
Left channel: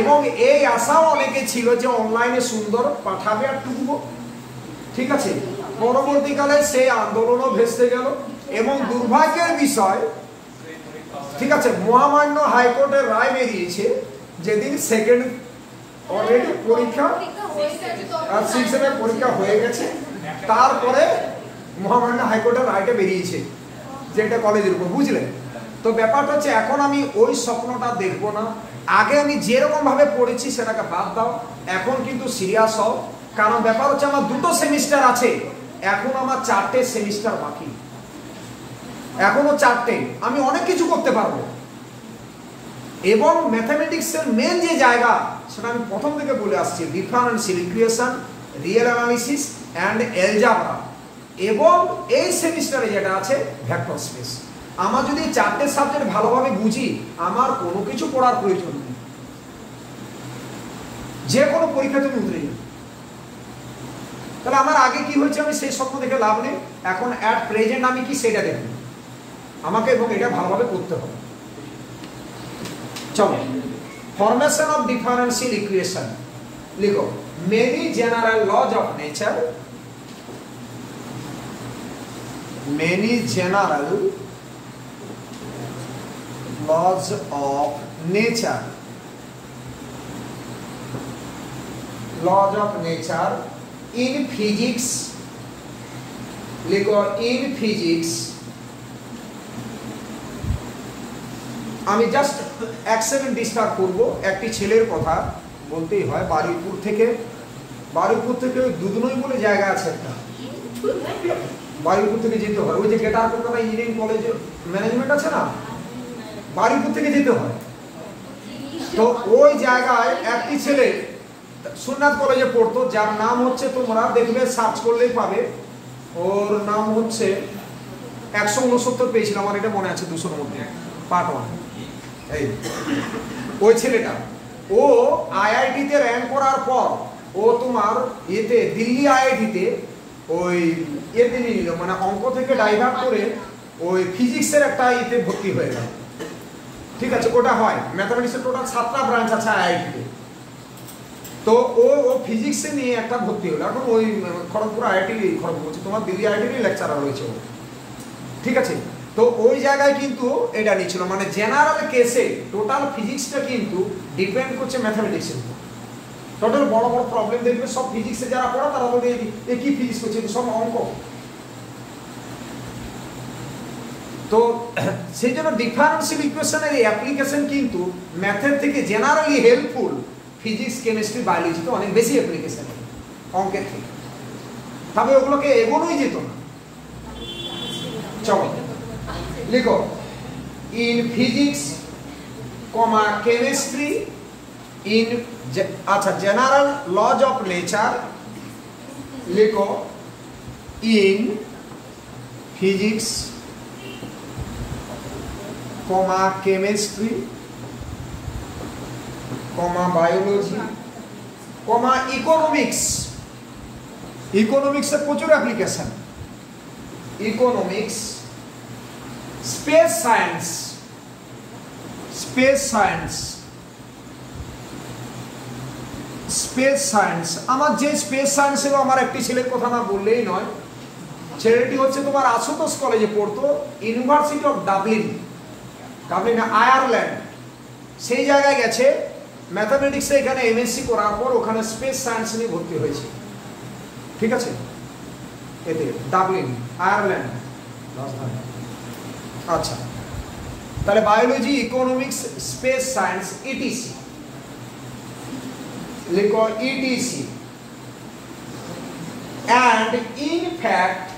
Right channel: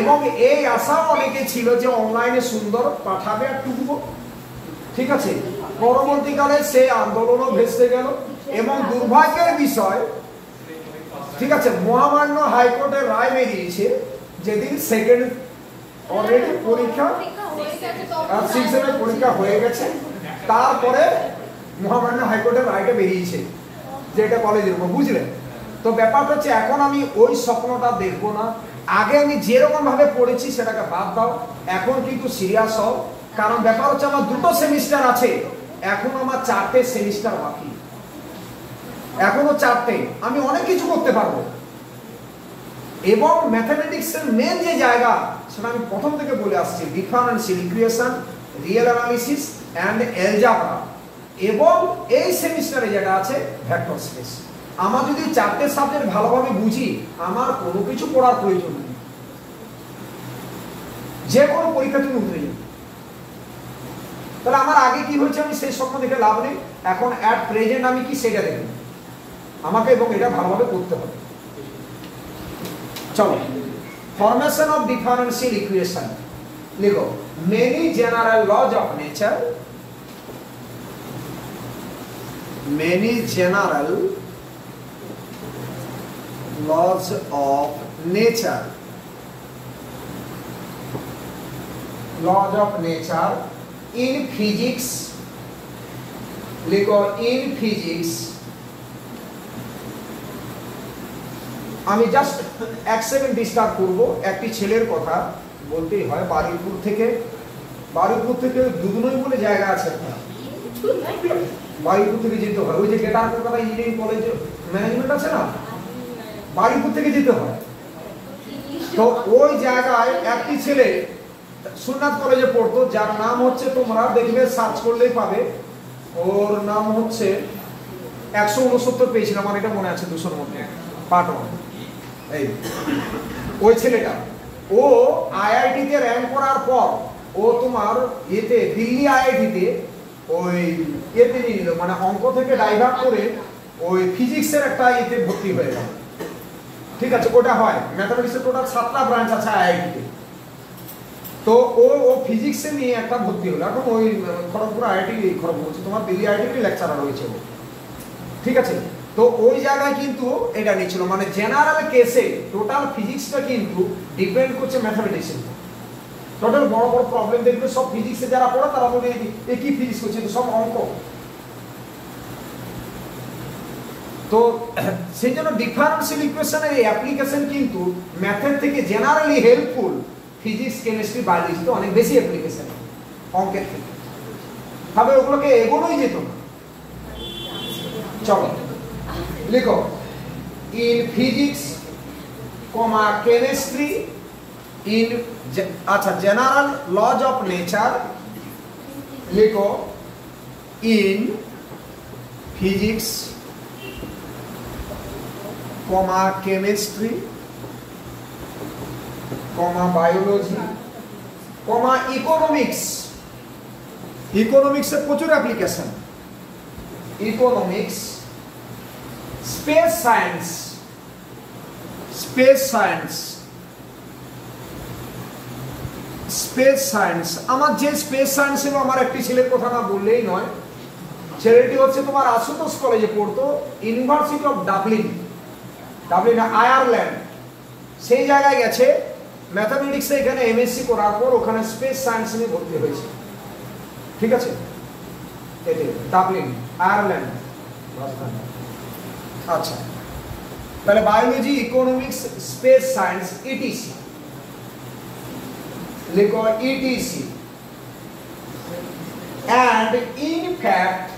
এবং এই আশাও অনেকে ছিল যে অনলাইনে সুন্দর পাঠাবে আর টুকবো ঠিক আছে পরবর্তীকালে সেই আন্দোলনও ভেস্তে গেল এবং দুর্ভাগ্যের বিষয় ঠিক আছে মহামান্য হাইকোর্টের রায় বেরিয়েছে যেদিন সেকেন্ড অলরেডি পরীক্ষা আর 6 সেমের পরীক্ষা হয়ে গেছে তারপরে মহামান্য হাইকোর্টের রায়টা বেরিয়েছে যে এটা কলেজের উপর বুঝলেন তো ব্যাপারটা হচ্ছে এখন আমি ওই স্বপ্নটা দেখবো না আগে আমি যেরকম ভাবে পড়েছি সেটাকে বাদ দাও এখন কিন্তু সিরিয়াস হও কারণ ব্যাপার হচ্ছে আমার 2টো সেমিস্টার আছে এখন আমার 4টে সেমিস্টার বাকি এখনো 4টে আমি অনেক কিছু করতে পারবো এবং ম্যাথমেটিক্সের মেন যে জায়গা সেটা আমি প্রথম থেকে বলে আসছি differential equation real analysis and algebra এবং এই সেমিস্টারে যেটা আছে ভেক্টর স্পেস আমার যদি 4টে সাবজেক্ট ভালোভাবে বুঝি আমার কোনো কিছু পড়ার প্রয়োজন নেই যে কোনো পরীক্ষা তুমি উতরে যাবে তাহলে আমার আগে কি হয়েছে আমি সেই স্বপ্ন দেখে লাভ নেই এখন অ্যাট প্রেজেন্ট আমি কি সেটা দেখব আমাকে এবং এটা ভালোভাবে করতে হবে চলো ফরমেশন অফ ডিফারেন্সিয়াল ইকুয়েশন লিখো many general laws of nature many general laws of nature, laws of nature in physics, লিখো in physics। আমি জাস্ট এক সেকেন্ড ডিস্টার্ব করবো, একটি ছেলের কথা বলতেই হয়। বারুইপুর থেকে দুদুনই বলে জায়গা আছে একটা, বারুইপুর থেকে যেতে হয়। ওই যে Kedar Kolkata engineering college management আছে না, বারুইপুর থেকে যেতে হয়। তো ওই জায়গায় একটি ছেলে সুন্নাত কলেজে পড়তো, যার নাম হচ্ছে, তোমরা দেখবে সার্চ করলেই পাবে, ওর নাম হচ্ছে 169 পেয়েছিলাম, আমার এটা মনে আছে 200-র মধ্যে পার্ট 1। এই ওই ছেলেটা, ও আইআইটিতে র্যাঙ্ক করার পর ও তোমার এতে দিল্লি আইআইটিতে ওই এতে নিল, মানে অঙ্ক থেকে ডাইভার্ট করে ওই ফিজিক্সের একটা এতে ভর্তি হয়ে গেল। ঠিক আছে, ওটা হয় ম্যাথমেটিক্সের টোটাল 7টা ব্রাঞ্চ আছে আইআইটিতে। তো ও ফিজিক্সে নিয়ে একটা ভর্তি হলো, এখন ওই খড়গপুর আইআইটি, খড়গপুর বলছে তোমার দিল্লি আইআইটির লেকচারার হয়েছে ও। ঠিক আছে, তো ওই জায়গায় কিন্তু এটা নিচ্ছিল, মানে জেনারেল কেসে টোটাল ফিজিক্সটা কিন্তু ডিপেন্ড করছে ম্যাথমেটিক্সের উপর। টোটাল বড় বড় প্রবলেম দেখবে সব ফিজিক্সে যারা পড়ে তারা বলে এ কি ফিজিক্স করছে, সব অঙ্ক। তো সেই জন্য ডিফারেন্সিয়াল ইকুয়েশনের এই অ্যাপ্লিকেশন কিন্তু ম্যাথের থেকে জেনারেলি হেল্পফুল, ফিজিক্স কেমিস্ট্রি বায়োলজিতে অনেক বেশি অ্যাপ্লিকেশন অঙ্কের থেকে, তবে ওগুলোকে এগোনোই যেত না। চলো লিখো in physics comma chemistry in, আচ্ছা জেনারেল লজ অফ নেচার লিখো in physics comma chemistry comma biology comma economics. ইকোনমিক্সের প্রচুর application, economics, space science, space science, space science. আমার যে স্পেস সায়েন্সের আমার একটি ছেলের কথা না বললেই নয়, ছেলেটি হচ্ছে তোমার আশুতোষ কলেজে পড়তো, ইউনিভার্সিটি অফ ডাবলিন, ডাবলিনে আয়ারল্যান্ড, সেই জায়গায় গেছে ম্যাথামেটিক্সে, এখানে এমএসসি করার পর ওখানে স্পেস সায়েন্স নিয়ে ভর্তি হয়েছে। ঠিক আছে, এতে ডাবলিন আয়ারল্যান্ড। আচ্ছা, তাহলে biology, economics, space science, etc লিখো etc. and in fact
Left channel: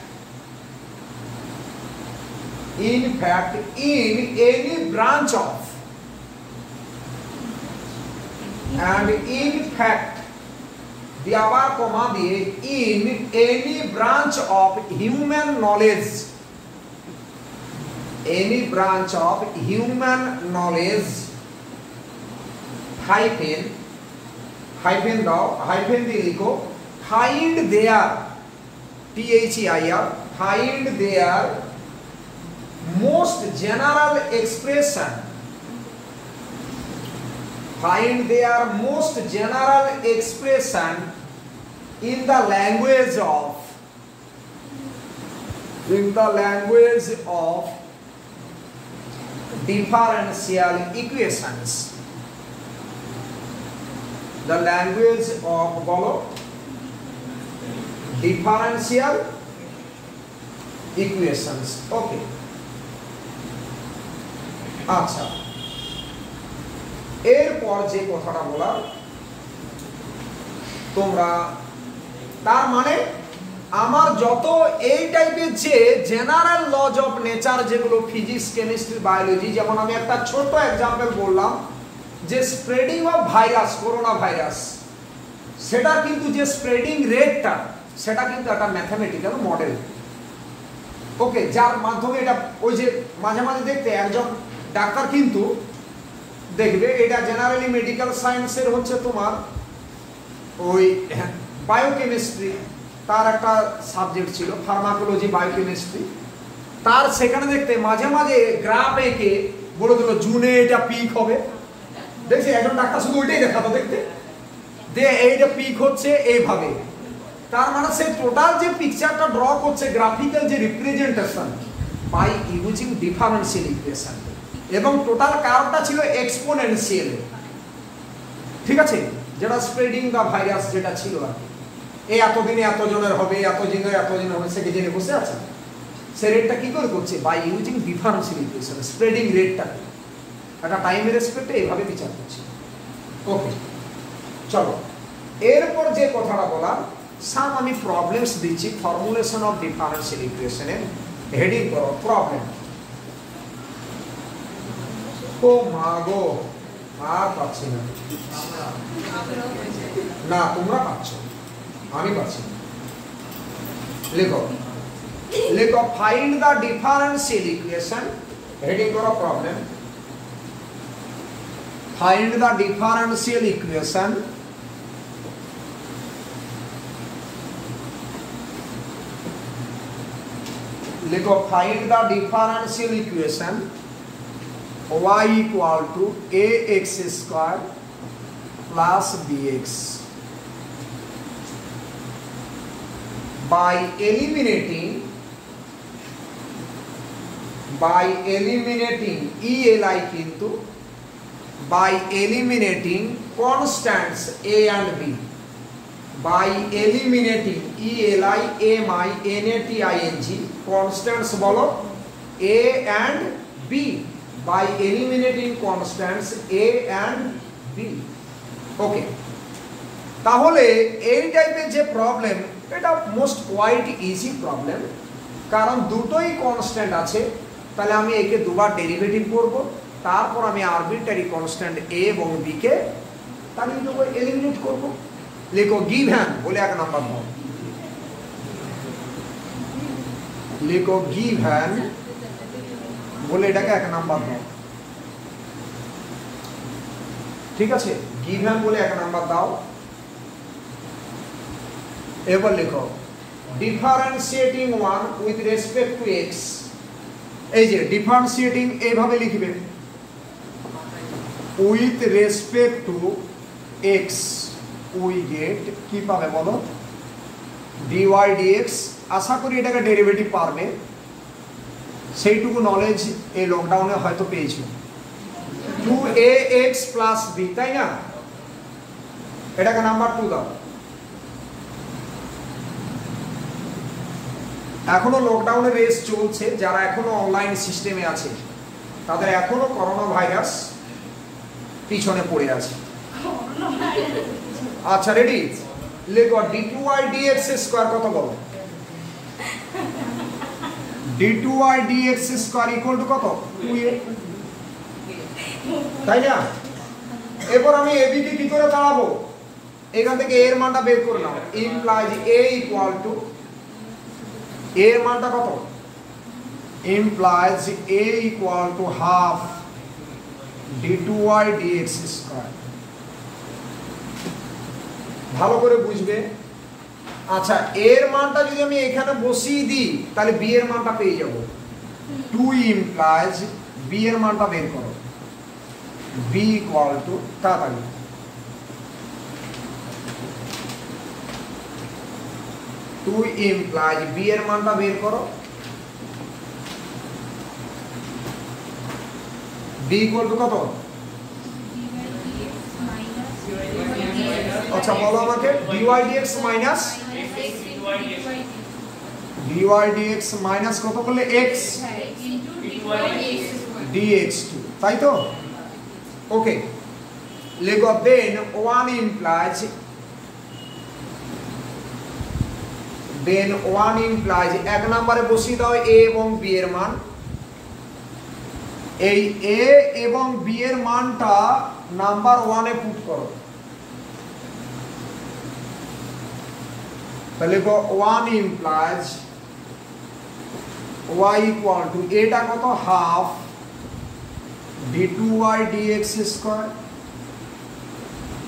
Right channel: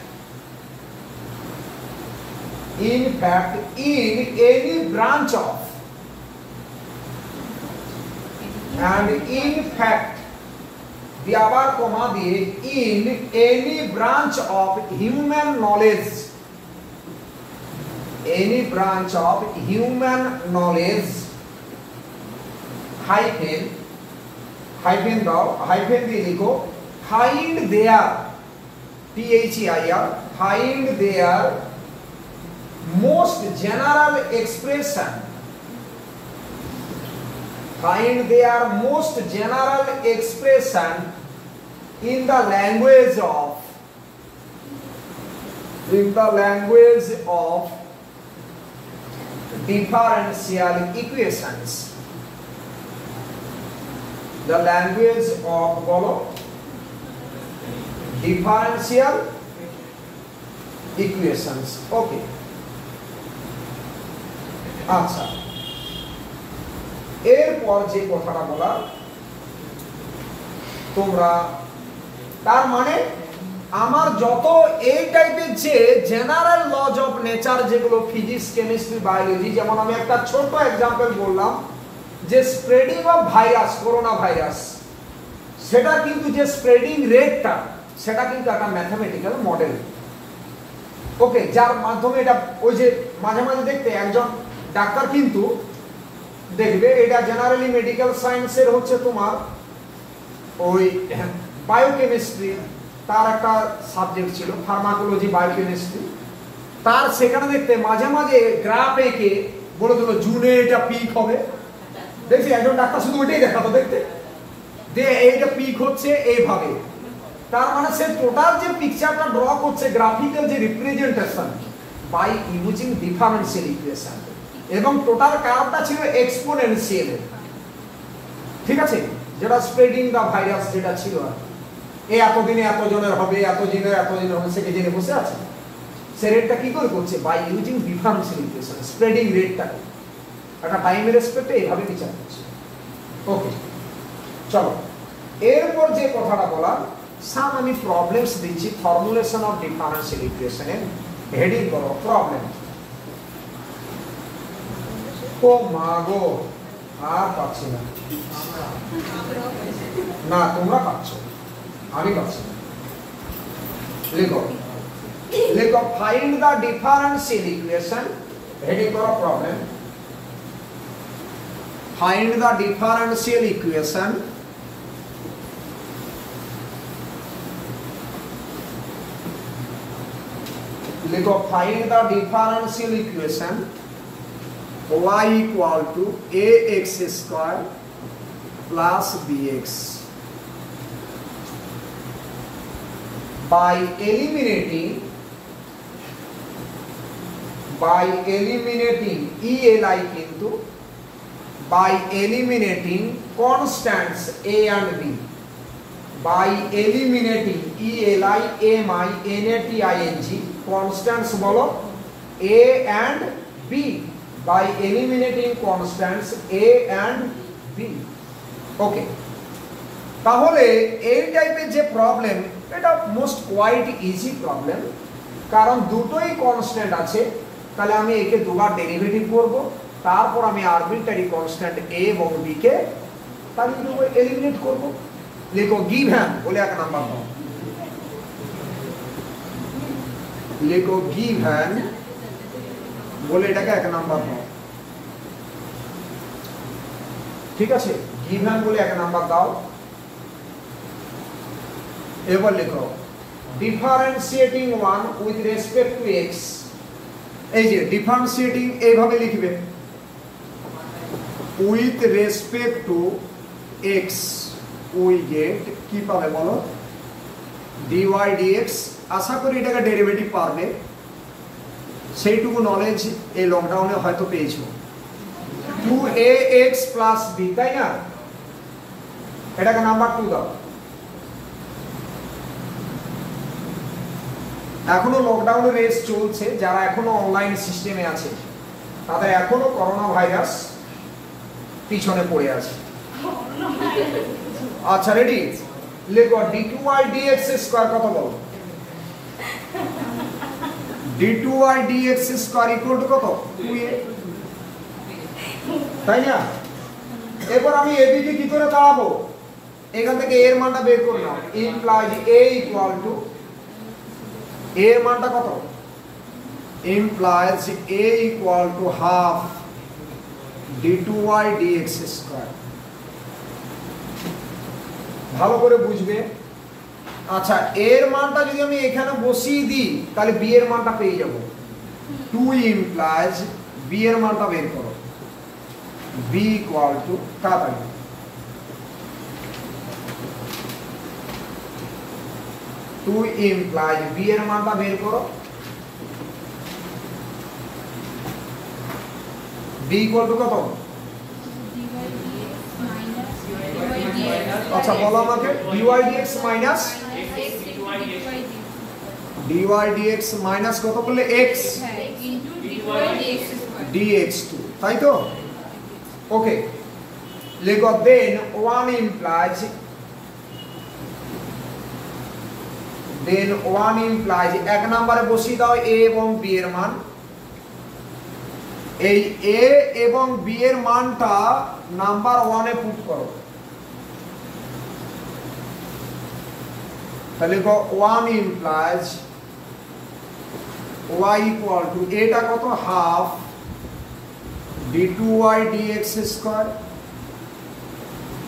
in any branch of, and in fact the abar comma diye in any branch of human knowledge, any branch of human knowledge hyphen দাও, hyphen দিয়ে লিখো find their, THEIR, find their most general expression, find their most general expression in the language of differential equations, the language of বলো differential equations। ওকে, আচ্ছা, এরপর যে কথাটা বলা তোমরা, তার মানে আমার যত এই টাইপের যে জেনারেল লজ অফ নেচার যেগুলো ফিজিক্স, কেমিস্ট্রি, বায়োলজি, যেমন আমি একটা ছোট এক্সাম্পল বললাম যে spreading of virus, corona virus, সেটা কিন্তু যে স্প্রেডিং রেটটা, সেটা কিন্তু একটা ম্যাথমেটিক্যাল মডেল। ওকে, যার মাধ্যমে এটা, ওই যে মাঝে মাঝে দেখতে একজন ডাক্তার কিন্তু দেখবে, এটা জেনারেলি মেডিকেল সায়েন্সের হচ্ছে তোমার ওই বায়োকেমিস্ট্রি, তার একটা সাবজেক্ট ছিল ফার্মাকোলজি, বায়োকেমিস্ট্রি, তার সেখানে দেখতে মাঝে মাঝে গ্রাফ এঁকে বলে দিল জুনে এটা পিক হবে। দেখছি একজন ডাক্তার শুধু ওইটাই দেখাতো দেখতে, যে এইটা পিক হচ্ছে এইভাবে, তার মানে সে টোটাল যে পিকচারটা ড্র করছে গ্রাফিক্যাল যে representation by using differential equation এবং টোটাল কার্ভটা ছিল এক্সপোনেনশিয়াল, ঠিক আছে, যেটা স্প্রেডিং দা ভাইরাস যেটা ছিল আর এই এতদিনে এতজনের হবে, এতজনের হবে, সে কি জেনে বসে আছে? সে রেটটা কি করে করছে? By using differential equation spreading রেটটা একটা টাইমের রেসপেক্টে এইভাবে বিচার করছে। ওকে, চলো এরপর যে কথাটা বলা, সাম আমি প্রবলেমস দিচ্ছি ফর্মুলেশন অফ ডিফারেন্সিয়াল ইকুয়েশনের হেডিং করো প্রবলেম। ও মাগো আর পাচ্ছি না, না তোমরা পাচ্ছ, আমি পাচ্ছি না। লিখো লিখো find the differential equation, heading করো problem. Find the differential equation लिखो find the differential equation y equal to ax square plus bx by eliminating eli किंतु by eliminating constants a and b, by eliminating eli mi nating constants বলো a and b, by eliminating constants a and b। ওকে, তাহলে এই টাইপের যে problem এটা most quite easy problem, কারণ দুটোই constant আছে। তাহলে আমি একে দুবার ডেরিভেটিভ করব, তারপর আমি আরবিট্রারি কনস্ট্যান্ট a এবং b কে তাহলে এলিমিনেট করব। লিখো গিভেন বলে এক নাম্বার দাও, লিখো গিভেন বলে এটাকে এক নাম্বার দাও, ঠিক আছে, গিভেন বলে এক নাম্বার দাও। এবার লিখো differentiating one with respect to x. এই যে ডিফারেন্সিয়েটিং এইভাবে লিখবে with respect to X, we get কি পাবে বলো? dy dx। আশা করি এটাকে ডেরিভেটিভ পারবে, সেইটুকু নলেজ এই লকডাউনে হয়তো পেয়েছো। 2ax প্লাস b, তাই না? এটাকে নাম্বার 2 দাও। এখনো লকডাউনের রেস চলছে, যারা এখনো অনলাইন সিস্টেমে আছে তাদের এখনো করোনা ভাইরাস পিছনে পড়ে আছে। আচ্ছা রেডি, লিখো d2y dx স্কয়ার কত বলো? d2y dx square equal to কত? 2a, তাই না? এরপর আমি ab কে কি করে দাঁড়াবো? এখান থেকে এর মানটা বের করে নাও, ইমপ্লাইজ a ইকুয়াল টু এর মানটা কত? Implies a equal to half d2y dx square. ভালো করে বুঝবে। আচ্ছা, এর মানটা যদি আমি এখানে বসিয়ে দিই তাহলে b এর মানটা পেয়ে যাব। 2 ইমপ্লাইজ b এর মানটা বের করো, b ইকুয়াল টু তাড়াতাড়ি 2 ইমপ্লাইজ b এর মানটা বের করো, b ইকুয়াল টু কত? আচ্ছা বলো আমাকে, dy dx minus dy dx minus কত বললে? x dx2, তাই তো? ওকে, লিখো দেন 1 ইমপ্লাইজ এক নম্বরে বসিয়ে দাও a এবং b এর মান। এই a এবং b এর মানটা নাম্বার 1 এ পুট করো। তাহলে লিখো 1 ইমপ্লাইজ y ইকুয়াল টু এটা কত? Half d2y dx square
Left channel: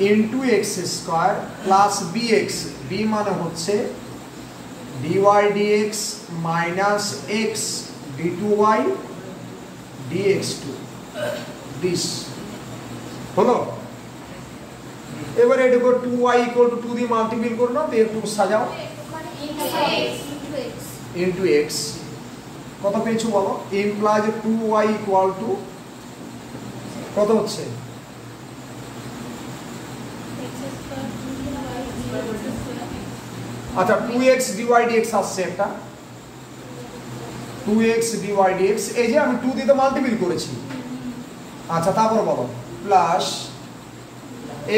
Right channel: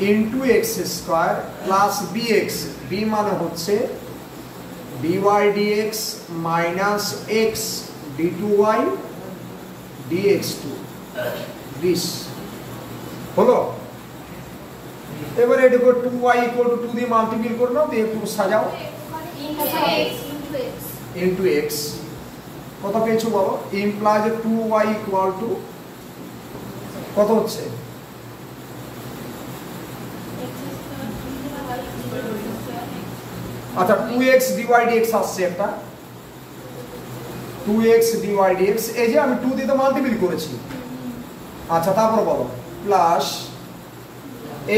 into x square plus bx, b মানে হচ্ছে dy dx minus x d2y dx2 this হলো। এবারে এটাকে 2y ইকুয়াল টু 2 দিয়ে মাল্টিপ্লাই করে নাও, দিয়ে একটু সাজাও। ইন্টু এক্স কত পেয়েছো বলো? ইমপ্লাইজ 2y ইকুয়াল টু কত হচ্ছে? আচ্ছা 2x dy dx আসছে একটা 2x dy dx এই যে আমি 2 দিয়ে মাল্টিপ্লাই করেছি। আচ্ছা তারপর বলো প্লাস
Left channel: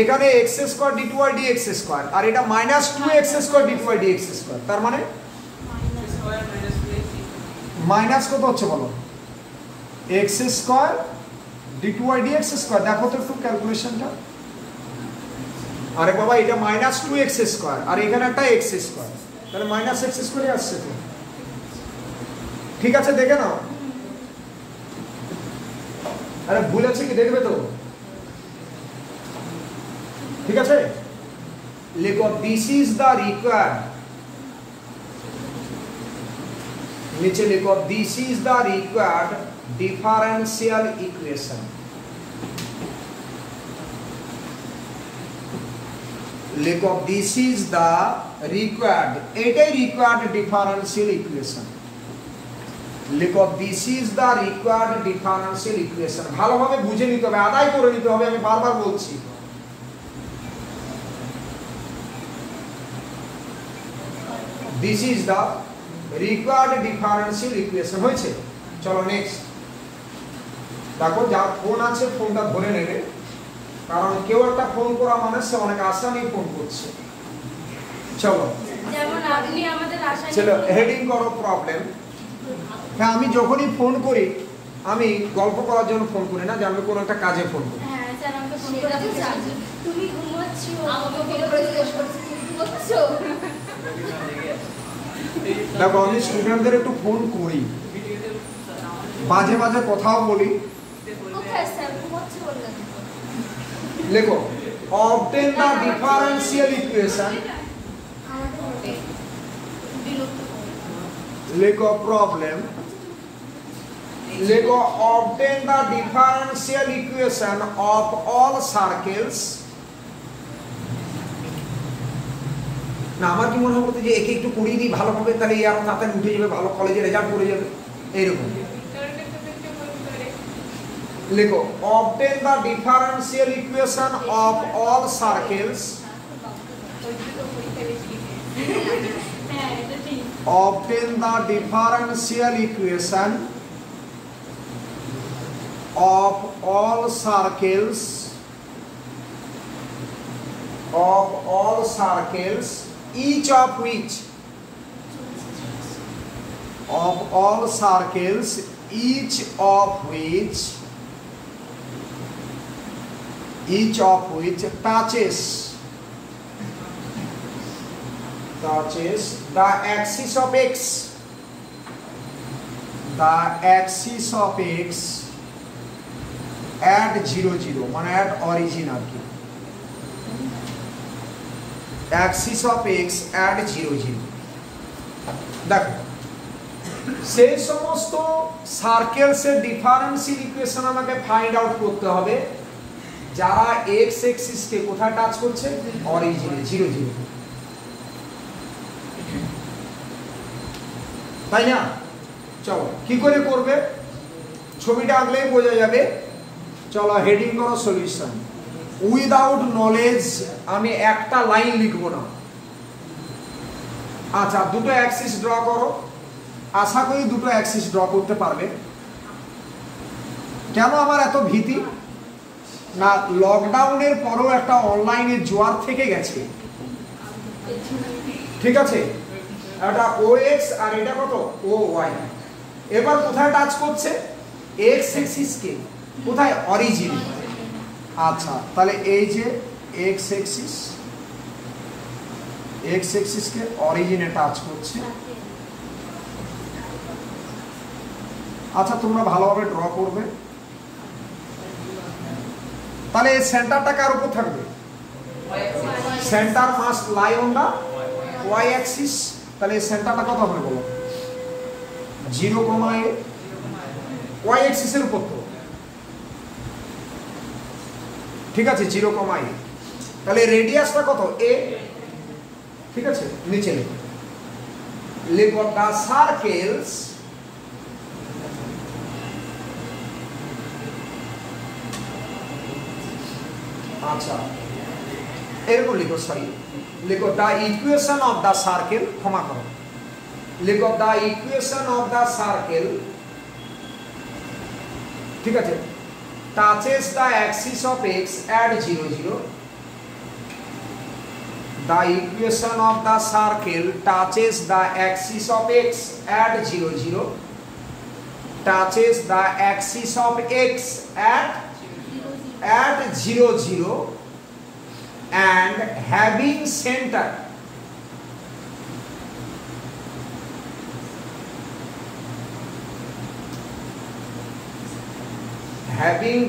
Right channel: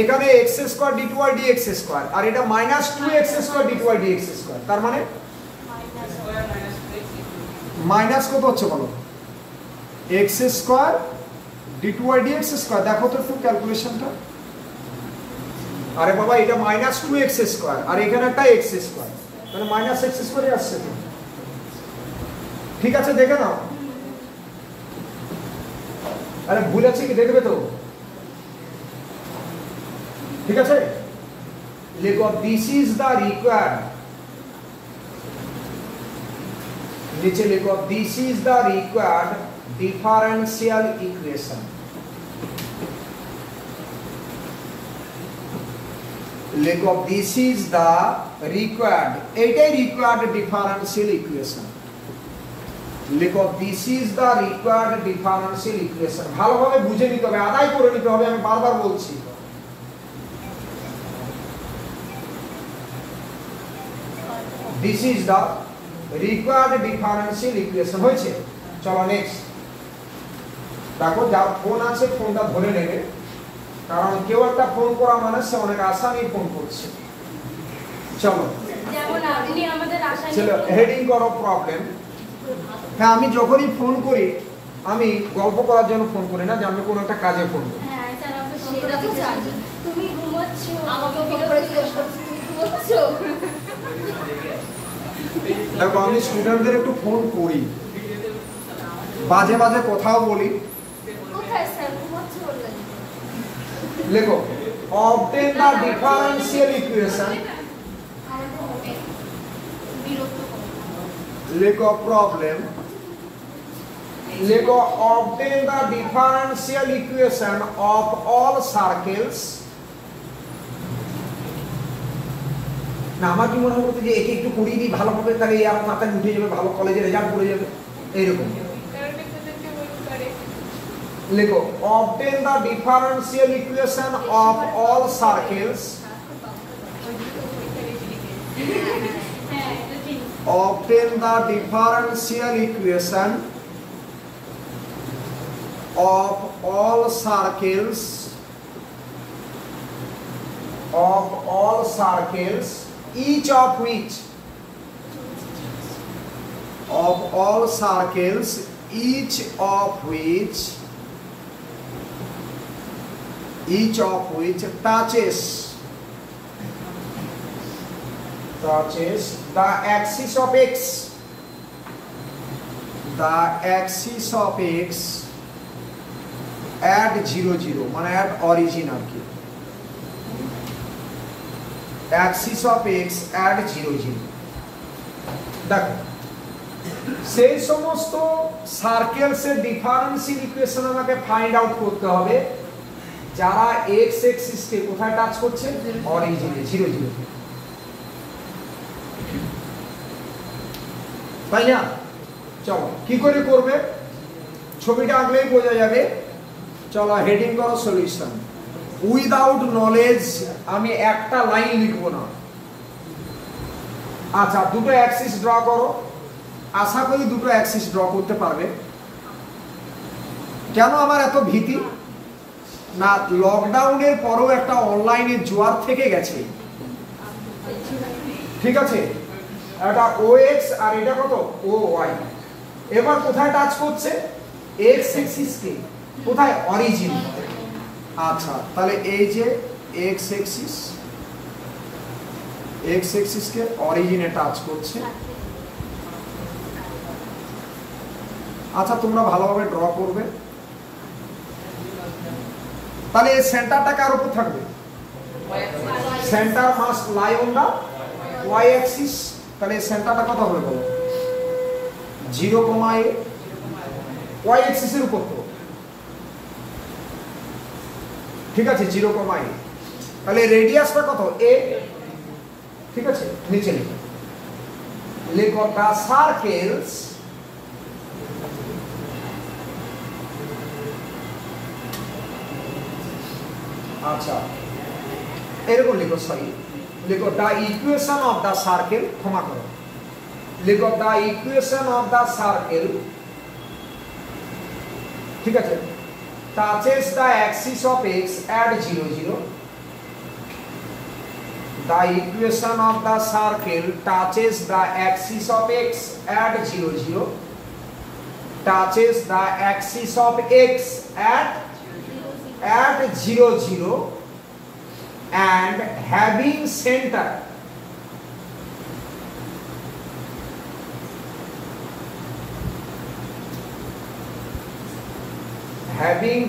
এখানে x square d2y dx square আর এটা minus 2x square d2y dx square তার মানে মাইনাস কত হচ্ছে বলো? x square d2y dx square দেখো তো একটু ক্যালকুলেশনটা। আরে বাবা এটা মাইনাস 2x স্কয়ার আর এখানে একটা x স্কয়ার তাহলে মাইনাস x স্কয়ারই আসছে তো। ঠিক আছে দেখে নাও। আরে ভুল আছে কি দেখবে তো। ঠিক আছে লেখো দিস ইজ দ্য রিকোয়ার্ড নিচে লেখো this is the required differential equation. লেখো দিস ইজ দ্য রিকোয়ার্ড এটাই রিকোয়ার্ড ডিফারেন্সিয়াল ইকুয়েশন। লেখো this is the required differential equation. ভালোভাবে বুঝে নিতে হবে আদায় করে নিতে হবে আমি বারবার বলছি। This is the required differential equation হয়েছে। চলো নেক্সট দেখো যার ফোন আছে ফোনটা ধরে নেবে কারণ কেউ একটা ফোন করা মানে সে অনেক আশা নিয়ে ফোন করছে। চলো যেমন আপনি আমাদের আশা নিয়ে চলো হেডিং করো প্রবলেম। হ্যাঁ আমি যখনই ফোন করি আমি গল্প করার জন্য ফোন করি না যে আমি কোনো একটা কাজে ফোন করি। হ্যাঁ স্যার আমরা ফোন করে তো জানি তুমি ঘুমাচ্ছো আমাকে ফোন করে জিজ্ঞেস করছি ঘুমাচ্ছো। দেখো আমি স্টুডেন্টদের একটু ফোন করি বাজে বাজে কথাও বলি। কোথায় স্যার ঘুমাচ্ছো বললেন? লেখো obtain the differential equation লেখো প্রবলেম লেখো obtain the differential equation of all circles। না আমার কি মনে হচ্ছে যে একে একটু পড়িয়ে দিই ভালোভাবে তাহলে এই আমার মাথায় উঠে যাবে ভালো কলেজে রেজাল্ট করে যাবে এইরকম। লেখো obtain the differential equation of all circles obtain the differential equation of all circles each of which touches the axis of x at 0 মানে at origin আর কি axis of x at 0 দেখো সেই সমস্ত সার্কেলসের ডিফারেন্সিয়াল ইকুয়েশন আমাকে find out করতে হবে যারা x Axis কে কোথায় টাচ করছে অরিজিনে 0 তাই না। চলো কি করে করবে ছবিটা আঁকলেই বোঝা যাবে। চলো হেডিং করো সলিউশন। উইদাউট নলেজ আমি একটা লাইন লিখবো না। আচ্ছা দুটো অ্যাক্সিস ড্র করো। আশা করি দুটো অ্যাক্সিস ড্র করতে পারবে। কেন আমার এত ভীতি না লকডাউনের পরও একটা অনলাইনে জোয়ার থেকে গেছে। ঠিক আছে এটা OX আর এটা কত OY। এবার কোথায় টাচ করছে x অ্যাক্সিস কে কোথায় অরিজিন। আচ্ছা তাহলে এই যে x অ্যাক্সিস কে অরিজিনে টাচ করছে। আচ্ছা তোমরা ভালোভাবে ড্র করবে। তাহলে এই সেন্টারটা কার উপর থাকবে centre must lie on the y axis. তাহলে এই সেন্টারটা কত হবে বলো 0, a y অ্যাক্সিসের উপর তো ঠিক আছে 0, a তাহলে রেডিয়াসটা কত a। ঠিক আছে নিচে লিখো লিখো দা সার্কেলস আচ্ছা এরকম লিখো, সরি লিখো the equation of the circle, ক্ষমা করো, লিখো the equation of the circle, ঠিক আছে, touches the axis of x at 0 0. The equation of the circle touches the axis of x at 0 0. Touches the axis of x at 0 0 and having center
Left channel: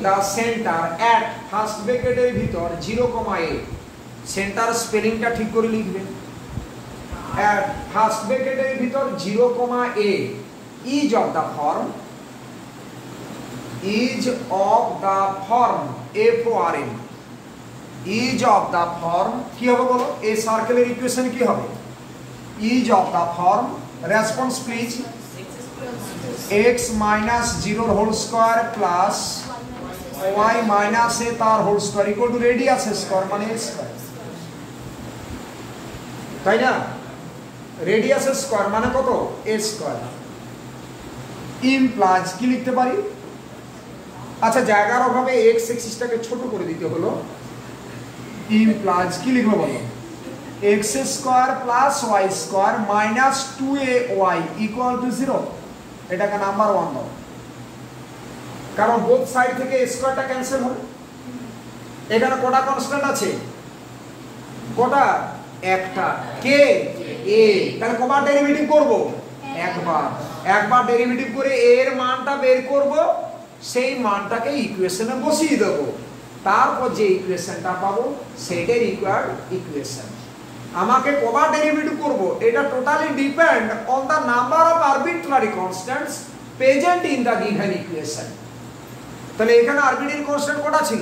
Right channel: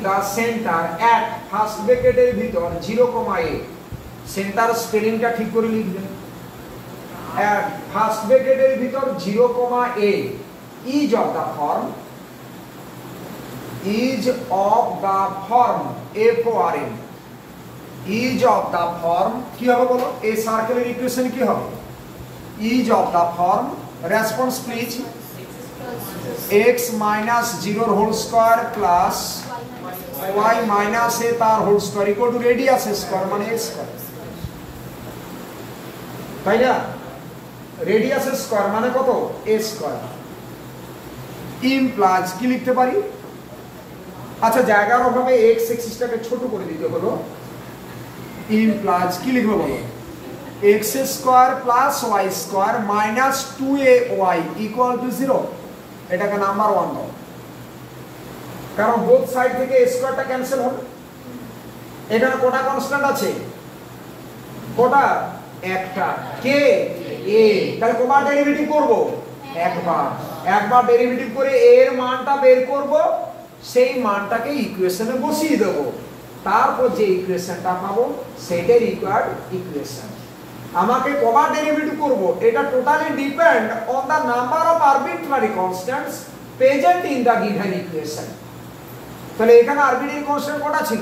the center at first bracket এর ভিতর 0,a, centre স্পেলিংটা ঠিক করে লিখবেন, at first bracket এর ভিতর 0,a is of the form FORM is of the form কি হবে বলো, এই সার্কেলের ইকুয়েশন কি হবে, is of the form, response please, x minus 0 whole square plus y minus a তার whole square equal to radius square মানে a square, তাই না, রেডিয়াস স্কয়ার মানে কত, a স্কয়ার, ইমপ্লাইজ কি লিখতে পারি, আচ্ছা জায়গার অভাবে x এক্সিসটাকে ছোট করে দিতে হলো, ইমপ্লাইজ কি লিখবো বলো, x square plus y square minus 2ay equal to 0, এটাকে নাম্বার 1 দাও, কারণ বোথ সাইড থেকে স্কয়ারটা ক্যান্সেল হবে, এখানে কোটা কনস্ট্যান্ট আছে, কোটা একটা, কে a, তাহলে কবার ডেরিভেটিভ করব, একবার ডেরিভেটিভ করে a এর মানটা বের করব, সেই মানটাকে ইকুয়েশনে বসিয়ে দেব, তারপর যে ইকুয়েশনটা পাবো সেটাই রিকোয়ার্ড ইকুয়েশন। আমাকে কবার ডেরিভেটিভ করব এটা totally depend on the number of arbitrary constants present in the given equation. তাহলে এখানে আরবিট্রারি কনস্ট্যান্ট কটা ছিল,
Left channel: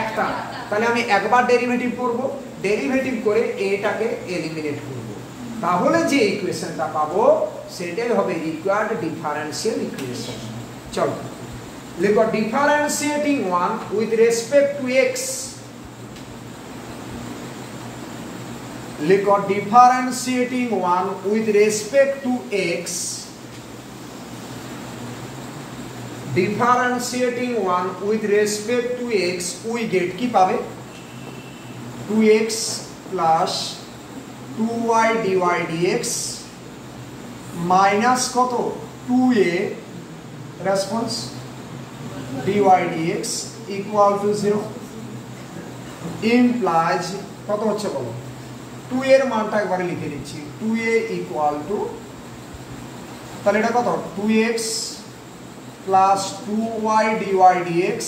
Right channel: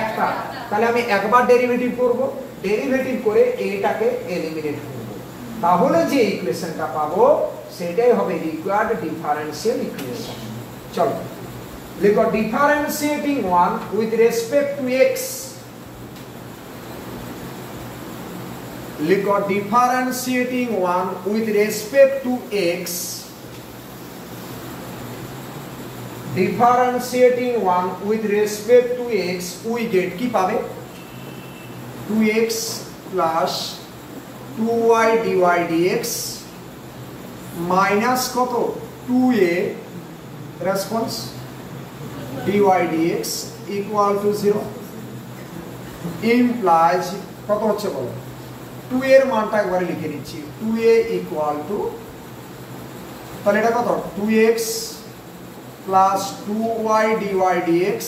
একটা, তাহলে আমি একবার ডেরিভেটিভ করব, ডেরিভেটিভ করে এটাকে এলিমিনেট করব, তাহলে যে ইকুয়েশনটা পাবো সেটাই হবে রিকোয়ার্ড ডিফারেন্সিয়াল ইকুয়েশন। চলো লিখো differentiating one with respect to X, লিখো differentiating one with respect to X, differentiating one with respect to X, we get কি পাবে 2x plus 2y dy dx minus কত 2a response dy dx equal to 0, implies কত হচ্ছে বলো, 2 এর মানটা একবারে লিখে দিচ্ছি, 2a ইকুয়াল টু, তাহলে এটা কত 2x plus 2y dy dx,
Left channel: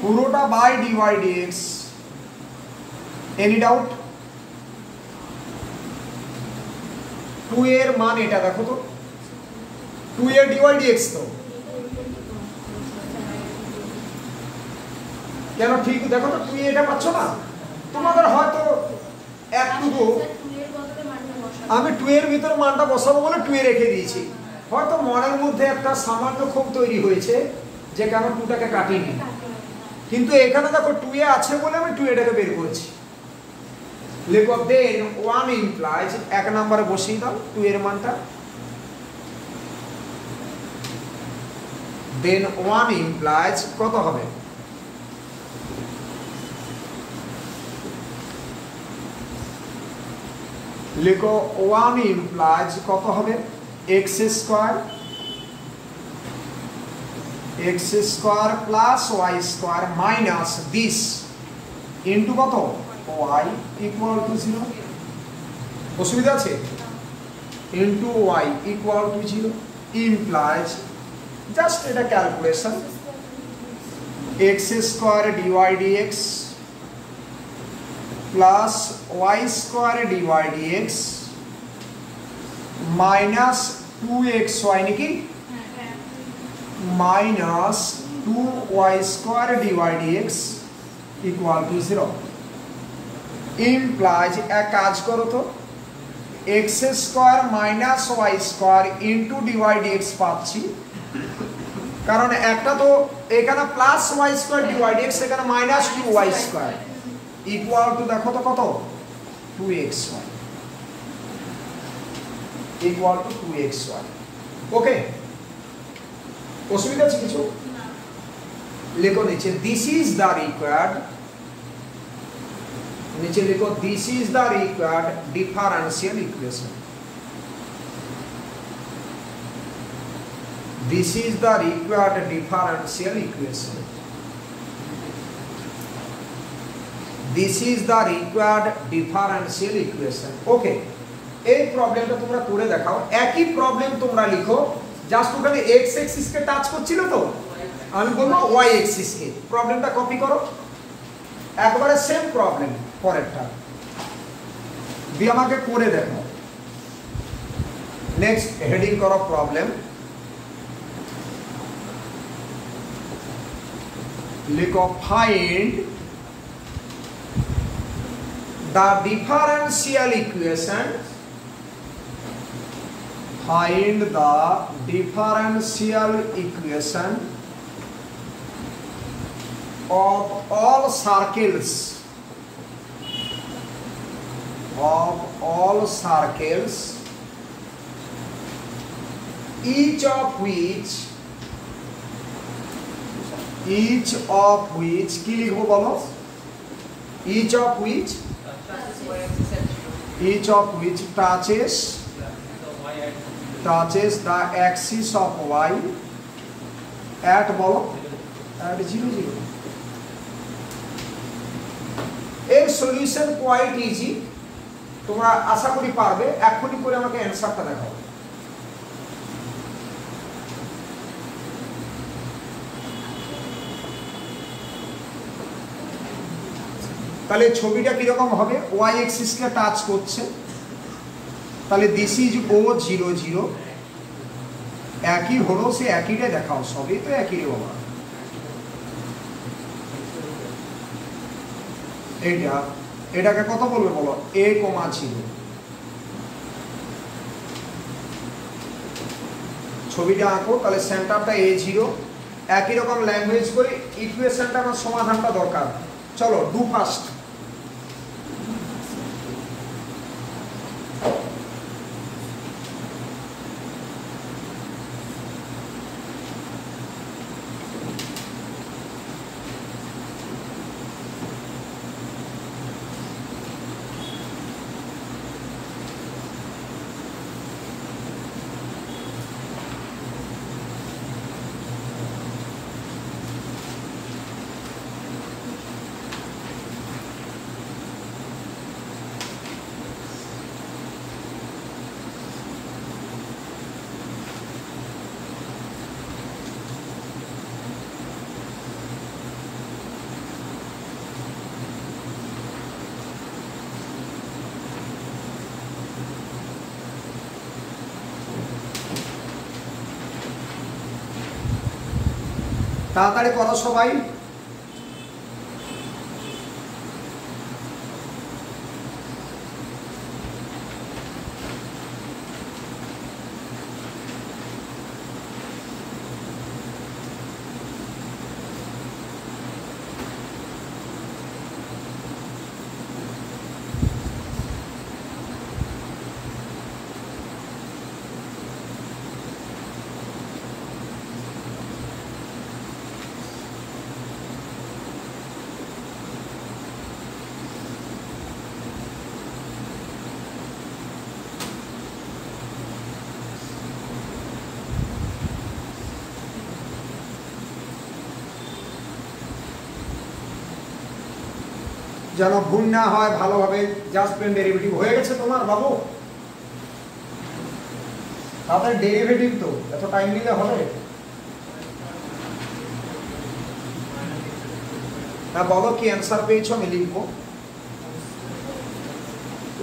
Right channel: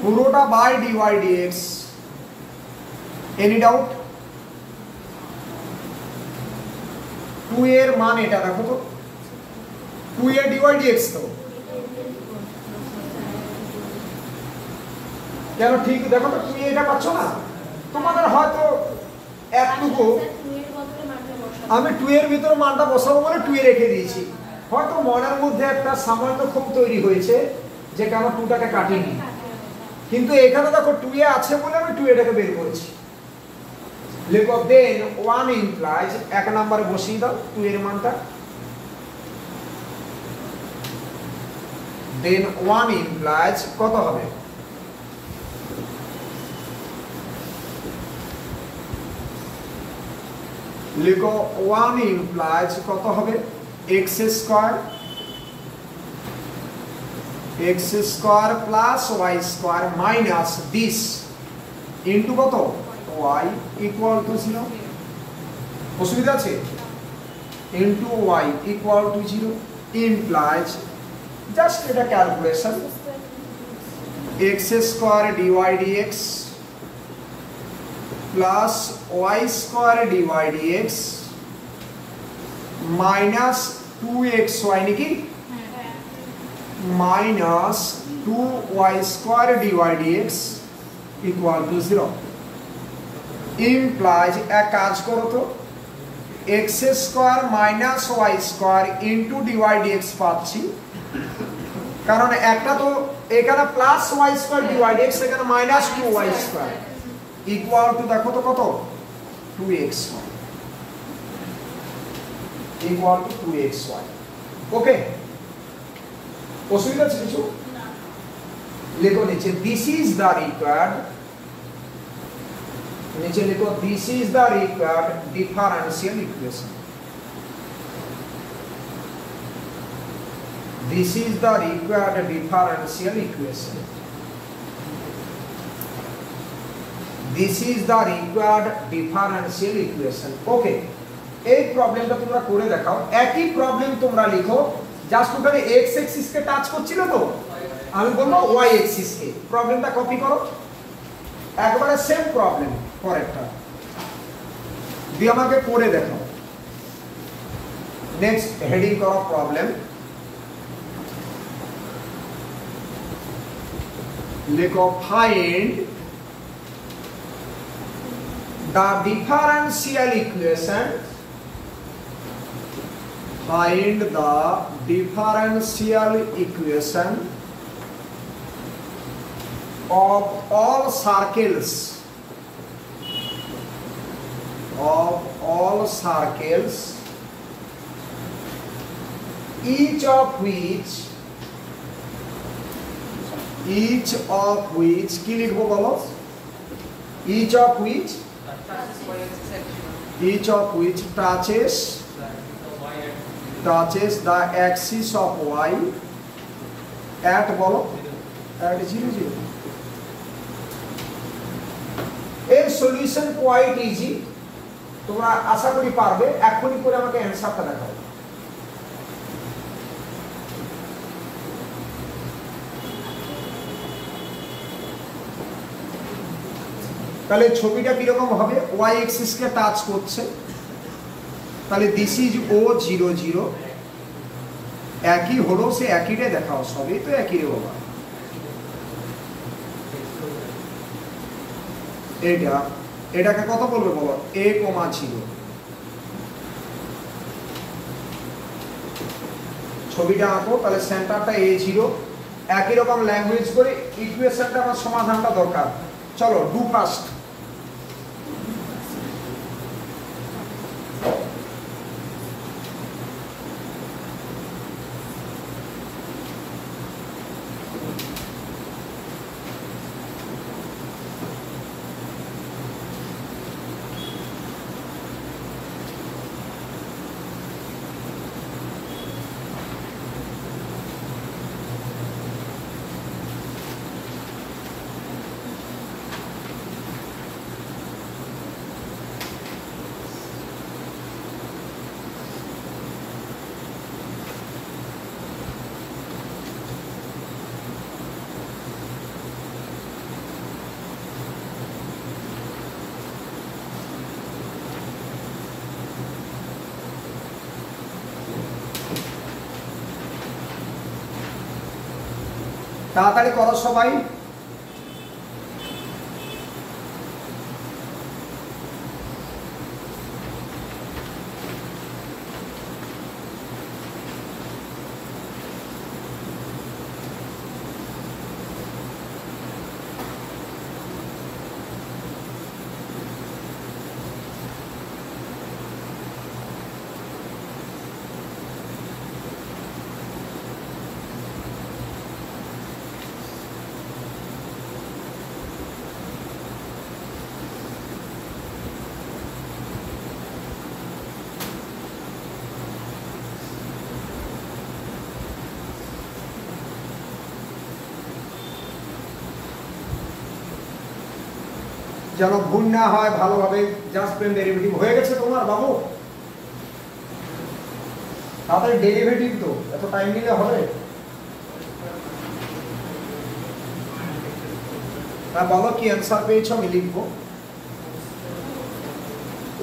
পুরোটা by dy dx, any doubt, 2 এর মান এটা দেখো তো, 2 এর dy dx তো কেন ঠিক দেখো তো, তুমি এটা পাচ্ছ না, তোমাদের হয়তো একটুকু আমি 2 এর ভিতরে মানটা বসাবো বলে 2 এ রেখে দিয়েছি, হয়তো মনের মধ্যে একটা সামান্য খুব তৈরি হয়েছে যে কেন 2টাকে কাটিনি, কিন্তু এখানে দেখো 2 এ আছে বলে আমি 2 এটাকে বের করেছি। লিখো দেন 1 ইমপ্লাইজ, এক নম্বরে বসিয়ে দাও 2 এর মানটা, দেন 1 ইমপ্লাইজ কত হবে, লিখো 1 ইমপ্লাইজ কত হবে x square plus y square minus this into কত y ইকুয়াল টু 0, অসুবিধা আছে, into y equal to 0, implies just এটা calculation x square dy dx plus y square dy dx minus 2xy নাকি minus 2y square dy dx equal to 0, implies এক কাজ করো তো X square minus Y square into dy dx পাচ্ছি, কারণ একটা তো এখানে plus Y square dy dx, এখানে minus 2y square equal to দেখো তো কত 2xy ইকুয়াল টু 2xy। ওকে, অসুবিধা আছে কিছু? লিখো নিচে দিস ইজ দ্য রিকোয়ার্ড, नीचे लिखो this is the required differential equation, this is the required differential equation, this is the required differential equation. Okay, এই প্রবলেমটা তোমরা করে দেখাও। একই প্রবলেম তোমরা লিখো, জাস্ট ওখানে এক্স এক্সিস কে টাচ করছিল তো, আমি বলবো ওয়াই এক্সিস কে। প্রবলেমটা কপি করো, একবারে সেম প্রবলেম পরেরটা দিয়ে আমাকে করে দেখাও। নেক্সট হেডিং করো প্রবলেম, লিখো find the differential equation, find the differential equation of all circles, of all circles, each of which কি লিখবো বলো? each of which touches the axis of y at বলো at 0 0। এর সলিউশন কোয়াইট ইজি, তোমরা আশা করি পারবে। এখনই করে আমাকে অ্যানসারটা দেখাও। তাহলে ছবিটা কি রকম হবে? ওয়াই এক্সিস কে টাচ করছে, তাহলে দিস ইজ ও 0 0, একই হলো, সে একইটা দেখাও, সবই তো একই হলো। এটাকে কত বলবে বলো? a, 0। ছবিটা আঁকো, তাহলে সেন্টারটা a0। একই রকম ল্যাঙ্গুয়েজ করে ইকুয়েশনটা বা সমাধানটা দরকার। চলো ডু ফার্স্ট। তাড়াতাড়ি করো সবাই। যেন ভুল না হয়, ভালোভাবে জাস্ট প্লেন ডেরিভেটিভ হয়ে গেছে তোমার বাবু? তাদের ডেরিভেটিভ তো এত টাইম নিলে হবে? হ্যাঁ বলো, কি অ্যান্সার পেয়েছো? আমি লিখবো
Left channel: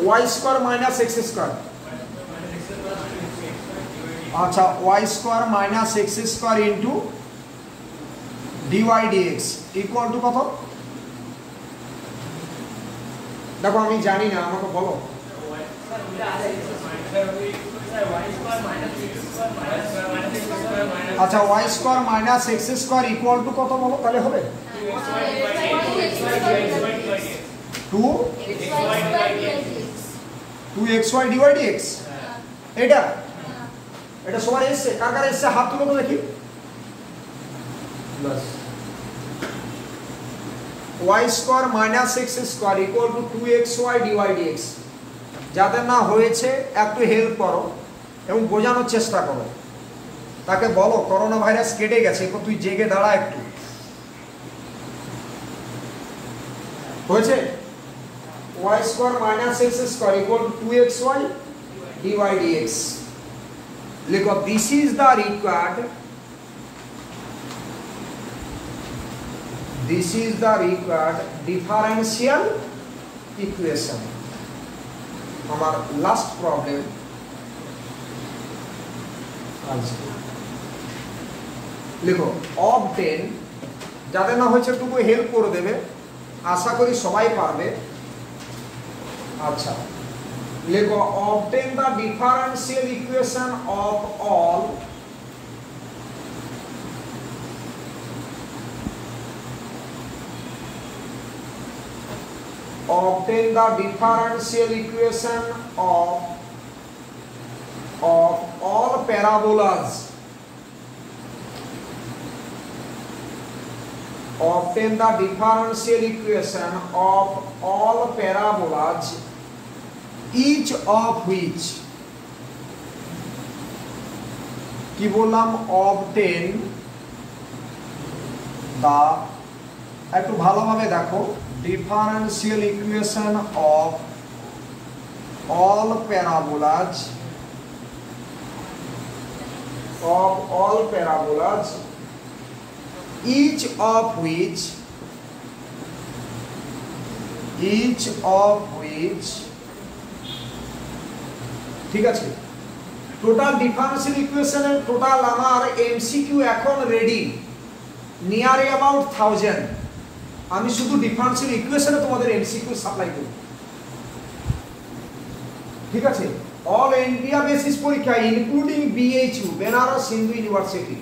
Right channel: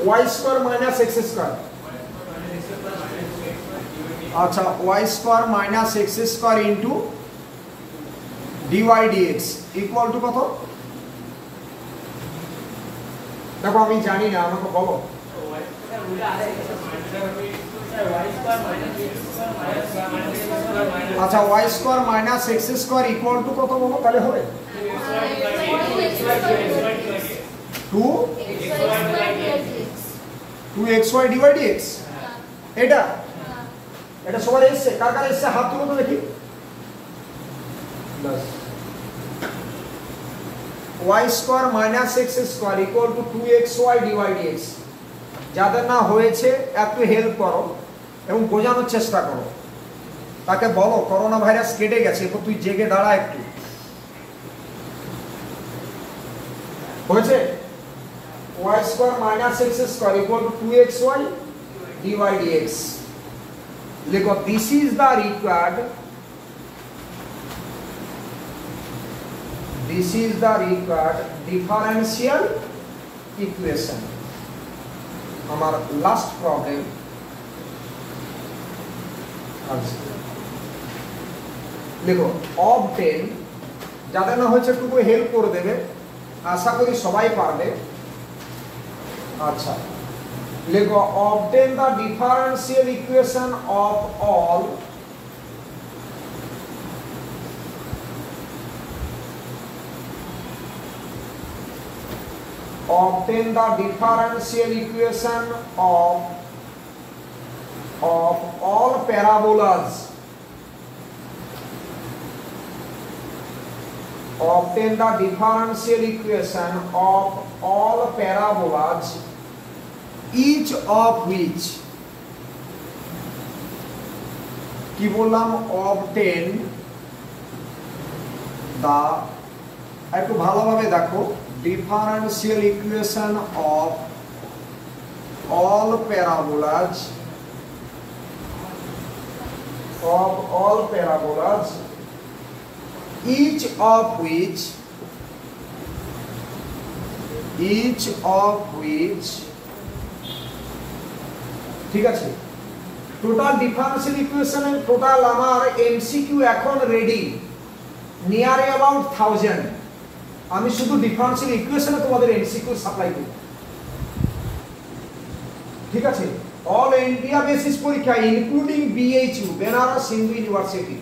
Y square minus X square. আচ্ছা, Y square minus X square into dy dx equal to কত? দেখো আমি জানি না, আমাকে বলো। আচ্ছা y square minus x square equal to কত বলো তাহলে হবে 2xy ডিভাইড x এটা এটা সবার এসে কার কার এসে হাত তুলো তো দেখি বাস y square minus x square equal two 2xy divide x যাদের না হয়েছে একটু হেল্প করো এবং বোঝানোর চেষ্টা করো তাকে বলো করোনা ভাইরাস কেটে গেছে তুই জেগে দাঁড়া একটু হয়েছে y square minus x square equal two 2xy divide x লিখো this is the required differential equation আমার লাস্ট প্রবলেম লিখো অবটেন যাদের না হয়েছে একটু হেল্প করে দেবে আশা করি সবাই পারবে আচ্ছা লিখো obtain the differential equation of all obtain the differential equation of all parabolas. Obtain the differential equation of all parabolas, each of which কি বললাম obtain the একটু ভালোভাবে দেখো differential equation of all parabolas each of which ঠিক আছে total differential ইকুয়েশনের total আমার MCQ এখন রেডি নিয়ার অ্যাবাউট 1000 আমি শুধু ডিফারেন্সিয়াল ইকুয়েশনে তোমাদের এমসিকিউ সাপ্লাই করব ঠিক আছে অল ইন্ডিয়া বেসিস পরীক্ষা including BHU Banaras Hindu university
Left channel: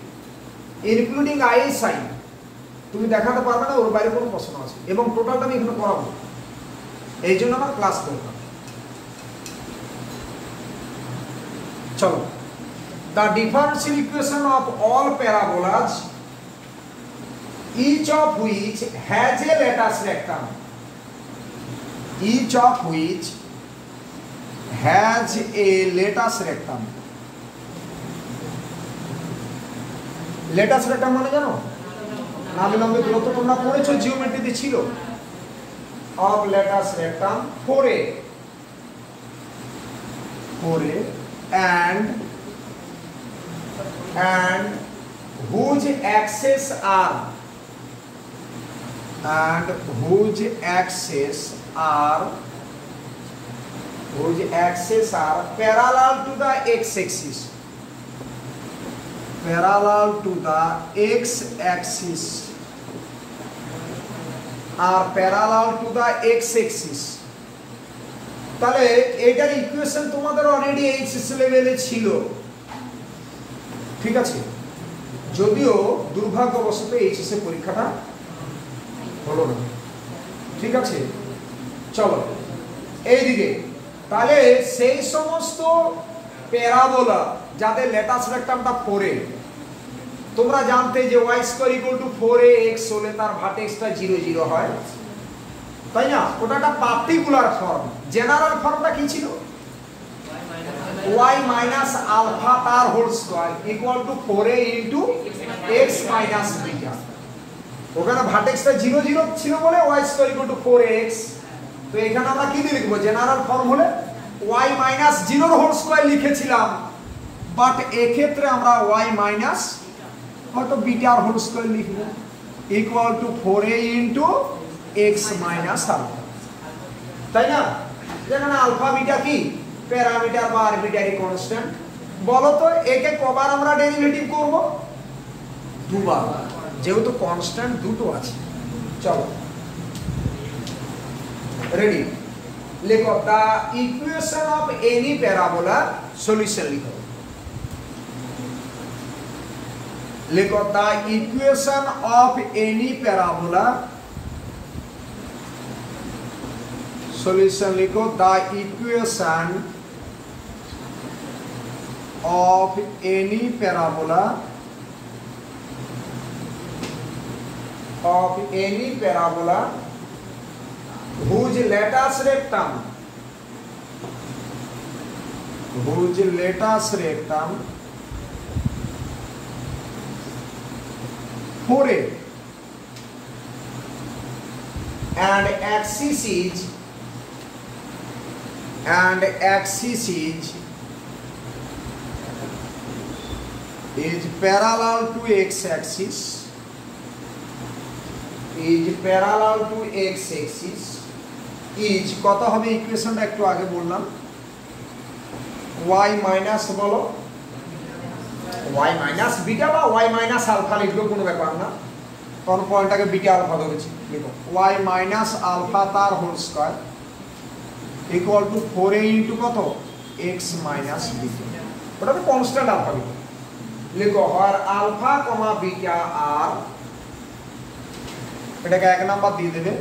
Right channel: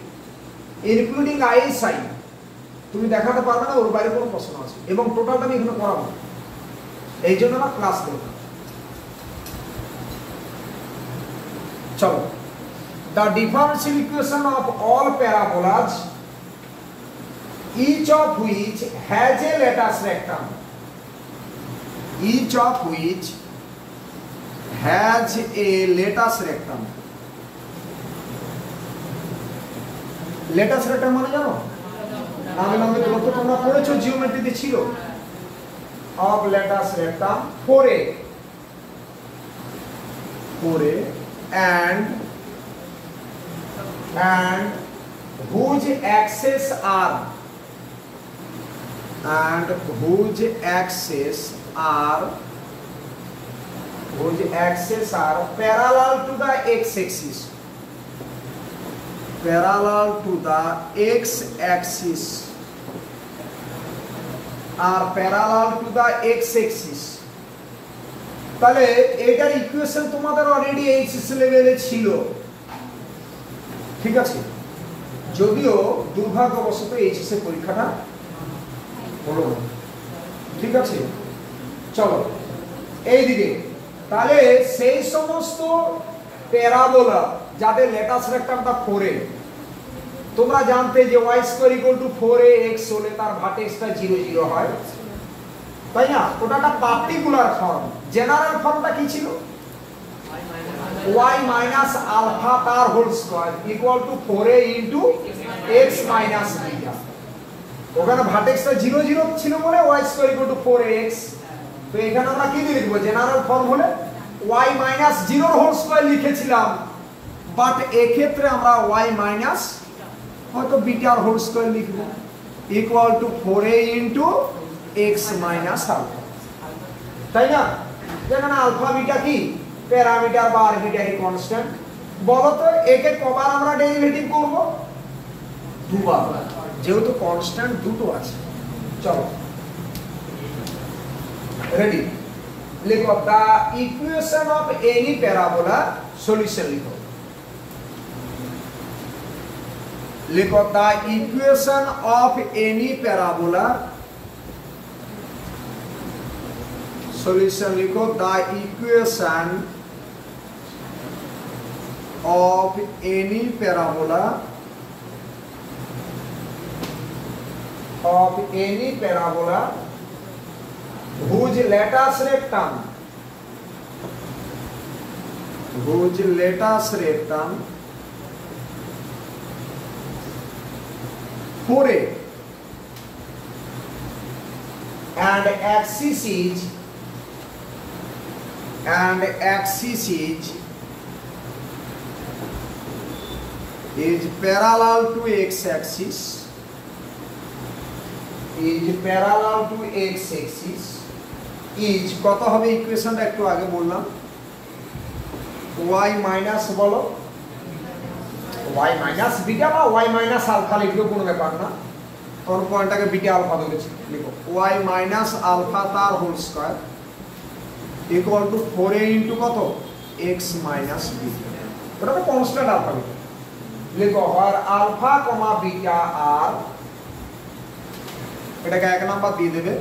including ISI তুমি দেখাতে পারবে না ওর বাইরে কোনো প্রশ্ন আছে এবং টোটালটা আমি এখানে করাবো এই জন্য আমার ক্লাস দেব চলো the differential equation of all parabolas each of which has a latus rectum latus rectum মানে জানো না বিলম্বে দূরত্ব তোমরা পড়েছো জিওমেট্রিতে ছিল অফ latus rectum 4a and whose axes are parallel to the x-axis তাহলে এটার ইকুয়েশন তোমাদের অলরেডি এইচএসসি লেভেলে ছিল ঠিক আছে যদিও দুর্ভাগ্যবশত এইচএসসি পরীক্ষাটা হলো না ঠিক আছে চলো এইদিকে তাহলে সেই সমস্ত প্যারাবোলা যাদের লেটাস রেক্টামটা 4a তোমরা জানতে যে y square equal two 4ax হলে তার ভার্টেক্সটা 0 0 হয় তাই না ওটা একটা পার্টিকুলার ফর্ম জেনারেল ফর্মটা কি ছিল y মাইনাস আলফা তার whole square equal to 4a into x minus beta ওখানে ভার্টেক্সটা 0 0 ছিল বলে y square equal two 4ax তো এখানে আমরা কি লিখব জেনারেল ফর্ম হলে y মাইনাস 0 এর হোল স্কয়ার লিখেছিলাম বাট এই ক্ষেত্রে আমরা y মাইনাস হয়তো বিটার হোল স্কয়ার লিখব equal to 4a into x minus alpha তাই না যেখানে আলফা বিটা কি প্যারামিটার বা আরবিটারি কনস্ট্যান্ট বলো তো একে কবার আমরা ডেরিভেটিভ করব দুবার যেহেতু কনস্ট্যান্ট দুটো আছে চলো রেডি लिखो the equation of any parabola solution लिखो लिखो the equation of any parabola solution लिखो the equation of any parabola whose lattice rectum 4a and axis is parallel to x-axis is কত হবে ইকুয়েশনটা একটু আগে বললাম y মাইনাস বলো y মাইনাস বিটা বা y মাইনাস আলফা লিখলেও কোনো ব্যাপার না কারণ পয়েন্টটাকে বিটা আলফা ধরেছি লিখো y মাইনাস আলফা তার whole square equal to 4a into কত x মাইনাস বিটা ওটা তো কনস্ট্যান্ট আলফা বিটা লিখো আর আলফা কমা বিটা আর এটাকে এক নাম্বার দিয়ে দেবে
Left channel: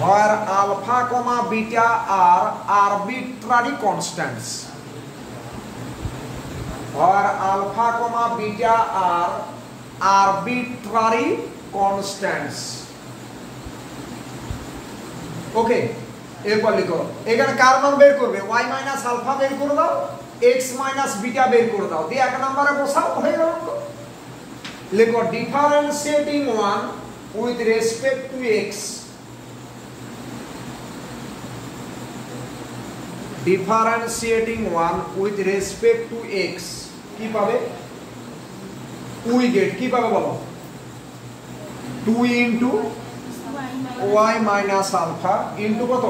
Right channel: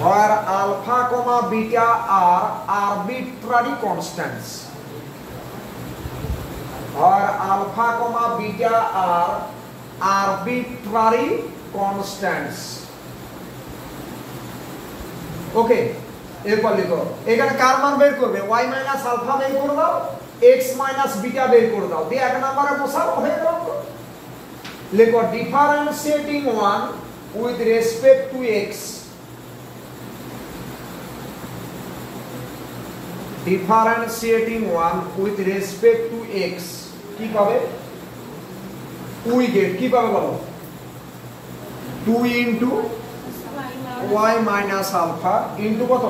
where alpha comma beta are arbitrary constants where alpha comma beta are arbitrary constants ওকে এরপর লিখো এখানে কার মান বের করবে y মাইনাস আলফা বের করে দাও x মাইনাস বিটা বের করে দাও দিয়ে এক নম্বরে বসাও হয়ে গেল লিখো differentiating one with respect to x differentiating one with respect to x কি পাবে we get কি পাবে বলো 2 into y minus alpha into কত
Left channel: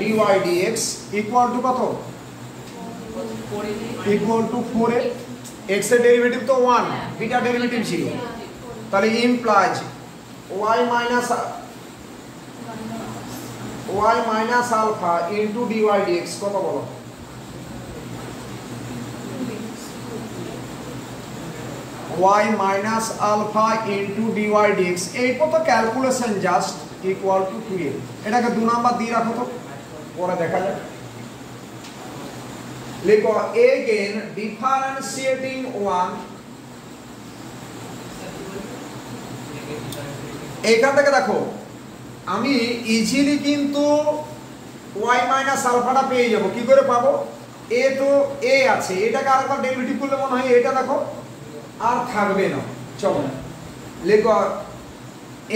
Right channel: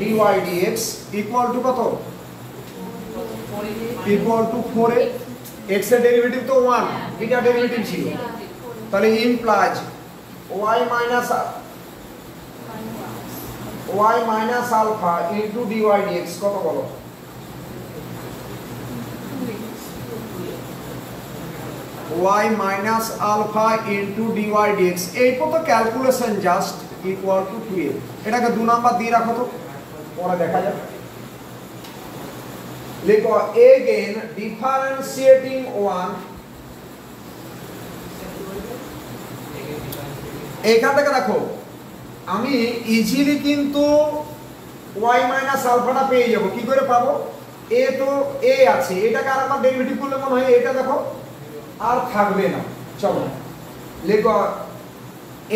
dy dx equal to কত equal to 4a x এর ডেরিভেটিভ তো 1 বিটা ডেরিভেটিভ ছিল তাহলে implies y minus alpha into dy dx কত বলো y minus alpha into dy dx এই কত calculation just equal to 2a এটাকে 2 নাম্বার দিয়ে রাখো তো পরে দেখা যাবে লিখো again differentiating one এইখান থেকে দেখো আমি ইজিলি কিন্তু y মাইনাস আলফাটা পেয়ে যাব কি করে পাবো a তো a আছে এটাকে আরেকবার ডেরিভেটিভ করলে মনে হয় এটা দেখো আর থাকবে না চলো লিখো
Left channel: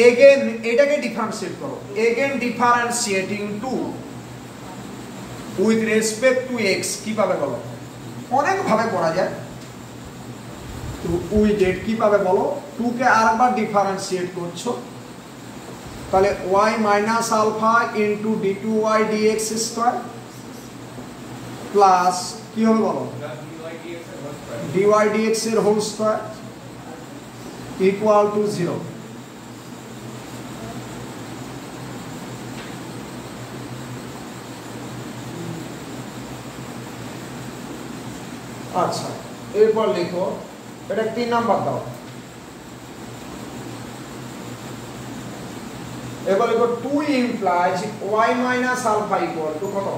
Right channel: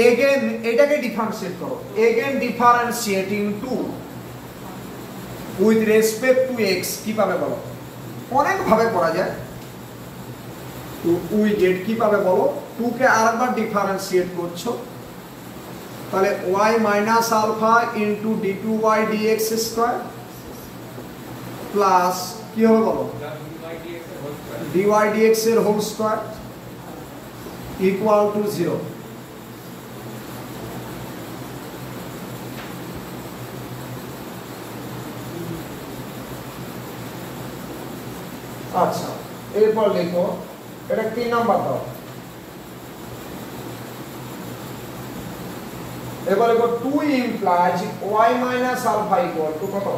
again এটাকে ডিফারেন্সিয়েট করো again differentiating 2 with respect to x কি পাবে বলো অনেক ভাবে করা যায় তো we get কি পাবে বলো 2 কে আরেকবার ডিফারেন্সিয়েট করছো তাহলে y minus alpha into d2y dx square plus কি হবে বলো dy dx এর হোল স্কয়ার ইকুয়াল টু 0 আচ্ছা এরপর লিখো এটা 3 নাম্বার দাও এবার লিখো 2 implies y minus alpha equal to কত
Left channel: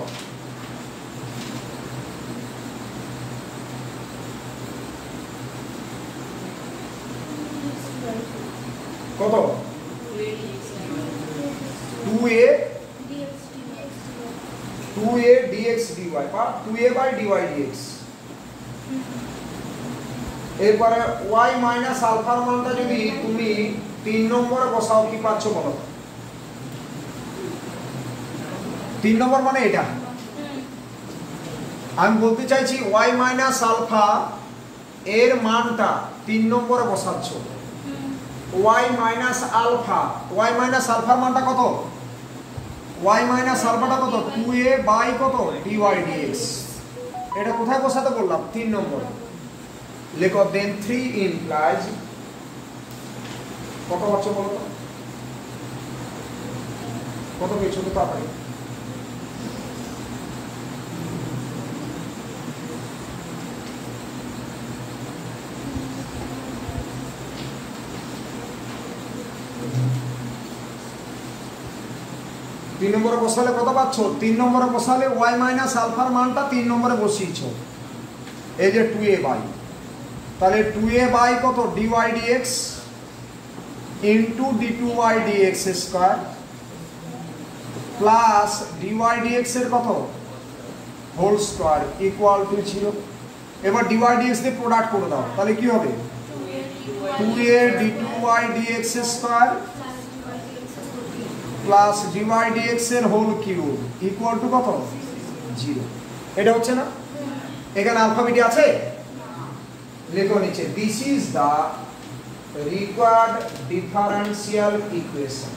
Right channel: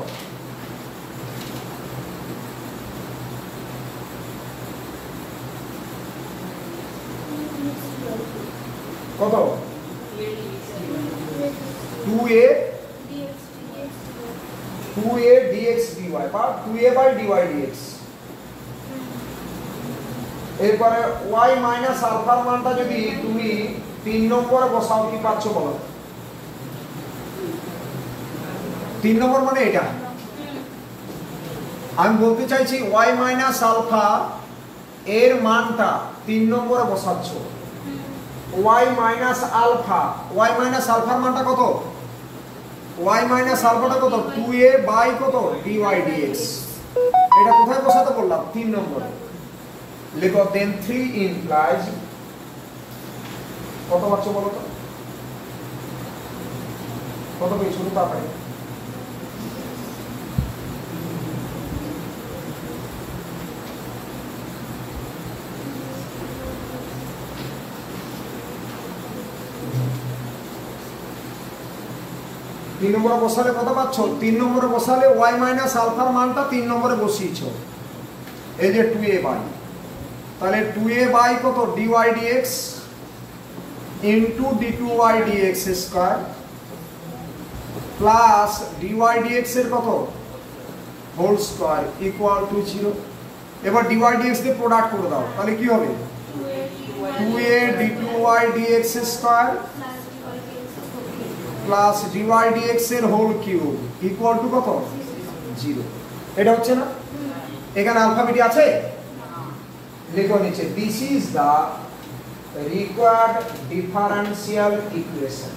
কত 2a dx dy বা 2a by dy dx এরপরে y minus alpha এর মানটা যদি তুমি 3 নম্বরে বসাও কি পাচ্ছ বলো 3 নম্বর মানে এটা আমি বলতে চাইছি y minus alpha এর মানটা 3 নম্বরে বসাচ্ছ y minus alpha এর মানটা কত y minus alpha টা কত 2a by কত dy dx এটা কোথায় বসাতে বললাম 3 নম্বরে লিখো then 3 implies কত হচ্ছে বলো তো কত পেয়েছো তো তাড়াতাড়ি 3 নম্বরে বসালে কত পাচ্ছ? 3 নম্বরে বসালে y মাইনাস আলফার মানটা 3 নম্বরে বসিয়েছো, এই যে 2a বাই, তাহলে 2a বাই কত dy dx into d2y dx square plus dy dx এর কত হোল স্কয়ার ইকুয়াল টু 0। এবার dy dx দিয়ে প্রোডাক্ট করে দাও, তাহলে কি হবে? 2a d2y dx square plus dy dx এর হোল কিউব ইকুয়াল টু কত? 0। এটা হচ্ছে না? এখানে আলফাবেটি আছে, লেখো নিচে this is the required differential equation.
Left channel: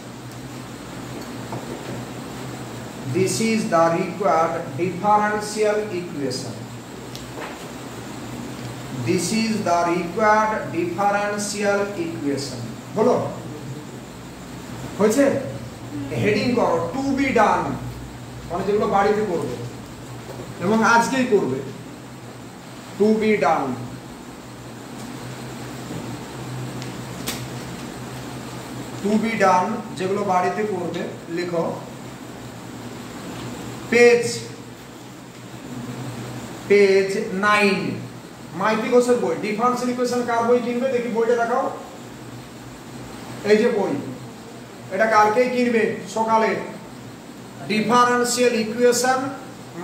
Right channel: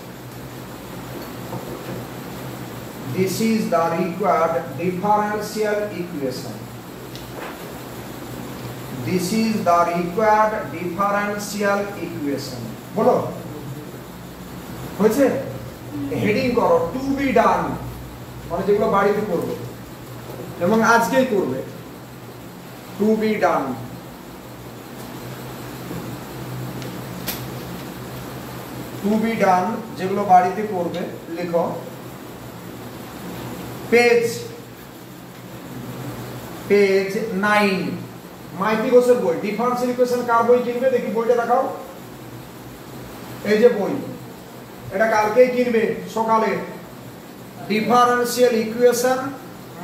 This is the required differential equation. This is the required differential equation. বলো হয়েছে? হেডিং করো টু বি ডান, মানে যেগুলো বাড়িতে করবে এবং আজকেই করবে, to be done. To be done যেগুলো বাড়িতে করবে লিখো পেজ 9 মাইতি ঘোষের বই ডিফারেন্সিয়াল ইকুয়েশন। কার বই কিনবে দেখি, বইটা দেখাও। এই যে বই, এটা কালকেই কিনবে সকালে, differential equation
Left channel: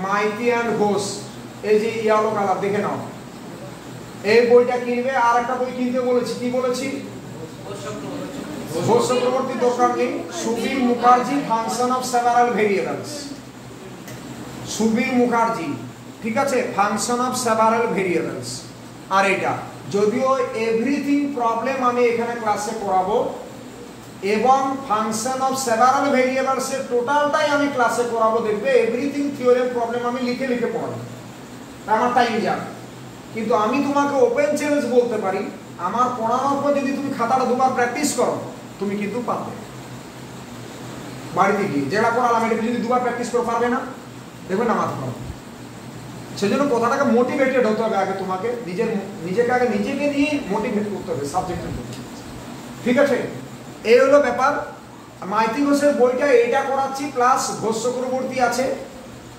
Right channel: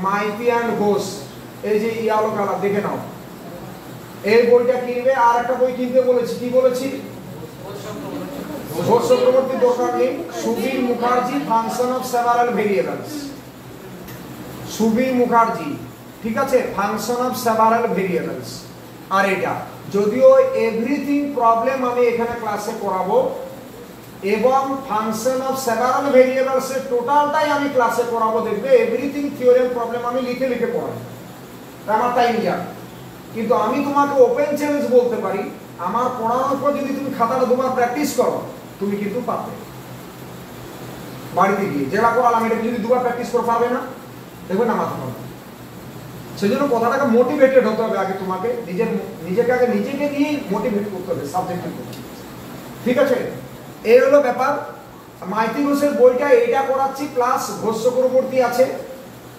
Maiti and Ghosh, এই যে ইয়েলো কালার দেখে নাও, এই বইটা কিনবে। আর একটা বই কিনতে বলেছি, কি বলেছি? ঘোষ চক্রবর্তী দোকান নেই, Subir Mukherjee function of several variables, Subir Mukherjee, ঠিক আছে, ফাংশন অফ সেভারাল ভেরিয়েবলস। আর এটা যদিও এভরিথিং প্রবলেম আমি এখানে ক্লাসে করাবো এবং ফাংশন অফ সেভারাল ভেরিয়েবলস এর টোটালটাই আমি ক্লাসে করাবো, দেখবে এভরিথিং থিওরেম প্রবলেম আমি লিখে লিখে পড়াবো, আমার টাইম যাবে। কিন্তু আমি তোমাকে ওপেন চ্যালেঞ্জ বলতে পারি, আমার পড়ানোর পর যদি তুমি খাতাটা দুবার প্র্যাকটিস করো তুমি কিন্তু পারবে। বাড়িতে গিয়ে যেটা পড়ালাম এটা যদি দুবার প্র্যাকটিস করে পারবে না, দেখবে না মাথা খারাপ। সেজন্য কথাটাকে মোটিভেটেড হতে হবে আগে, তোমাকে নিজেকে আগে নিজেকে নিয়ে মোটিভেট করতে হবে সাবজেক্টের প্রতি, ঠিক আছে? এই হলো ব্যাপার। মাইতি ঘোষের বইটা এইটা করাচ্ছি, প্লাস ঘোষ চক্রবর্তী আছে,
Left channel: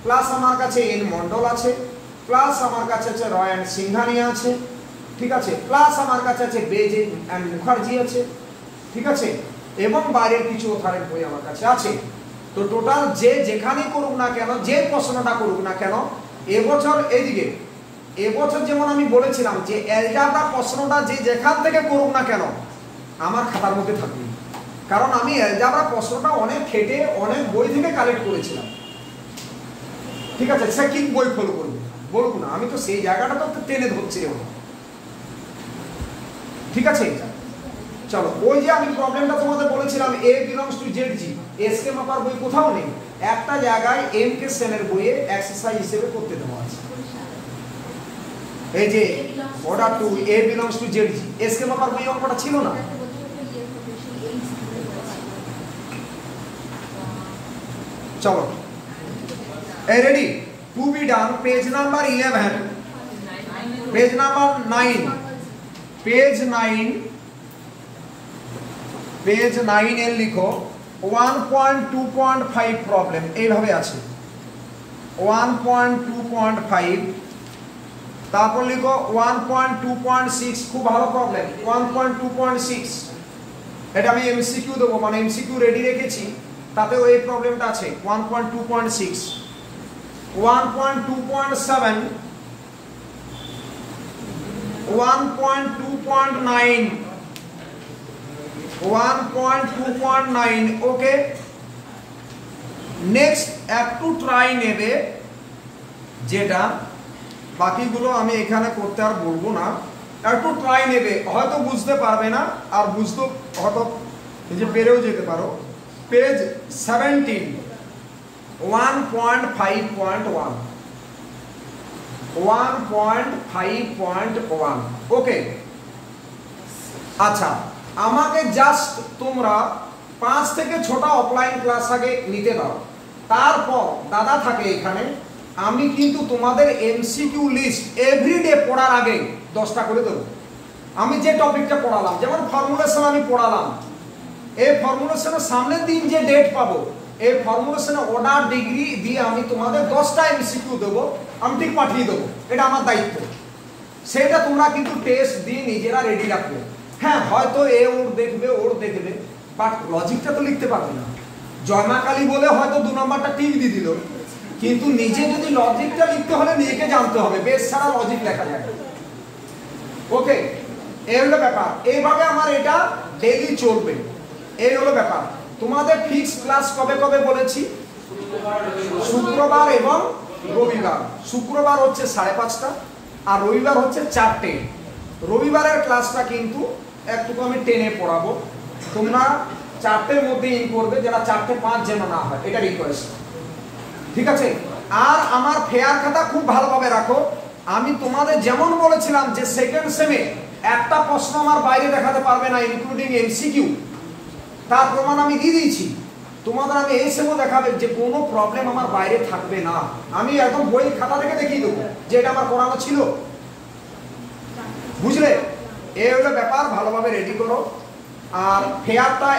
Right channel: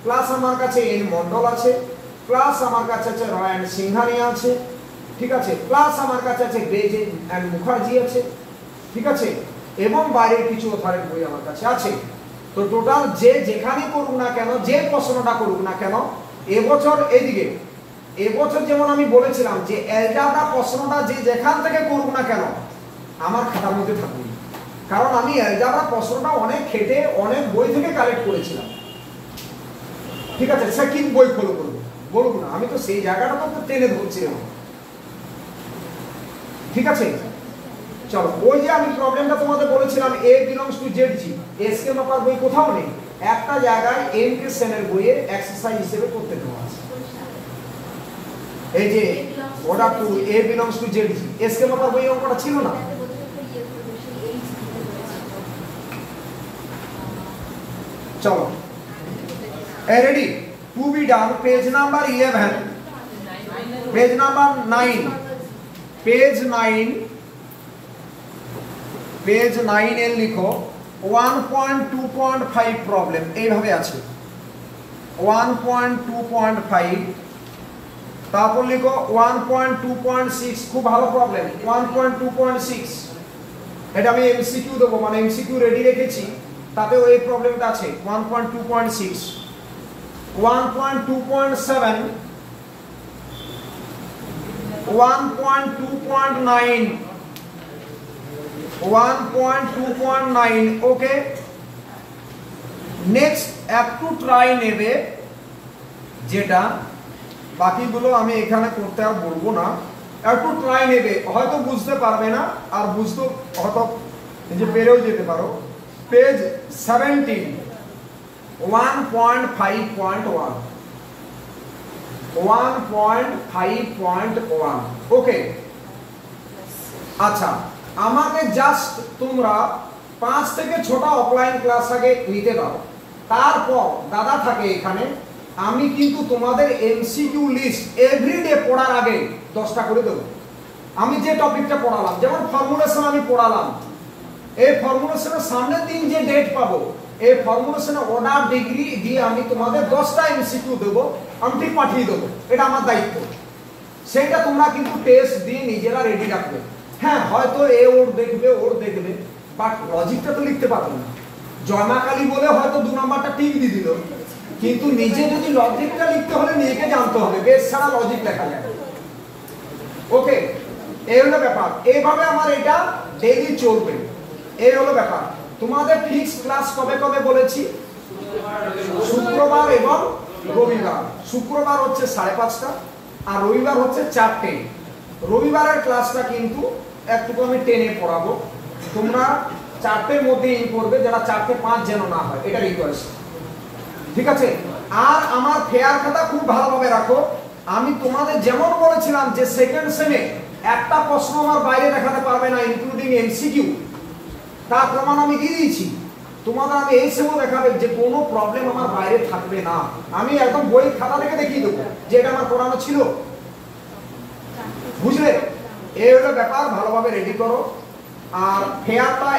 প্লাস আমার কাছে এন মন্ডল আছে, প্লাস আমার কাছে আছে রয় অ্যান্ড সিংহানি আছে, ঠিক আছে, প্লাস আমার কাছে আছে বেজ অ্যান্ড মুখার্জি আছে, ঠিক আছে, এবং বাইরের কিছু অথরিটি বই আমার কাছে আছে। তো টোটাল যে যেখানে করুক না কেন, যে প্রশ্নটা করুক না কেন, এবছর এইদিকে এবছর যেমন আমি বলেছিলাম যে অ্যালজেব্রা প্রশ্নটা যে যেখান থেকে করুক না কেন আমার খাতার মধ্যে থাকবে, কারণ আমি অ্যালজেব্রা প্রশ্নটা অনেক খেটে অনেক বই থেকে কালেক্ট করেছিলাম, ঠিক আছে? সে কি বই ফলো করবো বলবো না, আমি তো সেই জায়গাটা তো টেনে ধরছি, ঠিক আছে? চলো, ওই যে আমি প্রবলেমটা তোমাদের বলেছিলাম a belongs to zg, SK মাপার বই কোথাও নেই, একটা জায়গায় এম কে সেনের বইয়ে এক্সারসাইজ হিসেবে করতে দেওয়া আছে। এই যে order two a belongs to zg, SK মাপার বই অঙ্কটা ছিল না। চলো, ready? To be done, page number 11, page number 9, page 9, page 9 এর লিখো 1.2.5 প্রবলেম, এইভাবে আছে 1.2.5, তারপর লিখো 1.2.6, খুব ভালো প্রবলেম 1.2.6, এটা আমি এমসিকিউ দেবো, মানে এমসিকিউ রেডি রেখেছি, তাতে ওই প্রবলেমটা আছে 1.2.6, 1.2.7, 1.2.9, 1.2.9, ওকে। নেক্সট একটু ট্রাই নেবে, যেটা বাকিগুলো আমি এখানে করতে আর বলবো না, একটু ট্রাই নেবে, হয়তো বুঝতে পারবে না, আর বুঝতে হয়তো যে পেরেও যেতে পারো। পেজ 17, 1.5.1, 1.5.1, ওকে। আচ্ছা, আমাকে জাস্ট তোমরা 5 থেকে 6টা অফলাইন ক্লাস আগে নিতে দাও, তারপর দাদা থাকে এখানে, আমি কিন্তু তোমাদের এমসিকিউ লিস্ট এভরিডে পড়ার আগে 10টা করে দেবো। আমি যে টপিকটা পড়ালাম, যেমন ফর্মুলেশন আমি পড়ালাম, এই ফর্মুলেশনের সামনের দিন যে ডেট পাবো এই ফর্মুলেশনে অর্ডার ডিগ্রি দিয়ে আমি তোমাদের 10টা এমসিকিউ দেব, আমি ঠিক পাঠিয়ে দেবো, এটা আমার দায়িত্ব। সেটা তোমরা কিন্তু টেস্ট দিয়ে নিজেরা রেডি রাখবে। হ্যাঁ হয়তো ওর দেখবে বাট লজিকটা তো লিখতে পারবে না। জয়মাকালী বলে হয়তো 2 নম্বরটা ঠিক দিয়ে দিল, কিন্তু নিজে যদি লজিকটা লিখতে হলে নিজেকে জানতে হবে, বেশ সারা লজিক লেখা যায়। ওকে, এই হলো ব্যাপার। এইভাবে আমার এটা ডেইলি চলবে, এই হলো ব্যাপার। তোমাদের ফিক্স ক্লাস কবে কবে বলেছি? শুক্রবার এবং রবিবার। শুক্রবার হচ্ছে 5:30টা আর রবিবার হচ্ছে 4টে। রবিবারের ক্লাসটা কিন্তু একটু আমি 10-এ পড়াবো, তোমরা 4টের মধ্যে ইন করবে, যারা 4:05 যেন না হয়, এটা রিকোয়েস্ট, ঠিক আছে? আর আমার ফেয়ার খাতা খুব ভালোভাবে রাখো। আমি তোমাদের যেমন বলেছিলাম যে সেকেন্ড সেমে একটা প্রশ্ন আমার বাইরে দেখাতে পারবে না, ইনক্লুডিং এমসিকিউ, তার প্রমাণ আমি দিয়ে দিয়েছি। তোমাদের আমি এই সেমও দেখাবে যে কোনো প্রবলেম আমার বাইরে থাকবে না। আমি একদম বই খাতা থেকে দেখিয়ে দেবো যে এটা আমার পড়ানো ছিল, বুঝলে? এই হলো ব্যাপার, ভালোভাবে রেডি করো। আর ফেয়ারটা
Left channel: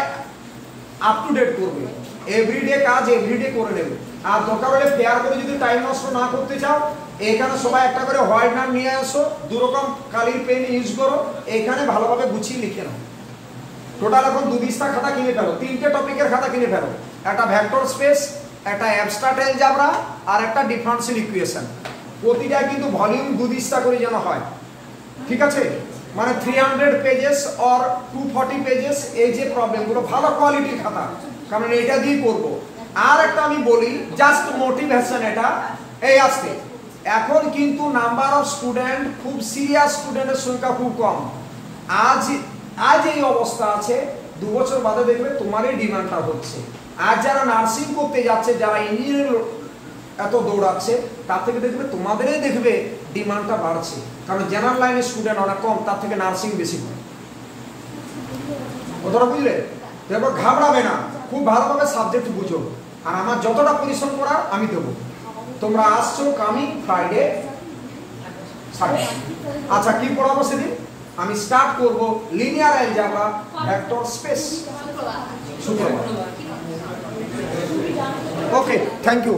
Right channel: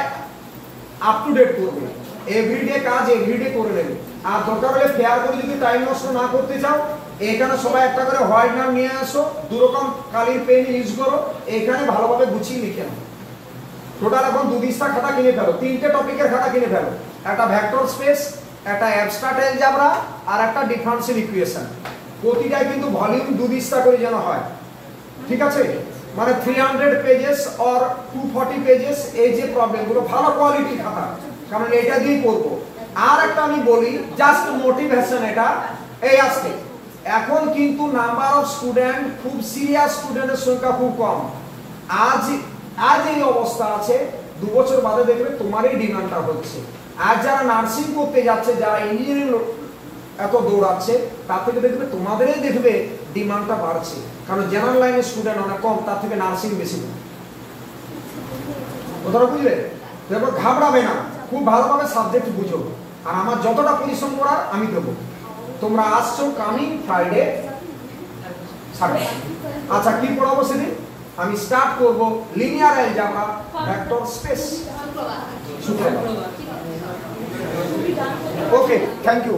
আপ টু ডেট করবে, এভরিডে কাজ এভরিডে করে নেবে। আর দরকার হলে ফেয়ার করে যদি টাইম নষ্ট না করতে চাও, এখানে সবাই একটা করে হোয়াইট নাম নিয়ে আসো, 2 রকম কালির পেন ইউজ করো, এখানে ভালোভাবে গুছিয়ে লিখে নাও। টোটাল এখন 2 পৃষ্ঠা খাতা কিনে ফেলো, 3টে টপিকের খাতা কিনে ফেলো, একটা ভেক্টর স্পেস, একটা অ্যাবস্ট্রাক্ট অ্যালজেব্রা আর একটা ডিফারেন্সিয়াল ইকুয়েশন। প্রতিটাই কিন্তু ভলিউম 2 পৃষ্ঠা করে যেন হয়, ঠিক আছে? মানে 300 পেজেস অর 240 পেজেস, এই যে প্রবলেমগুলো, ভালো কোয়ালিটির খাতা, কারণ এটা দিয়ে করবো। আর একটা আমি বলি, জাস্ট মোটিভেশন, এটা এই আসছে। এখন কিন্তু নাম্বার অফ স্টুডেন্ট, খুব সিরিয়াস স্টুডেন্টের সংখ্যা খুব কম। আজ এই অবস্থা আছে, 2 বছর বাদে দেখবে তোমারই ডিমান্ডটা হচ্ছে। আর যারা নার্সিং করতে যাচ্ছে, যারা ইঞ্জিনিয়ারিং এত দৌড়াচ্ছে, তার থেকে দেখবে তোমাদেরই দেখবে ডিমান্ডটা বাড়ছে, কারণ জেনারেল লাইনের স্টুডেন্ট অনেক কম, তার থেকে নার্সিং বেশি কম। কথাটা বুঝলে? দেখো ঘাবড়াবে না, খুব ভালোভাবে সাবজেক্ট বুঝো, আর আমার যতটা পরিশ্রম করার আমি দেবো। তোমরা আসছো কামিং ফ্রাইডে। আচ্ছা কি পড়াবো সেদিন? আমি স্টার্ট করব লিনিয়ার অ্যালজেব্রা, ভেক্টর স্পেস, শুক্রবার। ওকে, থ্যাংক ইউ।